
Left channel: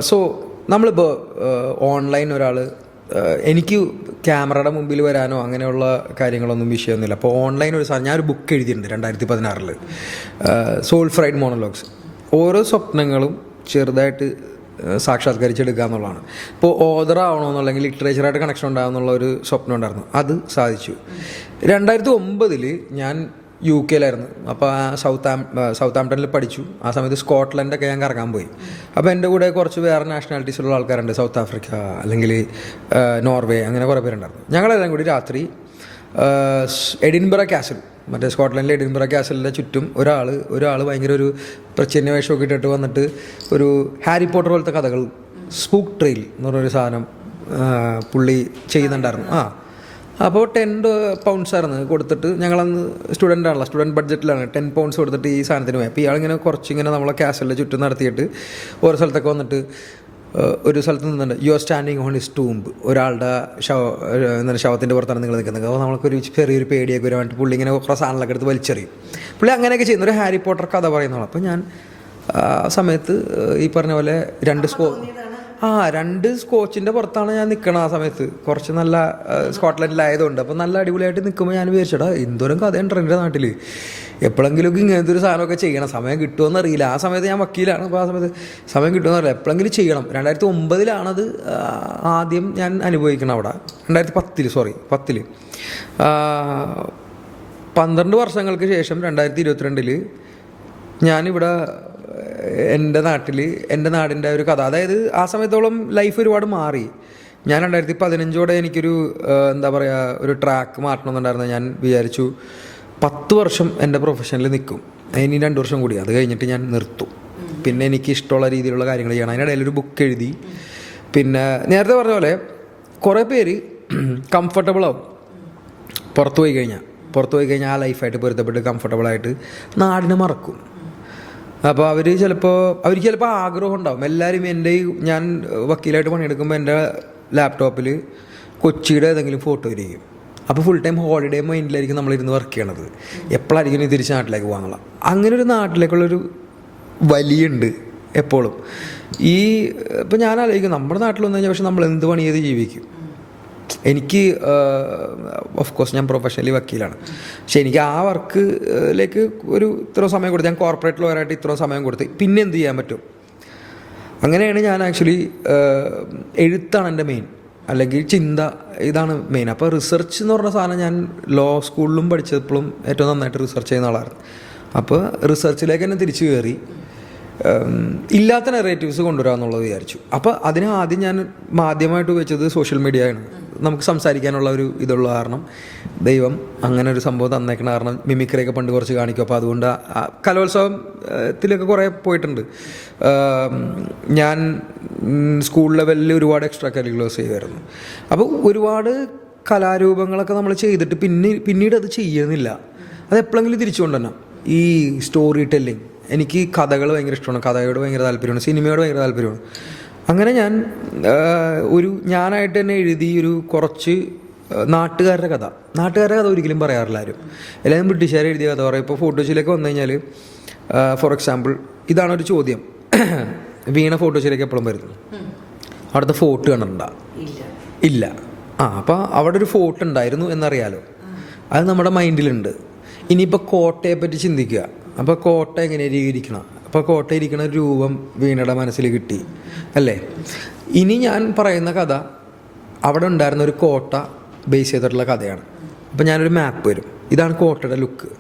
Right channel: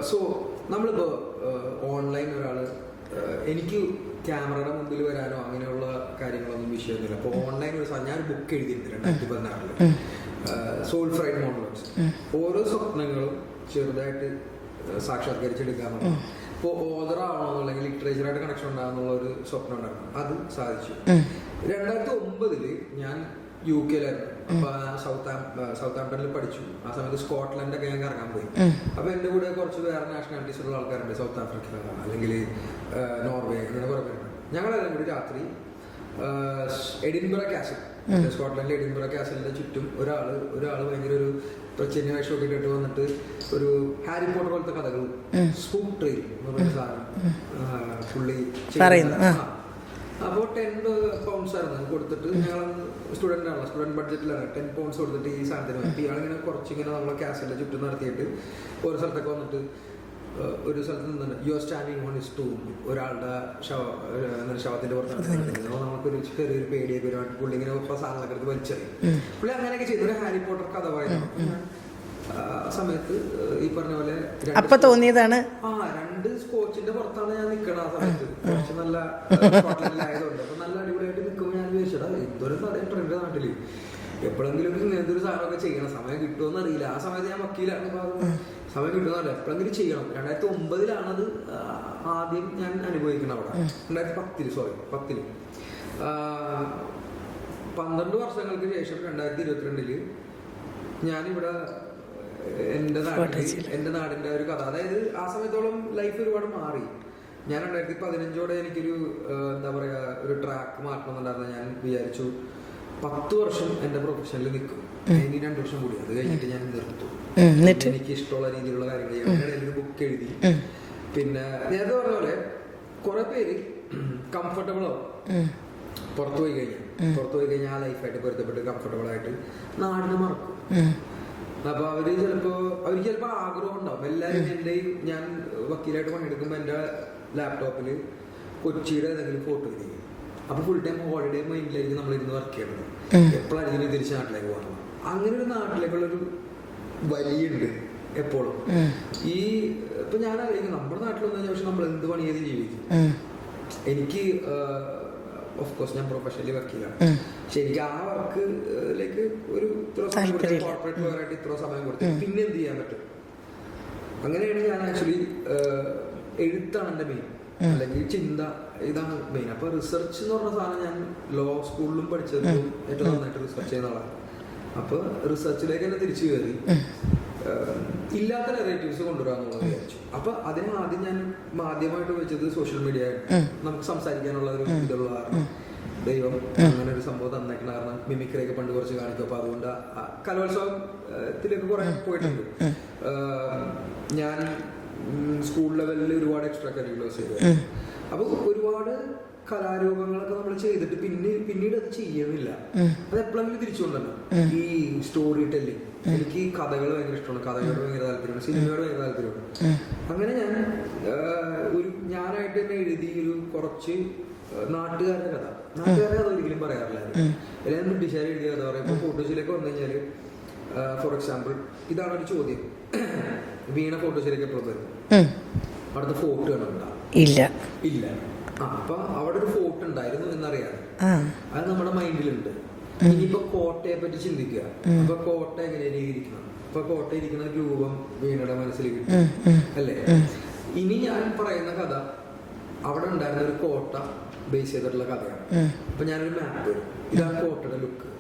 സോ നമ്മളിപ്പോൾ ഓൺലൈൻ ഒരാൾ, എനിക്ക് ക്യാമറയുടെ മുമ്പിൽ വരാനോ അങ്ങനെയുള്ള കാര്യങ്ങളൊന്നും വിഷയമൊന്നുമില്ല. അപ്പോൾ ഓൺലൈൻ ഒരു സാധനം, ഞാനൊരു ബുക്ക് എഴുതിയിട്ടുണ്ട് 2016 സോൾ ഫ്രൈഡ് മോണോലോഗ്സ്. ഓരോ സ്വപ്നങ്ങളും ചെറുതായിട്ട് സാക്ഷാത്കരിച്ചെടുക്കുക എന്നുള്ളതാണ്. ഇപ്പോൾ ഓതർ ആവണമെന്നുണ്ടെങ്കിൽ ലിറ്ററേച്ചറായിട്ട് കണക്ഷൻ ഉണ്ടാകുന്നുള്ള ഒരു സ്വപ്നം ഉണ്ടായിരുന്നു. അത് സാധിച്ചു. 2009 ഞാൻ UK യിലായിരുന്നു. അപ്പോൾ സൗത്ത് ആംപ്ടണിൽ പഠിച്ചു. ആ സമയത്ത് സ്കോട്ട്ലൻഡൊക്കെ ഞാൻ കറങ്ങാൻ പോയി. അപ്പോൾ എൻ്റെ കൂടെ കുറച്ച് വേറെ നാഷണാലിറ്റീസ് ഉള്ള ആൾക്കാരുണ്ട്, സൗത്ത് ആഫ്രിക്ക അല്ലെങ്കിൽ നോർവേ, അങ്ങനെ കുറേ പേരുണ്ടായിരുന്നു. ഞങ്ങളെല്ലാം കൂടി രാത്രി എഡിൻബറ കാസിൽ, മറ്റേ സ്കോട്ട്ലൻഡിലെ എഡിൻബറ കാസിലിൻ്റെ ചുറ്റും ഒരാൾ ഭയങ്കര ഒരു പ്രച്ഛന്ന വേഷമൊക്കെ ഇട്ടിട്ട് വന്നിട്ട് ഒരു ഹാരി പോട്ടർ പോലത്തെ കഥകൾ, സ്പൂക്ക് ട്രെയിൽ എന്ന് പറഞ്ഞൊരു സാധനം പുള്ളി ചെയ്യുന്നുണ്ടായിരുന്നു. അപ്പോൾ 10 pounds ആയിരുന്നു കൊടുത്തിട്ട്, ഞങ്ങളന്ന് സ്റ്റുഡൻ്റ് ബഡ്ജറ്റിലാണ് 10 pounds കൊടുത്തിട്ട് ഈ സാധനത്തിന് പോയി. അപ്പോൾ ഇയാളിങ്ങനെ കുറച്ചിങ്ങനെ നമ്മളെ കാസലിൻ്റെ ചുറ്റും നടത്തിയിട്ട് ഓരോ സ്ഥലത്തൊക്കെ വന്നിട്ട് ഒരു സ്ഥലത്ത് നിന്നുണ്ട്, you are standing on his tomb, ഒരാളുടെ ശവത്തിൻ്റെ പുറത്താണ് നിങ്ങൾ നിൽക്കുന്നത്. അപ്പോൾ നമുക്കൊരു ചെറിയൊരു പേടിയൊക്കെ വരുവാനായിട്ട് പുള്ളി ഇങ്ങനെ കുറേ സാധനങ്ങളൊക്കെ എടുത്ത് വലിച്ചെറിയും. പുള്ളി അങ്ങനെയൊക്കെ ചെയ്യുന്ന ഒരു ഹാരി പോട്ടർ കഥ പറയുന്നതാണ്. അപ്പോൾ ഞാൻ ആ സമയത്ത് ഈ പറഞ്ഞ പോലെ രണ്ട് സ്കോച്ചിന്റെ പുറത്താണ് ഞാൻ നിൽക്കണം. ആ സമയത്ത് കുറച്ച് നല്ല സ്കോട്ട്ലൻഡിലായതുകൊണ്ട് അപ്പോൾ നല്ല അടിപൊളിയായിട്ട് നിൽക്കുമ്പോൾ ഞാൻ വിചാരിച്ചടാ എന്തോരം കഥയുണ്ട് എൻ്റെ നാട്ടിൽ, എപ്പോഴെങ്കിലും ഇങ്ങനത്തെ ഒരു സാധനമൊക്കെ ചെയ്യണം. സമയം കിട്ടുമെന്ന് അറിയില്ല. ആ സമയത്ത് ഞാൻ വക്കീലാണ്. അപ്പോൾ ആ സമയത്ത് സമയം കിട്ടുമെന്ന് അറിയില്ല, എപ്പോഴെങ്കിലും ചെയ്യണം. 2009 ആദ്യം ഞാൻ അനുഭവിക്കണം അവിടെ. 2010 12 വർഷങ്ങൾക്ക് ശേഷം 2022 ഞാനിവിടെ എൻ്റെ നാടിൻ്റെ ഒരു കഥ. അതായത് ആ സമയത്തോളം ലൈഫ് ഒരുപാട് മാറി. ഞാൻ 2015 എനിക്കൊരു എന്താ പറയുക, ഒരു ട്രാക്ക് മാറ്റണമെന്നുണ്ടായിരുന്നു. ഞാൻ വിചാരിച്ചു 10 വർഷം എൻ്റെ പ്രൊഫഷനിൽ നിൽക്കും, ഇനി 2 വർഷം കൂടി, അത് കഴിഞ്ഞിട്ട് ഞാൻ നിർത്തും. പിന്നെ എനിക്ക് ഇഷ്ടമുള്ള രീതിയിലുള്ള കാര്യങ്ങൾ ചെയ്യണം. അതിനിടയിൽ ഒരു ബുക്ക് എഴുതി. പിന്നെ നേരത്തെ പറഞ്ഞ പോലെ കുറേ പേര് കംഫർട്ടബിൾ ആവും പുറത്തു പോയി കഴിഞ്ഞാൽ ആ ലൈഫായിട്ട് പൊരുത്തപ്പെട്ട് കംഫർട്ടബിളായിട്ട് നാടിനെ മറക്കും. അപ്പോൾ അവർക്ക് ചിലപ്പോൾ ആഗ്രഹം ഉണ്ടാവും. എല്ലാവരും ഞാൻ വക്കീലായിട്ട് പണിയെടുക്കുമ്പോൾ എൻ്റെ ലാപ്ടോപ്പിൽ കൊച്ചിയുടെ ഏതെങ്കിലും ഫോട്ടോ ഇരിക്കും. അപ്പോൾ ഫുൾ ടൈം ഹോളിഡേ മൈൻഡിലായിരിക്കും നമ്മളിരുന്ന് വർക്ക് ചെയ്യണത്. എപ്പോഴായിരിക്കും തിരിച്ച് നാട്ടിലേക്ക് പോകാനുള്ള അങ്ങനെ ഒരു നാട്ടിലേക്കുള്ളൊരു വലിയുണ്ട് എപ്പോഴും. ഇപ്പം ഞാൻ ആലോചിക്കും നമ്മുടെ നാട്ടിൽ വന്നു കഴിഞ്ഞാൽ പക്ഷെ നമ്മൾ എന്ത് പണി ചെയ്ത് ജീവിക്കും. എനിക്ക് ഓഫ് കോഴ്സ് ഞാൻ പ്രൊഫഷണലി വക്കീലാണ്, പക്ഷെ എനിക്ക് ആ വർക്കിലേക്ക് ഒരു ഇത്ര സമയം കൊടുത്ത്, ഞാൻ കോർപ്പറേറ്റ് ലോയറായിട്ട് ഇത്ര സമയം കൊടുത്ത് പിന്നെ എന്ത് ചെയ്യാൻ പറ്റും. അങ്ങനെയാണ് ഞാൻ ആക്ച്വലി എഴുത്താണ് എൻ്റെ മെയിൻ, അല്ലെങ്കിൽ ചിന്ത, ഇതാണ് മെയിൻ. അപ്പോൾ റിസർച്ച് എന്ന് പറഞ്ഞ സാധനം ഞാൻ ലോ സ്കൂളിലും പഠിച്ചപ്പോഴും ഏറ്റവും നന്നായിട്ട് റിസർച്ച് ചെയ്യുന്ന ആളായിരുന്നു. അപ്പോൾ റിസർച്ചിലേക്ക് തന്നെ തിരിച്ചു കയറി ഇല്ലാത്ത നെറേറ്റീവ്സ് കൊണ്ടുവരാമെന്നുള്ളത് വിചാരിച്ചു. അപ്പോൾ അതിന് ആദ്യം ഞാൻ മാധ്യമമായിട്ട് ഉപയോഗിച്ചത് സോഷ്യൽ മീഡിയ ആണ്. നമുക്ക് സംസാരിക്കാനുള്ള ഒരു ഇതുള്ള കാരണം ദൈവം അങ്ങനെ ഒരു സംഭവം തന്നേക്കണ കാരണം മിമിക്രിയൊക്കെ പണ്ട് കുറച്ച് കാണിക്കും. അപ്പോൾ അതുകൊണ്ട് കലോത്സവത്തിലൊക്കെ കുറേ പോയിട്ടുണ്ട്. ഞാൻ സ്കൂൾ ലെവലിൽ ഒരുപാട് എക്സ്ട്രാ കരിക്കുലേഴ്സ് ചെയ്തായിരുന്നു. അപ്പോൾ ഒരുപാട് കലാരൂപങ്ങളൊക്കെ നമ്മൾ ചെയ്തിട്ട് പിന്നീട് അത് ചെയ്യുന്നില്ല. അത് എപ്പോഴെങ്കിലും തിരിച്ചു കൊണ്ടുവരണം. ഈ സ്റ്റോറി ടെല്ലിങ്, എനിക്ക് കഥകൾ ഭയങ്കര ഇഷ്ടമാണ്, കഥയോട് ഭയങ്കര താല്പര്യമാണ്, സിനിമയോട് ഭയങ്കര താല്പര്യമാണ്. അങ്ങനെ ഞാനായിട്ട് തന്നെ എഴുതി ഒരു കുറച്ച് നാട്ടുകാരുടെ കഥ ഒരിക്കലും പറയാറില്ല ആരും. എല്ലാവരും ബ്രിട്ടീഷുകാർ എഴുതിയ കഥ പറയും. ഇപ്പോൾ ഫോട്ടോസിലേക്ക് വന്നു കഴിഞ്ഞാൽ ഫോർ എക്സാമ്പിൾ ഇതാണൊരു ചോദ്യം. വീണ ഫോട്ടോസിലേക്ക് എപ്പോഴും വരുന്നു, അവിടുത്തെ ഫോർട്ട് കണ്ടിട്ടുണ്ടോ? ഇല്ല. അപ്പോൾ അവിടെ ഒരു ഫോർട്ട് ഉണ്ടായിരുന്നു എന്നറിയാലോ, അത് നമ്മുടെ മൈൻഡിലുണ്ട്. ഇനിയിപ്പോൾ കോട്ടയെ പറ്റി ചിന്തിക്കുക. അപ്പോൾ കോട്ട എങ്ങനെ ഇരിക്കണം? അപ്പോൾ കോട്ട ഇരിക്കുന്ന രൂപം വീണയുടെ മനസ്സിൽ കിട്ടി അല്ലേ? ഇനി ഞാൻ പറയുന്ന കഥ അവിടെ ഉണ്ടായിരുന്ന ഒരു കോട്ട ബേസ് ചെയ്തിട്ടുള്ള കഥയാണ്. അപ്പം ഞാനൊരു മാപ്പ് വരും, ഇതാണ് കോട്ടയുടെ ലുക്ക്.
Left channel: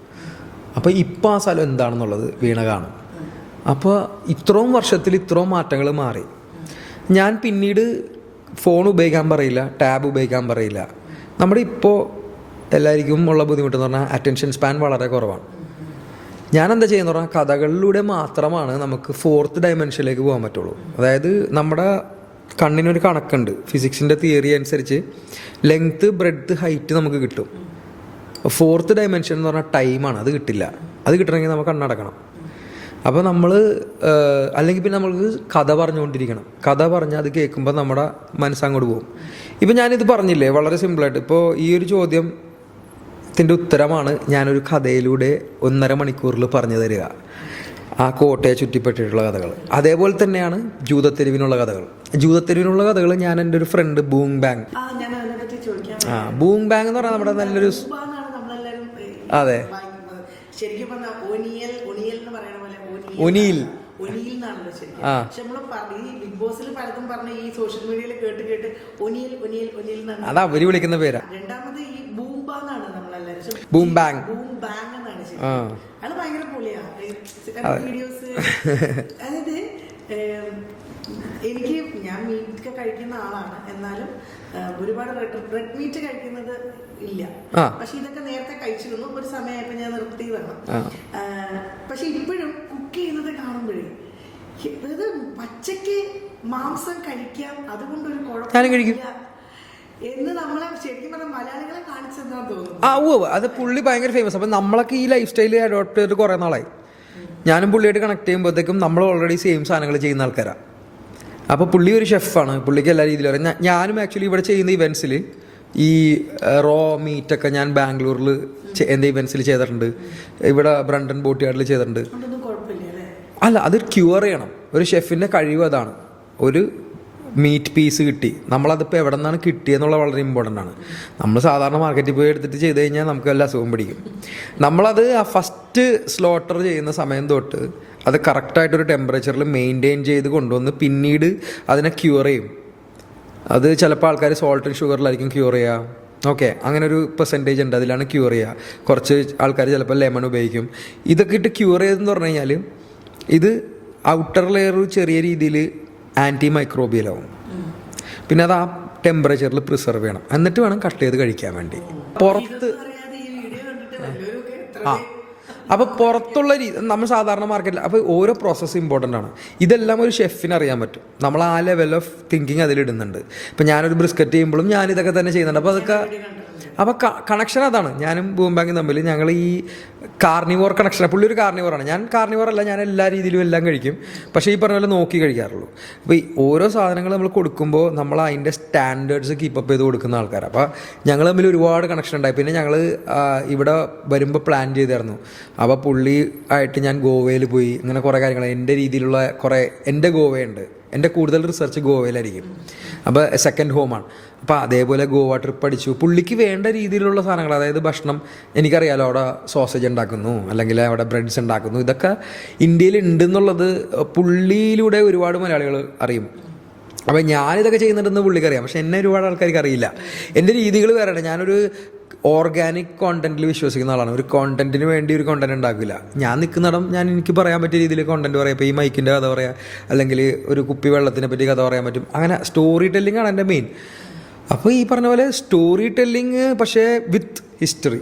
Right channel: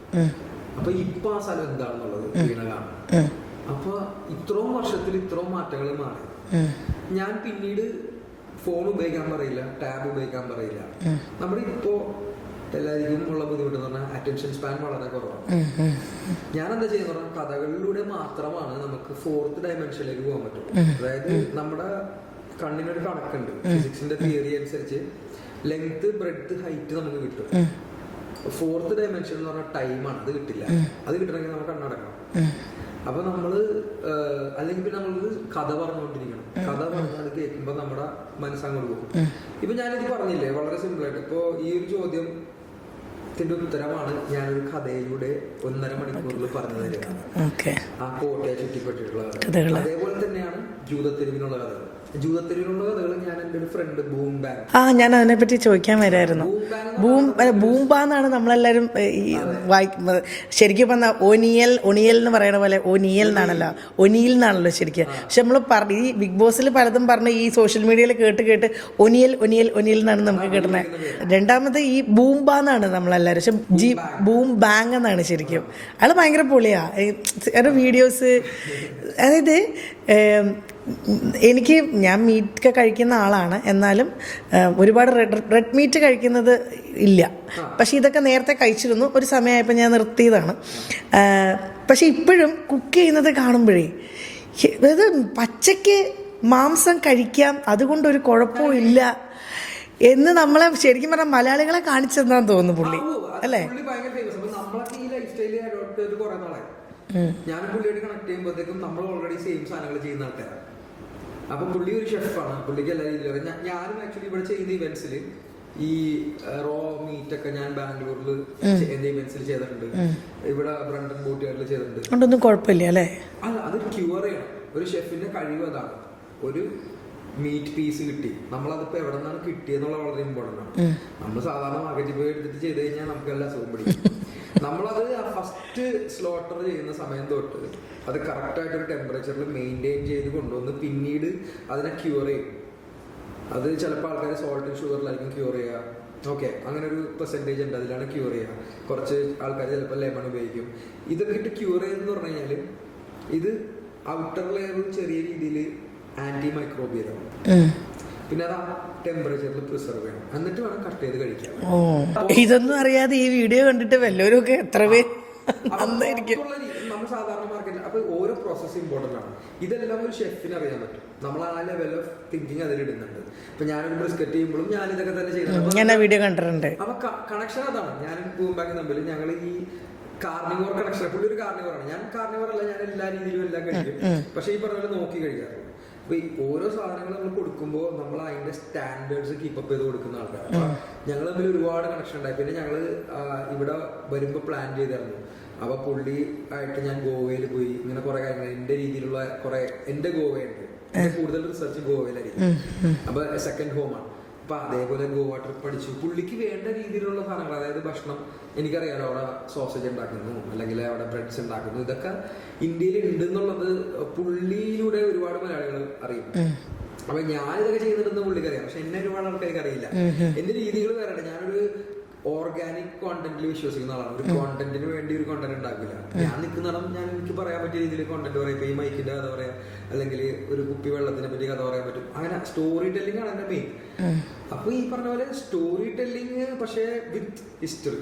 അപ്പോൾ ഇപ്പോൾ ആ സ്ഥലം എന്താണെന്നുള്ളത് വീണ കാണും. അപ്പോൾ ഇത്രയും വർഷത്തിൽ ഇത്രയും മാറ്റങ്ങൾ മാറി. ഞാൻ പിന്നീട് ഫോൺ ഉപയോഗിക്കാൻ പറയില്ല, ടാബ് ഉപയോഗിക്കാൻ പറയില്ല. നമ്മുടെ ഇപ്പോൾ എല്ലാവർക്കും ഉള്ള ബുദ്ധിമുട്ടെന്ന് പറഞ്ഞാൽ അറ്റൻഷൻ സ്പാൻ വളരെ കുറവാണ്. ഞാൻ എന്താ ചെയ്യുന്ന പറഞ്ഞാൽ കഥകളിലൂടെ മാത്രമാണ് നമുക്ക് 4th ഡയമെൻഷനിലേക്ക് പോകാൻ പറ്റുള്ളൂ. അതായത് നമ്മുടെ കണ്ണിനൊരു കണക്കുണ്ട്, ഫിസിക്സിന്റെ തിയറി അനുസരിച്ച് ലെങ്ത്, ബ്രെഡ്ത്ത്, ഹൈറ്റ് നമുക്ക് കിട്ടും. 4th ഡയമെൻഷൻ എന്ന് പറഞ്ഞാൽ ടൈമാണ്, അത് കിട്ടില്ല. അത് കിട്ടണമെങ്കിൽ നമുക്ക് കണ്ണടക്കണം. അപ്പോൾ നമ്മൾ അല്ലെങ്കിൽ പിന്നെ നമ്മൾക്ക് കഥ പറഞ്ഞുകൊണ്ടിരിക്കണം. കഥ പറഞ്ഞാൽ അത് കേൾക്കുമ്പോൾ നമ്മുടെ മനസ്സങ്ങോട്ട് പോകും. ഇപ്പം ഞാനിത് പറഞ്ഞില്ലേ വളരെ സിമ്പിളായിട്ട്. ഇപ്പോൾ ഈ ഒരു ചോദ്യത്തിൻ്റെ ഉത്തരമാണ് ഞാനൊരു കഥയിലൂടെ 1.5 മണിക്കൂറിൽ പറഞ്ഞു തരിക. ആ കോട്ടയെ ചുറ്റിപ്പറ്റിയിട്ടുള്ള കഥകൾ. അതേപോലെ തന്നെയാണ് ജൂതത്തെരുവിനുള്ള കഥകൾ. ഞാൻ എൻ്റെ ഒരു ഫ്രണ്ട് ബൂം ബാങ്, ഞാൻ അതിനെ പറ്റി ചോദിക്കാൻ വരായിരുന്നു. ബൂം ബാങ് എന്ന് പറഞ്ഞാൽ നമ്മളെല്ലാരും ശരിക്കും പറഞ്ഞാൽ ഒനിയൽ എന്ന് പറയുന്ന പോലെ ഒനിയൽ എന്നാണല്ലോ ശരിക്കും. പക്ഷെ നമ്മൾ ഈ ബിഗ് ബോസിൽ പലതും പറഞ്ഞ് ഈ സോഷ്യൽ മീഡിയയിൽ കേട്ട് ഒനിയൽ എന്നാണ് നമ്മൾ വിളിക്കുന്ന പേര്. രണ്ടാമത് ഈ ബൂംബാന്നാണ് നമ്മളെല്ലാരും. പക്ഷെ ബൂം ബാങ് എന്നാണ് ശരിക്കും. അത് ഭയങ്കര പൊളിയാ വീഡിയോസ്. അതായത് ഞാൻ മീറ്റ് കഴിക്കുന്ന ആളാണ്, എന്നാലും ഒരുപാട് റെഡ് മീറ്റ് കഴിക്കുന്നത് ഇല്ല. പക്ഷെ ഇതൊക്കെ നേരത്തെ കഴിച്ചിരുന്നു. ഒരു സമയമായപ്പോൾ ഞാൻ നിർത്തിയതാണ്. പക്ഷെ ഇപ്പോഴും കുക്ക് ചെയ്യുന്നത് കാണുമ്പോഴേ അത് പച്ചയ്ക്ക് മാംസം കഴിക്കാം, അതുകൊണ്ടൊരു കുഴപ്പമില്ല എന്ന് നമ്മളെ ശരിക്കും പറഞ്ഞാൽ മലയാളികളെ കാണിച്ചെന്നാന്ന് തോന്നുന്നു. അതല്ലേ പുള്ളി ഭയങ്കര ഫേമസ്. അപ്പൊ നമ്മളൊക്കെ ഈ ലൈഫ് സ്റ്റൈൽ അഡോപ്റ്റ് ചെയ്തിട്ട് കുറെ നാളായി. ഞാനും പുള്ളിയായിട്ട് കണക്ട് ചെയ്യുമ്പോഴത്തേക്കും നമ്മൾ ഓൾറെഡി സെയിം സാധനങ്ങൾ ചെയ്യുന്ന ആൾക്കാരാണ്. അപ്പോൾ പുള്ളി ഒരു ഷെഫാണ്, പുള്ളിക്ക് എല്ലാ രീതിയിലും അറിയാം. ഞാനും ആക്ച്വലി ഇവിടെ ചെയ്യുന്ന ഇവൻസിൽ ഈ റോ മീറ്റൊക്കെ ഞാൻ ബാംഗ്ലൂരിൽ എൻ്റെ ഇവൻസിൽ ചെയ്തിട്ടുണ്ട്. ഇവിടെ ബ്രണ്ടൻ ബോട്ട് യാർഡിൽ ചെയ്തിട്ടുണ്ട്. ഒന്നും കുഴപ്പമില്ല അല്ലേ? അല്ല, അത് ക്യൂർ ചെയ്യണം. ഒരു ഷെഫിൻ്റെ കഴിവ് അതാണ്. ഒരു മീറ്റ് പീസ് കിട്ടി, നമ്മളതിപ്പോൾ എവിടെ നിന്നാണ് കിട്ടിയെന്നുള്ള വളരെ ഇമ്പോർട്ടൻ്റ് ആണ്. നമ്മൾ സാധാരണ മാർക്കറ്റിൽ പോയി എടുത്തിട്ട് ചെയ്ത് കഴിഞ്ഞാൽ നമുക്ക് വല്ല അസുഖം പിടിക്കും. നമ്മളത് ആ ഫസ്റ്റ് സ്ലോട്ടർ ചെയ്യുന്ന സമയം തൊട്ട് അത് കറക്റ്റായിട്ടൊരു ടെമ്പറേച്ചറിൽ മെയിൻറ്റെയിൻ ചെയ്ത് കൊണ്ടുവന്ന് പിന്നീട് അതിനെ ക്യൂർ ചെയ്യും. അത് ചിലപ്പോൾ ആൾക്കാർ സോൾട്ട് ആൻഡ് ഷുഗറിലായിരിക്കും ക്യൂർ ചെയ്യുക. ഓക്കെ, അങ്ങനെ ഒരു പെർസെൻറ്റേജ് ഉണ്ട്, അതിലാണ് ക്യൂർ ചെയ്യുക. കുറച്ച് ആൾക്കാർ ചിലപ്പോൾ ലെമൺ ഉപയോഗിക്കും. ഇതൊക്കെ ഇട്ട് ക്യൂർ ചെയ്തെന്ന് പറഞ്ഞു കഴിഞ്ഞാൽ ഇത് ഔട്ടർ ലെയർ ചെറിയ രീതിയിൽ ആൻറ്റി മൈക്രോബിയലാവും. പിന്നെ അത് ആ ടെമ്പറേച്ചറിൽ പ്രിസർവ് ചെയ്യണം, എന്നിട്ട് വേണം കട്ട് ചെയ്ത് കഴിക്കാൻ വേണ്ടി. ഇതൊന്നും അറിയാതെ ഈ വീഡിയോ കണ്ടിട്ട് വല്ലവരും ഒക്കെ എത്ര പേര് അപ്പോൾ പുറത്തുള്ള നമ്മൾ സാധാരണ മാർക്കറ്റിൽ അപ്പോൾ ഓരോ പ്രോസസ്സ് ഇമ്പോർട്ടൻ്റ് ആണ്. ഇതെല്ലാം ഒരു ഷെഫിന് അറിയാൻ പറ്റും. നമ്മൾ ആ ലെവൽ ഓഫ് തിങ്കിങ് അതിലിടുന്നുണ്ട്. ഇപ്പം ഞാനൊരു ബ്രിസ്ക്കറ്റ് ചെയ്യുമ്പോഴും ഞാൻ ഇതൊക്കെ തന്നെ ചെയ്യുന്നുണ്ട്. അപ്പോൾ കണക്ഷൻ അതാണ്. ഞാനും ബൂം ബാങ്കും തമ്മിൽ ഞങ്ങൾ ഈ കാർണിവോർ കണക്ഷൻ. പുള്ളി ഒരു കാർണിവോറാണ്, ഞാൻ കാർണിവോർ അല്ല. ഞാൻ എല്ലാ രീതിയിലും എല്ലാം കഴിക്കും, പക്ഷേ ഈ പറഞ്ഞ പോലെ നോക്കി കഴിക്കാറുള്ളൂ. അപ്പോൾ ഈ ഓരോ സാധനങ്ങൾ നമ്മൾ കൊടുക്കുമ്പോൾ നമ്മൾ അതിൻ്റെ സ്റ്റാൻഡേർഡ്സ് കീപ്പപ്പ് ചെയ്ത് കൊടുക്കുന്ന ആൾക്കാരാണ്. അപ്പോൾ ഞങ്ങൾ തമ്മിൽ ഒരുപാട് കണക്ഷൻ ഉണ്ടായി. പിന്നെ ഞങ്ങൾ ഇവിടെ വരുമ്പോൾ പ്ലാൻ ചെയ്തായിരുന്നു. അപ്പോൾ പുള്ളി ആയിട്ട് ഞാൻ ഗോവയിൽ പോയി. അങ്ങനെ കുറേ കാര്യങ്ങൾ എൻ്റെ രീതിയിലുള്ള എൻ്റെ ഗോവയുണ്ട്. എൻ്റെ കൂടുതൽ റിസർച്ച് ഗോവയിലായിരിക്കും. അപ്പോൾ സെക്കൻഡ് ഹോമാണ്. അപ്പോൾ അതേപോലെ ഗോവ ട്രിപ്പ് അടിച്ചു. പുള്ളിക്ക് വേണ്ട രീതിയിലുള്ള സാധനങ്ങൾ, അതായത് ഭക്ഷണം എനിക്കറിയാലോ. അവിടെ സോസേജ് ഉണ്ടാക്കുന്നു, അല്ലെങ്കിൽ അവിടെ ബ്രെഡ്സ് ഉണ്ടാക്കുന്നു. ഇതൊക്കെ ഇന്ത്യയിൽ ഉണ്ടെന്നുള്ളത് പുള്ളിയിലൂടെ ഒരുപാട് മലയാളികൾ അറിയും. അപ്പം ഞാനിതൊക്കെ ചെയ്യുന്നുണ്ടെന്ന് പുള്ളിക്കറിയാം, പക്ഷെ എന്നെ ഒരുപാട് ആൾക്കാർക്ക് അറിയില്ല. എൻ്റെ രീതികൾ വേറെയാണ്. ഞാനൊരു ഓർഗാനിക് കോണ്ടന്റിൽ വിശ്വസിക്കുന്ന ആളാണ്. ഒരു കോണ്ടന്റിന് വേണ്ടി ഒരു കോണ്ടന്റ് ഉണ്ടാക്കില്ല. ഞാൻ നിൽക്കുന്നിടം ഞാൻ എനിക്ക് പറയാൻ പറ്റിയ രീതിയിൽ കോണ്ടന്റ് പറയാം. ഇപ്പോൾ ഈ മൈക്കിൻ്റെ കഥ പറയാം, അല്ലെങ്കിൽ ഒരു കുപ്പി വെള്ളത്തിനെ പറ്റി കഥ പറയാൻ പറ്റും. അങ്ങനെ സ്റ്റോറി ടെല്ലിംഗ് ആണ് എൻ്റെ മെയിൻ. അപ്പോൾ ഈ പറഞ്ഞ പോലെ സ്റ്റോറി ടെല്ലിങ് പക്ഷേ വിത്ത് ഹിസ്റ്ററി.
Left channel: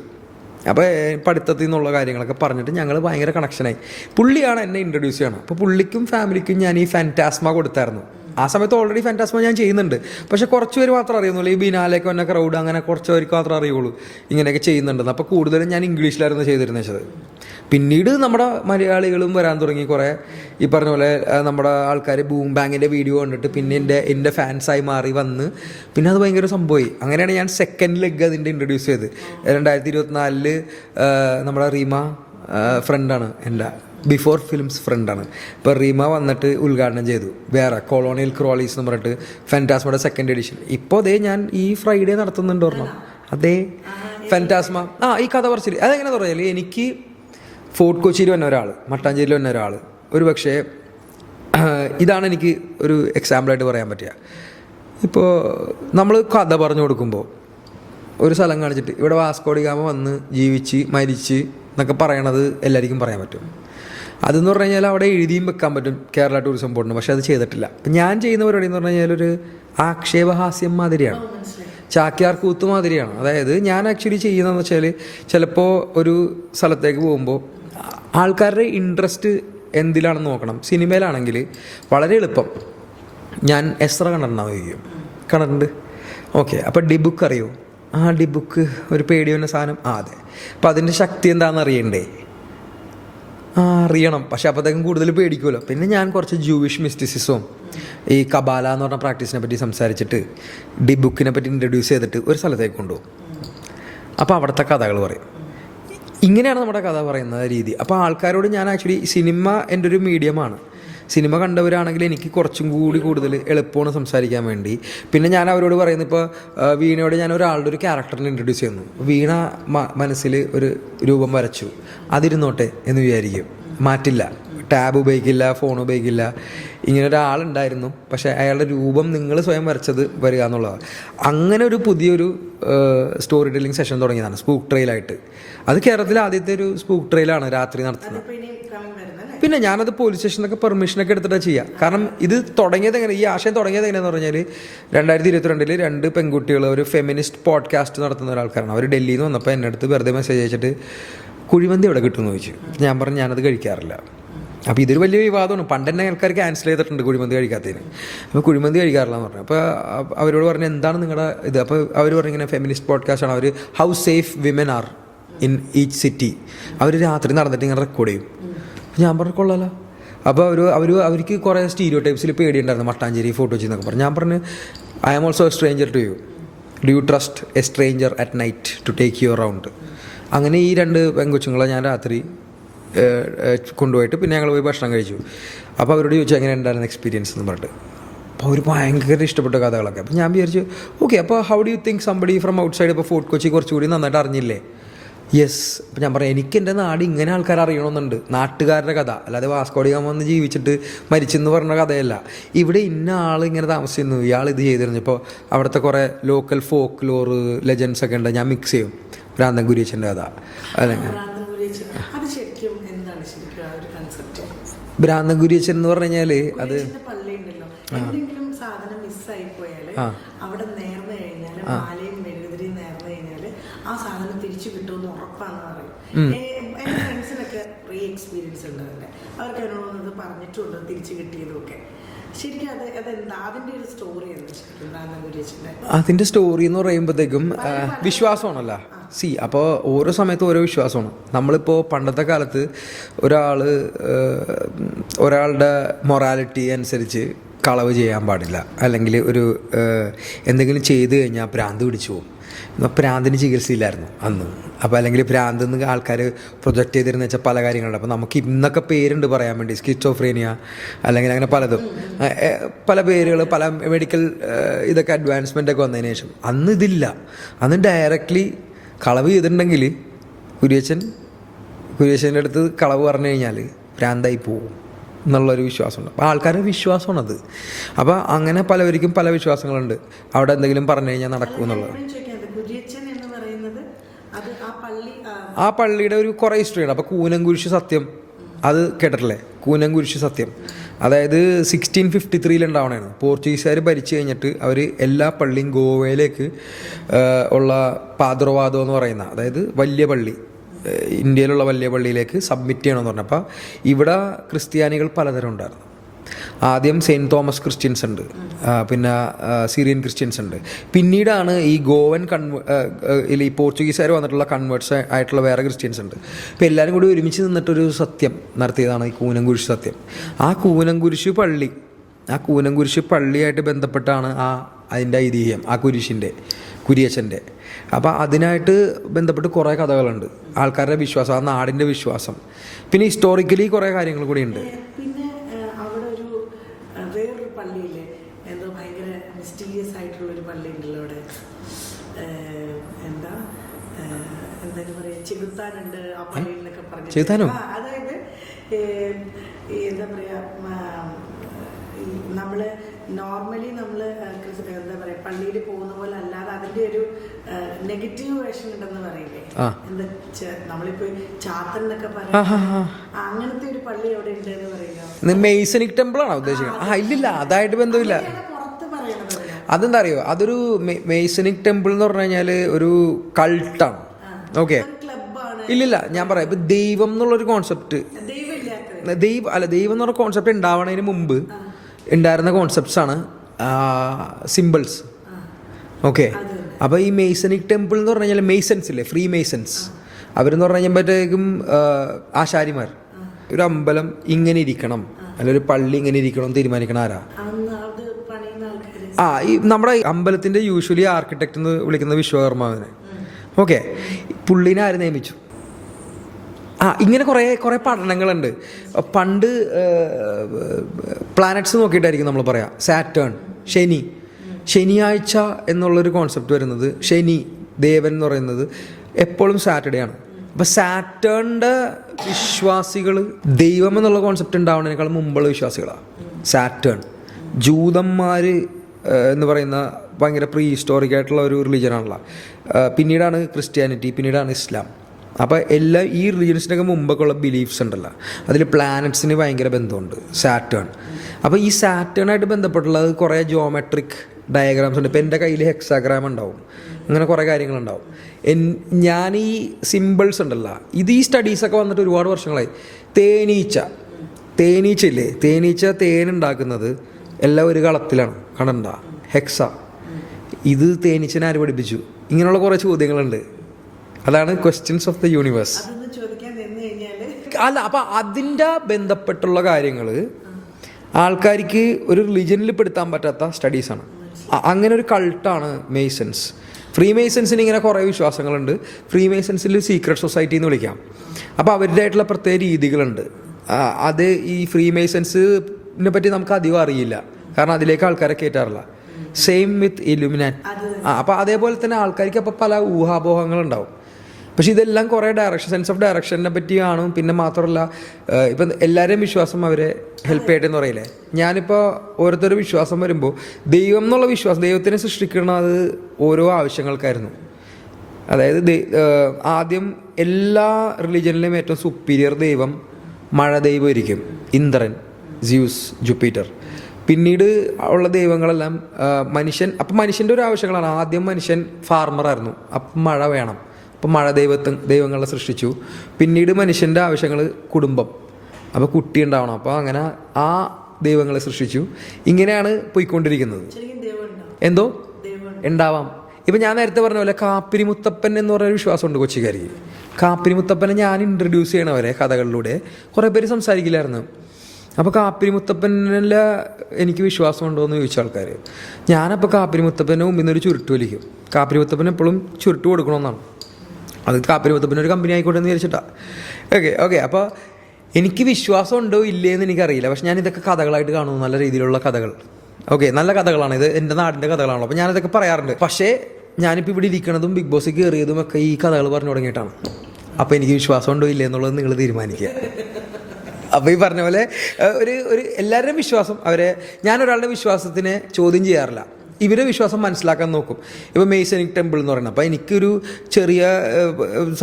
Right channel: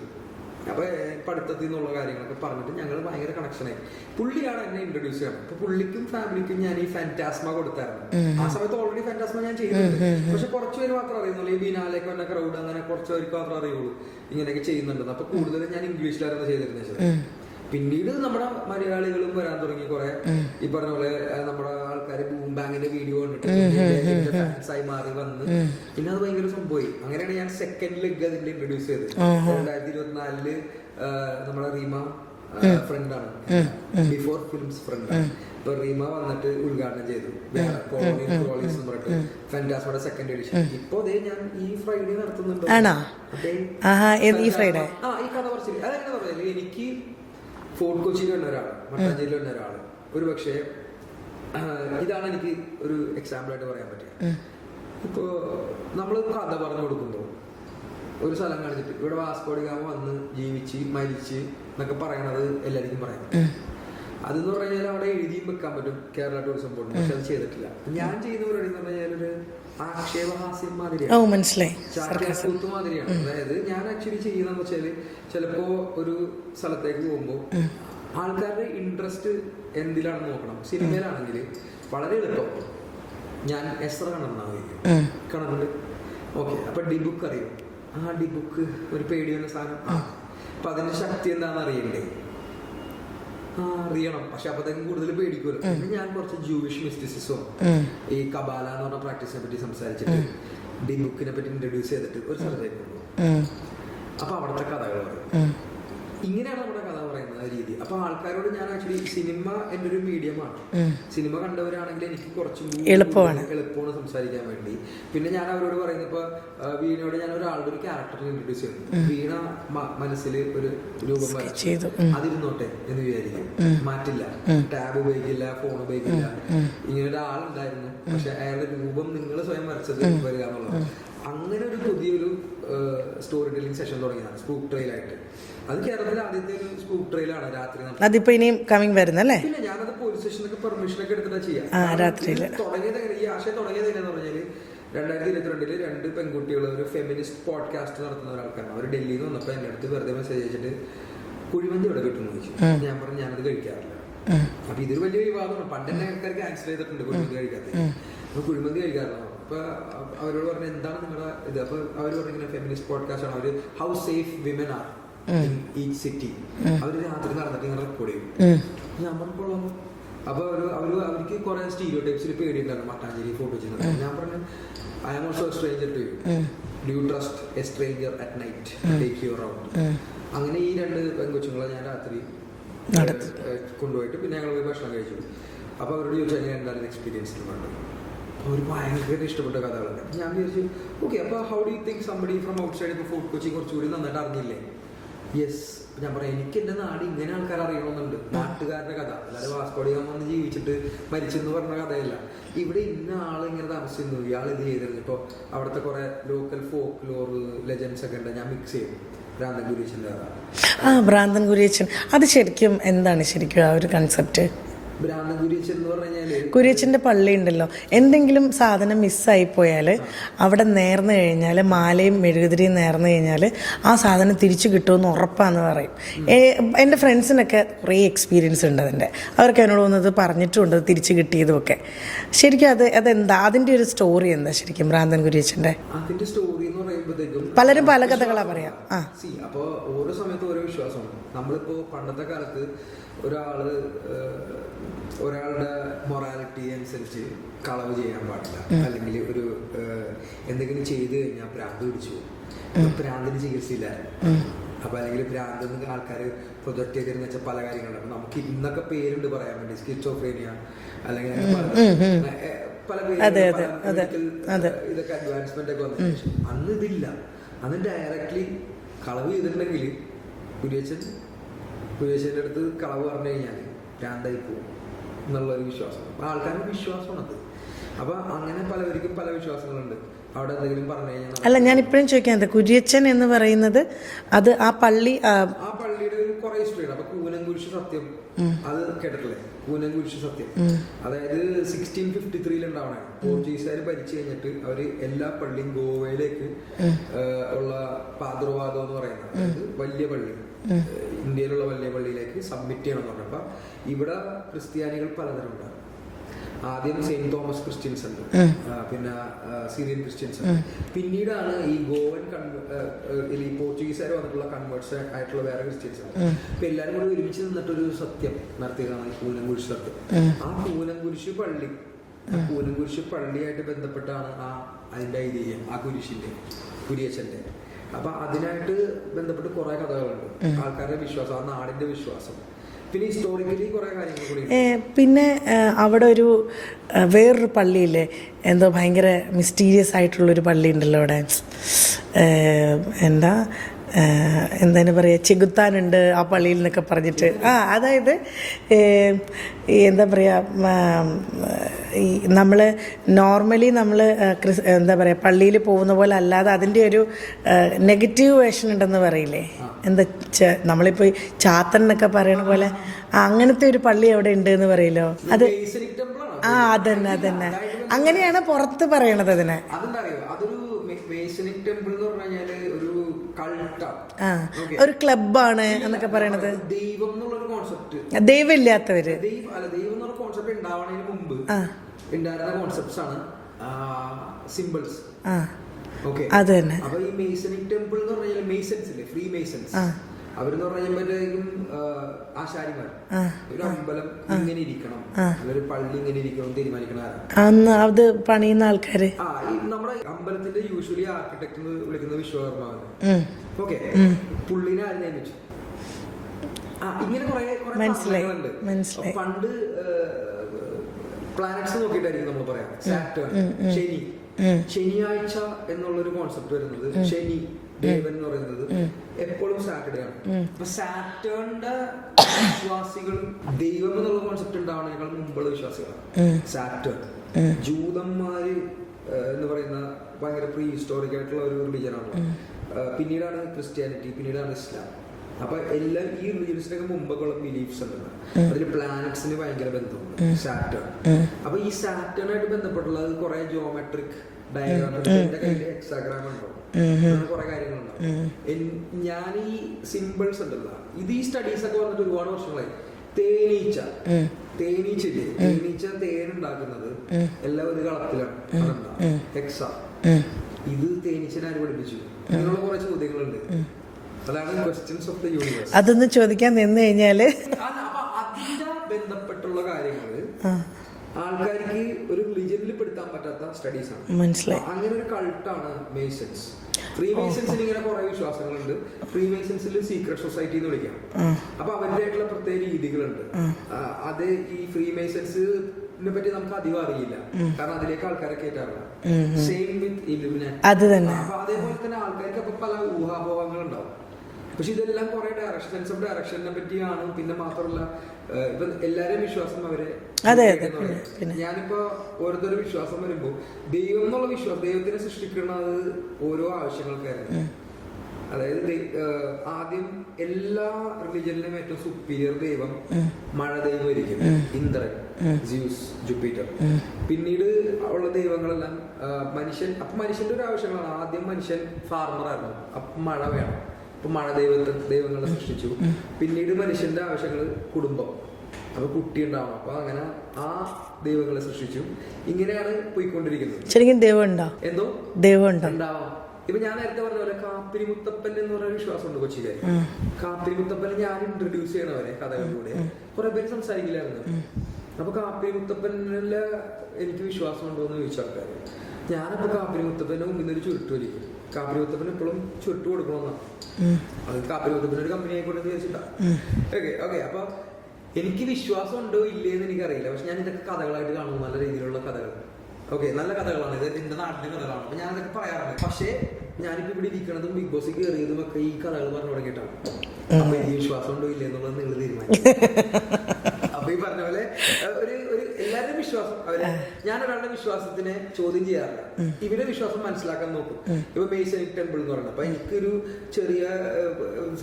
അപ്പോൾ പഠിത്തത്തിൽ നിന്നുള്ള കാര്യങ്ങളൊക്കെ പറഞ്ഞിട്ട് ഞങ്ങൾ ഭയങ്കര കണക്ഷനായി. പുള്ളിയാണ് എന്നെ ഇൻട്രൊഡ്യൂസ് ചെയ്യണം. അപ്പോൾ പുള്ളിക്കും ഫാമിലിക്കും ഞാൻ ഈ ഫാന്റാസ്മ കൊടുത്തായിരുന്നു. ആ സമയത്ത് ഓൾറെഡി ഫാന്റാസ്മ ഞാൻ ചെയ്യുന്നുണ്ട്. പക്ഷെ കുറച്ച് പേര് മാത്രം അറിയുന്നുള്ളൂ. ഈ ബിനാലേക്ക് വന്ന ക്രൗഡ് അങ്ങനെ കുറച്ച് പേർക്ക് മാത്രമേ അറിയുള്ളൂ ഇങ്ങനെയൊക്കെ ചെയ്യുന്നുണ്ടെന്ന്. അപ്പോൾ കൂടുതലും ഞാൻ ഇംഗ്ലീഷിലായിരുന്നു ചെയ്തിരുന്നത്. പിന്നീട് നമ്മുടെ മലയാളികളും വരാൻ തുടങ്ങി. കുറേ ഈ പറഞ്ഞ പോലെ നമ്മുടെ ആൾക്കാർ ബൂം ബാങ്ങിന്റെ വീഡിയോ കണ്ടിട്ട് പിന്നെ എൻ്റെ ഫാൻസായി മാറി വന്ന് പിന്നെ അത് ഭയങ്കര സംഭവമായി. അങ്ങനെയാണ് ഞാൻ സെക്കൻഡ് ലെഗ് അതിൻ്റെ ഇൻട്രൊഡ്യൂസ് ചെയ്ത്. 2024 നമ്മുടെ റീമ ഫ്രണ്ടാണ് എൻ്റെ ബിഫോർ ഫിലിംസ് ഫ്രണ്ടാണ്. ഇപ്പൊ റീമ വന്നിട്ട് ഉദ്ഘാടനം ചെയ്തു വേറെ കൊളോണിയൽ ക്രോളീസ് എന്ന് പറഞ്ഞിട്ട് ഫാന്റാസ്മയുടെ സെക്കൻഡ് എഡിഷൻ. ഇപ്പൊ അതേ ഞാൻ ഈ ഫ്രൈഡേ നടത്തുന്നുണ്ടോ അതേ ഫാന്റാസ്മ. ഈ കഥ പറച്ചില് അതെങ്ങനെ പറഞ്ഞാൽ എനിക്ക് ഫോർട്ട് കൊച്ചിയിൽ വന്ന ഒരാൾ, മട്ടാഞ്ചേരിയിൽ വന്ന ഒരാൾ, ഒരു പക്ഷേ ഇതാണ് എനിക്ക് ഒരു എക്സാമ്പിളായിട്ട് പറയാൻ പറ്റുക. ഇപ്പോൾ നമ്മൾ കഥ പറഞ്ഞു കൊടുക്കുമ്പോൾ ഒരു സ്ഥലം കാണിച്ചിട്ട് ഇവിടെ വാസ്കോ ഡി ഗാമ വന്ന് ജീവിച്ച് മരിച്ച് എന്നൊക്കെ പറയണത് എല്ലാവർക്കും പറയാൻ പറ്റും. അതെന്ന് പറഞ്ഞു കഴിഞ്ഞാൽ അവിടെ എഴുതിയും വെക്കാൻ പറ്റും കേരള ടൂറിസം ബോർഡിന്. പക്ഷെ അത് ചെയ്തിട്ടില്ല. അപ്പം ഞാൻ ചെയ്യുന്ന പരിപാടി എന്ന് പറഞ്ഞു കഴിഞ്ഞാൽ ഒരു ആക്ഷേപഹാസ്യം മാതിരിയാണ്, മനസ്സിലായി, ചാക്യാർ കൂത്ത് മാതിരിയാണ്. അതായത് ഞാൻ ആക്ച്വലി ചെയ്യുന്നതെന്ന് വെച്ചാൽ ചിലപ്പോൾ ഒരു സ്ഥലത്തേക്ക് പോകുമ്പോൾ ആൾക്കാരുടെ ഇൻട്രസ്റ്റ് എന്തിലാണെന്ന് നോക്കണം. സിനിമയിലാണെങ്കിൽ വളരെ എളുപ്പം ഞാൻ എസ്ര കണ്ടിട്ടുണ്ടാവും ചോദിക്കും. കണ്ടിട്ടുണ്ട്, ഓക്കെ. അപ്പം ഡിബുക്ക് അറിയോ? ഡിബുക്ക് ഒരു പേടി വന്ന സാധനം. അതെ. അപ്പം അതിൻ്റെ ശക്തി എന്താണെന്ന് അറിയണ്ടേ? അറിയണം. പക്ഷെ അപ്പോഴത്തേക്കും കൂടുതൽ പേടിക്കുമല്ലോ. പിന്നെ ഞാൻ കുറച്ച് ജൂയിഷ് മിസ്റ്റിസിസവും ഈ കബാല എന്ന് പറഞ്ഞ പ്രാക്ടീസിനെ പറ്റി സംസാരിച്ചിട്ട് ഡിബുക്കിനെ പറ്റി ഇൻട്രൊഡ്യൂസ് ചെയ്തിട്ട് ഒരു സ്ഥലത്തേക്ക് കൊണ്ടുപോകും. അപ്പോൾ അവിടുത്തെ കഥകൾ പറയും. ഇങ്ങനെയാണ് നമ്മുടെ കഥ പറയുന്ന രീതി. അപ്പോൾ ആൾക്കാരോട് ഞാൻ ആക്ച്വലി സിനിമ എൻ്റെ ഒരു മീഡിയമാണ്. സിനിമ കണ്ടവരാണെങ്കിൽ എനിക്ക് കുറച്ചും കൂടി കൂടുതൽ എളുപ്പമാണ് സംസാരിക്കാൻ വേണ്ടി. പിന്നെ ഞാൻ അവരോട് പറയുന്നത്, ഇപ്പോൾ വീണയോട് ഞാൻ ഒരാളുടെ ഒരു ക്യാരക്ടറിനെ ഇൻട്രൊഡ്യൂസ് ചെയ്യുന്നു. വീണ മനസ്സിൽ ഒരു രൂപം വരച്ചു, അതിരുന്നോട്ടെ എന്ന് വിചാരിക്കും, മാറ്റില്ല. ടാബ് ഉപയോഗിക്കില്ല, ഫോൺ ഉപയോഗിക്കില്ല. ഇങ്ങനെ ഒരാളുണ്ടായിരുന്നു, പക്ഷെ അയാളുടെ രൂപം നിങ്ങൾ സ്വയം വരച്ചത് വരിക എന്നുള്ളതാണ്. അങ്ങനെ ഒരു പുതിയൊരു സ്റ്റോറി ടെല്ലിംഗ് സെഷൻ തുടങ്ങിയതാണ് സ്പൂക്ക് ട്രെയിലായിട്ട്. അത് കേരളത്തിലെ ആദ്യത്തെ ഒരു സ്പൂക്ക് ട്രെയിലാണ് രാത്രി നടത്തുന്നത്. പിന്നെ ഞാനത് പോലീസ് സ്റ്റേഷനൊക്കെ പെർമിഷനൊക്കെ എടുത്തിട്ടാണ് ചെയ്യാം. കാരണം ഇത് തുടങ്ങിയത് എങ്ങനെ, ഈ ആശയം തുടങ്ങിയത് എങ്ങനെയാന്ന് പറഞ്ഞാൽ 2022 2 പെൺകുട്ടികൾ ഒരു ഫെമിനിസ്റ്റ് പോഡ്കാസ്റ്റ് നടത്തുന്ന ഒരാൾക്കാരാണ്. അവർ ഡൽഹിയിൽ നിന്ന് വന്നപ്പോൾ എൻ്റെ അടുത്ത് വെറുതെ മെസ്സേജ് അയച്ചിട്ട് കുഴിമന്തി എവിടെ കിട്ടുമെന്ന് ചോദിച്ചു. ഞാൻ പറഞ്ഞു ഞാനത് കഴിക്കാറില്ല. അപ്പോൾ ഇതൊരു വലിയ വിവാദമാണ്. പണ്ട് തന്നെ ആൾക്കാർ ക്യാൻസൽ ചെയ്തിട്ടുണ്ട് കുഴിമന്തി കഴിക്കാത്തതിന്. അപ്പോൾ കുഴിമന്തി കഴിക്കാറില്ല എന്ന് പറഞ്ഞു. അപ്പോൾ അവരോട് പറഞ്ഞു എന്താണ് നിങ്ങളുടെ ഇത്? അപ്പോൾ അവർ പറഞ്ഞു ഇങ്ങനെ ഫെമിനിസ്റ്റ് പോഡ്കാസ്റ്റ് ആണ്. അവർ how safe women are in each city. അവർ രാത്രി നടന്നിട്ട് ഇങ്ങനെ റെക്കോർഡ് ചെയ്യും. ഞാൻ പറഞ്ഞു കൊള്ളാലോ. അപ്പോൾ അവർക്ക് കുറേ സ്റ്റീരിയോ ടൈപ്സിൽ പേടിയുണ്ടായിരുന്നു. മട്ടാഞ്ചേരി ഫോട്ടോ ചെയ്യുന്നൊക്കെ പറഞ്ഞു. ഞാൻ പറഞ്ഞു I am also a stranger to you. Do you trust a stranger at night to take you around? അങ്ങനെ ഈ 2 പെൺകൊച്ചുങ്ങളെ ഞാൻ രാത്രി കൊണ്ടുപോയിട്ട് പിന്നെ ഞങ്ങൾ പോയി ഭക്ഷണം കഴിച്ചു. അപ്പോൾ അവരോട് ചോദിച്ചു എങ്ങനെ ഉണ്ടായിരുന്നു എക്സ്പീരിയൻസ് എന്ന് പറഞ്ഞിട്ട്. അപ്പോൾ അവർ ഭയങ്കര ഇഷ്ടപ്പെട്ട കഥകളൊക്കെ. അപ്പോൾ ഞാൻ വിചാരിച്ചു ഓക്കെ, അപ്പോൾ how do you think somebody from outside ഇപ്പോൾ ഫോർട്ട് കൊച്ചി കുറച്ചുകൂടി നന്നായിട്ട് അറിഞ്ഞില്ലേ? യെസ്. അപ്പം ഞാൻ പറയാം എനിക്ക് എൻ്റെ നാട് ഇങ്ങനെ ആൾക്കാർ അറിയണമെന്നുണ്ട്, നാട്ടുകാരുടെ കഥ, അല്ലാതെ വാസ്കോ ഡി ഗാമ വന്ന് ജീവിച്ചിട്ട് മരിച്ചെന്ന് പറഞ്ഞ കഥയല്ല. ഇവിടെ ഇന്ന ആൾ ഇങ്ങനെ താമസിക്കുന്നു, ഇയാൾ ഇത് ചെയ്തിരുന്നു. ഇപ്പോൾ അവിടുത്തെ കുറേ ലോക്കൽ ഫോക്ക് ലോർ ലെജൻസ് ഒക്കെ ഉണ്ട്, ഞാൻ മിക്സ് ചെയ്യും. ഭ്രാന്തൻ കുര്യച്ചൻ്റെ കഥ. ഭ്രാന്തൻ കുര്യച്ചൻ അത് ശരിക്കും എന്താണ് ശരിക്കും ആ ഒരു കൺസെപ്റ്റ്? ഭ്രാന്തൻ കുര്യച്ചൻ എന്ന് പറഞ്ഞു കഴിഞ്ഞാൽ കുര്യച്ചന്റെ പള്ളി ഉണ്ടല്ലോ, എന്തെങ്കിലും സാധനം മിസ്സായി പോയാൽ അവിടെ നേർന്നു കഴിഞ്ഞാൽ, മാലയും മെഴുകുതിരിയും നേർന്നു കഴിഞ്ഞാൽ ആ സാധനം തിരിച്ചു കിട്ടുമെന്ന് ഉറപ്പാന്ന് പറയും. എൻ്റെ ഫ്രണ്ട്സിനൊക്കെ കുറേ എക്സ്പീരിയൻസ് ഉണ്ട് അതിൻ്റെ. അവർക്ക് എന്നോട് വന്നത് പറഞ്ഞിട്ടുമുണ്ട് തിരിച്ചു കിട്ടിയതുമൊക്കെ. ശരിക്കും അതെന്താ അതിൻ്റെ ഒരു സ്റ്റോറി എന്താ ശരിക്കും ഭ്രാന്തൻ കുര്യച്ചൻ്റെ? അതിൻ്റെ സ്റ്റോറി എന്ന് പറയുമ്പോഴത്തേക്കും പലരും പല വിശ്വാസമാണല്ലോ. അപ്പോൾ ഓരോ സമയത്തും ഓരോ വിശ്വാസമാണ്. നമ്മളിപ്പോൾ പണ്ടത്തെ കാലത്ത് ഒരാളുടെ മൊറാലിറ്റി അനുസരിച്ച് കളവ് ചെയ്യാൻ പാടില്ല, അല്ലെങ്കിൽ ഒരു എന്തെങ്കിലും ചെയ്തു കഴിഞ്ഞാൽ ഭ്രാന്ത് പിടിച്ചു പോകും. അപ്പം ഭ്രാന്തിന് ചികിത്സയില്ലായിരുന്നു അന്ന്. അപ്പോൾ അല്ലെങ്കിൽ ഭ്രാന്ത് എന്ന് ആൾക്കാർ പ്രൊജക്റ്റ് ചെയ്തിരുന്ന വെച്ചാൽ പല കാര്യങ്ങളുണ്ട്. അപ്പോൾ നമുക്ക് ഇന്നൊക്കെ പേരുണ്ട് പറയാൻ വേണ്ടി, സ്കിസോഫ്രീനിയ അല്ലെങ്കിൽ അങ്ങനെ പലതും, പല പേരുകൾ, പല മെഡിക്കൽ ഇതൊക്കെ അഡ്വാൻസ്മെൻ്റ് ഒക്കെ വന്നതിന് ശേഷം അന്ന് ഇതില്ല. അന്ന് ഡയറക്റ്റ്ലി കളവ് ചെയ്തിട്ടുണ്ടെങ്കിൽ കുര്യച്ചൻ്റെ അടുത്ത് കളവ് പറഞ്ഞു കഴിഞ്ഞാൽ ഭ്രാന്തായി പോവും. എന്നുള്ളൊരു വിശ്വാസമുണ്ട്. അപ്പോൾ ആൾക്കാരുടെ വിശ്വാസമാണത്. അപ്പോൾ അങ്ങനെ പലവർക്കും പല വിശ്വാസങ്ങളുണ്ട്. അവിടെ എന്തെങ്കിലും പറഞ്ഞു കഴിഞ്ഞാൽ അല്ല, നടക്കും. ഞാൻ ഇപ്പോഴും ചോദിക്കാൻ, കുര്യച്ചൻ എന്ന് പറയുന്നത് അത് ആ പള്ളിയുടെ ഒരു കുറേ ഹിസ്റ്ററിയാണ്. അപ്പോൾ കൂനംകുരിശ് സത്യം അത് കേട്ടിട്ടില്ലേ? കൂനംകുരിശ് സത്യം, അതായത് 1653 ഉണ്ടാവണതാണ്. പോർച്ചുഗീസുകാർ ഭരിച്ചു കഴിഞ്ഞിട്ട് അവർ എല്ലാ പള്ളിയും ഗോവയിലേക്ക് ഉള്ള പാദ്രവാദം എന്ന് പറയുന്ന, അതായത് വലിയ പള്ളി, ഇന്ത്യയിലുള്ള വലിയ പള്ളിയിലേക്ക് സബ്മിറ്റ് ചെയ്യണമെന്ന് പറഞ്ഞു. അപ്പോൾ ഇവിടെ ക്രിസ്ത്യാനികൾ പലതരം ഉണ്ടായിരുന്നു. ആദ്യം സെയിൻറ്റ് തോമസ് ക്രിസ്ത്യൻസ് ഉണ്ട്, പിന്നെ സിറിയൻ ക്രിസ്ത്യൻസ് ഉണ്ട്. പിന്നീടാണ് ഈ ഗോവൻ ഈ പോർച്ചുഗീസുകാർ വന്നിട്ടുള്ള കൺവേർട്സ് ആയിട്ടുള്ള വേറെ ക്രിസ്ത്യൻസ് ഉണ്ട്. അപ്പം എല്ലാവരും കൂടി ഒരുമിച്ച് നിന്നിട്ടൊരു സത്യം നടത്തിയതാണ് ഈ കൂനംകുരിശ് സത്യം. ആ കൂനംകുരിശ് പള്ളിയായിട്ട് ബന്ധപ്പെട്ടാണ് അതിൻ്റെ ഐതിഹ്യം, ആ കുരിയച്ചൻ്റെ. അപ്പം അതിനായിട്ട് ബന്ധപ്പെട്ട് കുറേ കഥകളുണ്ട്, ആൾക്കാരുടെ വിശ്വാസം, ആ നാടിൻ്റെ വിശ്വാസം. പിന്നെ ഹിസ്റ്റോറിക്കലി കുറേ കാര്യങ്ങൾ കൂടി ഉണ്ട്. പിന്നെ അവിടെ ഒരു വേറൊരു പള്ളിയില്ലേ, എന്തോ ഭയങ്കര മിസ്റ്റീരിയസ് ആയിട്ടുള്ളൊരു പള്ളി ഉണ്ടല്ലോ അവിടെ, എന്താണ് പറയുക, ചെകുത്താനുണ്ട് ആ പള്ളിയിൽ എന്നൊക്കെ പറഞ്ഞിട്ട്. അതായത് എന്താ പറയുക, ഈ നമ്മൾ നോർമലി എന്താ പറയുക പള്ളിയിൽ പോകുന്ന പോലെ അല്ലാതെ അതിൻ്റെ ഒരു നെഗറ്റീവ് വേഷൻ ഉണ്ടെന്ന് പറയില്ലേ, എന്താ നമ്മളിപ്പോൾ ഈ ചാത്തൻ എന്നൊക്കെ പറയുന്ന പോലെ അങ്ങനത്തെ ഒരു പള്ളി അവിടെ ഉണ്ട് എന്ന് പറയല്ലോ. അങ്ങനെയാണ് പുറത്ത് പറയണത് അതിനെ. അതെന്താ അറിയോ, അതൊരു മെയ്സണിക് ടെമ്പിൾ എന്ന് പറഞ്ഞു കഴിഞ്ഞാൽ ഒരു കൾട്ടാണ്, ഒരു ക്ലബാണ്. ഇല്ല, ഞാൻ പറയാം, ദൈവം എന്നുള്ളൊരു കോൺസെപ്റ്റ്, ദൈവം ഇല്ലാത്തവര്, ദൈവം എന്നുള്ള കോൺസെപ്റ്റ് ഉണ്ടാവണതിന് മുമ്പ് ഉണ്ടായിരുന്ന കോൺസെപ്റ്റ്സ് ആണ് സിമ്പിൾസ്. ഓക്കെ, അപ്പൊ ഈ മെയ്സണിക് ടെമ്പിൾ എന്ന് പറഞ്ഞു കഴിഞ്ഞാൽ മെയ്സൺസ് ഇല്ലേ, ഫ്രീ മെയ്സൺസ്, അവരെന്ന് പറഞ്ഞു കഴിയുമ്പോഴത്തേക്കും ആശാരിമാർ, ഒരു അമ്പലം ഇങ്ങനെ ഇരിക്കണം അല്ല ഒരു പള്ളി ഇങ്ങനെ ഇരിക്കണം തീരുമാനിക്കണം ആരാ? അത് പണിയുന്ന ആൾക്കാര്. ഈ നമ്മുടെ അമ്പലത്തിന്റെ യൂഷ്വലി ആർക്കിടെക്ട് എന്ന് വിളിക്കുന്ന വിശ്വകർമാവിനെ. ഓക്കെ, പുള്ളിനെ ആര് നിയമിച്ചു? ഇങ്ങനെ കുറെ പഠനങ്ങളുണ്ട്. പണ്ട് പ്ലാനറ്റ്സ് നോക്കിയിട്ടായിരിക്കും നമ്മൾ പറയാ. സാറ്റേൺ, ശനിയാഴ്ച എന്നുള്ളൊരു കോൺസെപ്റ്റ് വരുന്നത്, ശനി ദേവൻ എന്ന് പറയുന്നത് എപ്പോഴും സാറ്റർഡേ ആണ്. അപ്പൊ സാറ്റേണിന്റെ വിശ്വാസികൾ ദൈവം എന്നുള്ള കോൺസെപ്റ്റ് ഉണ്ടാവുന്നതിനേക്കാൾ മുമ്പുള്ള വിശ്വാസികളാണ് സാറ്റേൺ. ജൂതന്മാര് എന്ന് പറയുന്ന ഭയങ്കര പ്രീ ഹിസ്റ്റോറിക് ആയിട്ടുള്ള ഒരു റിലീജിയനാണല്ലോ. പിന്നീടാണ് ക്രിസ്ത്യാനിറ്റി, പിന്നീടാണ് ഇസ്ലാം. അപ്പോൾ എല്ലാ ഈ റിലീജിയൻസിനൊക്കെ മുമ്പൊക്കെ ഉള്ള ബിലീഫ്സ് ഉണ്ടല്ലോ, അതിൽ പ്ലാനറ്റ്സിന് ഭയങ്കര ബന്ധമുണ്ട്, സാറ്റേൺ. അപ്പോൾ ഈ സാറ്റേണായിട്ട് ബന്ധപ്പെട്ടുള്ളത് കുറേ ജിയോമെട്രിക് ഡയഗ്രാംസ് ഉണ്ട്. ഇപ്പം എൻ്റെ കയ്യിൽ ഹെക്സാഗ്രാം ഉണ്ടാവും, അങ്ങനെ കുറേ കാര്യങ്ങളുണ്ടാവും. ഞാൻ ഈ സിമ്പിൾസ് ഉണ്ടല്ലോ, ഇത് ഈ സ്റ്റഡീസൊക്കെ വന്നിട്ട് ഒരുപാട് വർഷങ്ങളായി. തേനീച്ചയില്ലേ, തേനുണ്ടാക്കുന്നത് എല്ലാം ഒരു കളത്തിലാണ്, കണ്ടണ്ട ഹെക്സ. ഇത് തേനീച്ചനെ ആര് പഠിപ്പിച്ചു? ഇങ്ങനെയുള്ള കുറേ ചോദ്യങ്ങളുണ്ട്. അതാണ് ക്വസ്റ്റ്യൻസ് ഓഫ് ദ യൂണിവേഴ്സ്. അതൊന്ന് ചോദിക്കാൻ നിന്ന് കഴിഞ്ഞാല് അപ്പൊ അതിന്റെ ബന്ധപ്പെട്ടുള്ള കാര്യങ്ങള് ആൾക്കാർക്ക് ഒരു റിലീജിയനിൽ പെടുത്താൻ പറ്റാത്ത സ്റ്റഡീസാണ്. അങ്ങനെ ഒരു കൾട്ടാണ് മേസൺസ്. ഫ്രീ മേസൺസിന് ഇങ്ങനെ കുറേ വിശ്വാസങ്ങളുണ്ട്. ഫ്രീ മേസൺസിൽ സീക്രട്ട് സൊസൈറ്റി എന്ന് വിളിക്കാം. അപ്പോൾ അവരുടെ ആയിട്ടുള്ള പ്രത്യേക രീതികളുണ്ട്. അത് ഈ ഫ്രീ മേസൺസിനെ പറ്റി നമുക്ക് അധികം അറിയില്ല, കാരണം അതിലേക്ക് ആൾക്കാരെ കയറ്റാറില്ല. സെയിം വിത്ത് ഇലുമിനാറ്റി. അപ്പോൾ അതേപോലെ തന്നെ ആൾക്കാർക്ക് അപ്പോൾ പല ഊഹാപോഹങ്ങളുണ്ടാവും. പക്ഷെ ഇതെല്ലാം കുറേ സെൻസ് ഓഫ് ഡയറക്ഷനെ പറ്റി കാണും. പിന്നെ മാത്രമല്ല, ഇപ്പം എല്ലാവരെയും വിശ്വാസം അവരെ ഹെൽപ്പ് ചെയ്യട്ടെന്ന് പറയില്ലേ. ഞാനിപ്പോൾ ഓരോരുത്തരുടെ വിശ്വാസം വരുമ്പോൾ ദൈവം എന്നുള്ള വിശ്വാസം, ദൈവത്തിനെ സൃഷ്ടിക്കുന്നത് ഓരോ ആവശ്യങ്ങൾക്കായിരുന്നു. അതായത് ആദ്യം എല്ലാ റിലീജിയനിലെയും ഏറ്റവും സുപ്പീരിയർ ദൈവം മഴ ദൈവമായിരിക്കും, ഇന്ദ്രൻ, സ്യൂസ്, ജൂപ്പിറ്റർ. പിന്നീട് ഉള്ള ദൈവങ്ങളെല്ലാം മനുഷ്യൻ്റെ ഒരു ആവശ്യങ്ങളാണ്. ആദ്യം മനുഷ്യൻ ഫാർമറായിരുന്നു, അപ്പം മഴ വേണം, അപ്പം മഴ ദൈവങ്ങളെ സൃഷ്ടിച്ചു. പിന്നീട് മനുഷ്യൻ്റെ ആവശ്യങ്ങൾ കുടുംബം, അപ്പോൾ കുട്ടി ഉണ്ടാവണം, അപ്പോൾ അങ്ങനെ ആ ദൈവങ്ങളെ സൃഷ്ടിച്ചു. ഇങ്ങനെയാണ് പോയിക്കൊണ്ടിരിക്കുന്നത്. ശരിക്കും ദൈവം എന്തോ ദൈവം ഉണ്ടാവാം. ഇപ്പം ഞാൻ നേരത്തെ പറഞ്ഞ പോലെ കാപ്പിരി മുത്തപ്പൻ എന്ന് പറയുന്ന വിശ്വാസമുണ്ട് കൊച്ചിക്കാരി. കാപ്പിരി മുത്തപ്പനെ ഞാൻ ഇൻട്രൊഡ്യൂസ് ചെയ്യണവരെ കഥകളിലൂടെ കുറേ പേര് സംസാരിക്കില്ലായിരുന്നു. അപ്പോൾ കാപ്പിരി മുത്തപ്പനിൽ എനിക്ക് വിശ്വാസമുണ്ടോ എന്ന് ചോദിച്ച ആൾക്കാർ, ഞാനപ്പോൾ കാപ്പിരി മുത്തപ്പന് മുമ്പിൽ നിന്നൊരു ചുരുട്ട് വലിക്കും. കാപ്പിരി മുത്തപ്പന് എപ്പോഴും ചുരുട്ട് കൊടുക്കണമെന്നാണ്. അത് കാപ്പിരി മുത്തപ്പന് ഒരു കമ്പനി ആയിക്കോട്ടെ എന്ന് വിചാരിച്ചിട്ടാ. ഓക്കെ. അപ്പോൾ എനിക്ക് വിശ്വാസം ഉണ്ടോ ഇല്ലേ എന്ന് എനിക്കറിയില്ല. പക്ഷെ ഞാൻ ഇതൊക്കെ കഥകളായിട്ട് കാണുന്നു, നല്ല രീതിയിലുള്ള കഥകൾ. ഓക്കെ, നല്ല കഥകളാണ്, ഇത് എൻ്റെ നാടിൻ്റെ കഥകളാണല്ലോ. അപ്പോൾ ഞാനിതൊക്കെ പറയാറുണ്ട്. പക്ഷേ ഞാനിപ്പോൾ ഇവിടെ ഇരിക്കണതും ബിഗ് ബോസിൽ കയറിയതും ഒക്കെ ഈ കഥകൾ പറഞ്ഞു തുടങ്ങിയിട്ടാണ്. അപ്പോൾ എനിക്ക് വിശ്വാസം ഉണ്ടോ ഇല്ലേ എന്നുള്ളത് നിങ്ങൾ തീരുമാനിക്കുക. അപ്പോൾ ഈ പറഞ്ഞ പോലെ ഒരു എല്ലാവരുടെയും വിശ്വാസം ഞാൻ ഒരാളുടെ വിശ്വാസത്തിനെ ചോദ്യം ചെയ്യാറില്ല, ഇവരെ വിശ്വാസം മനസ്സിലാക്കാൻ നോക്കും. ഇപ്പൊ മേസണിക് ടെമ്പിൾ എന്ന് പറയുന്നത്, അപ്പൊ എനിക്കൊരു ചെറിയ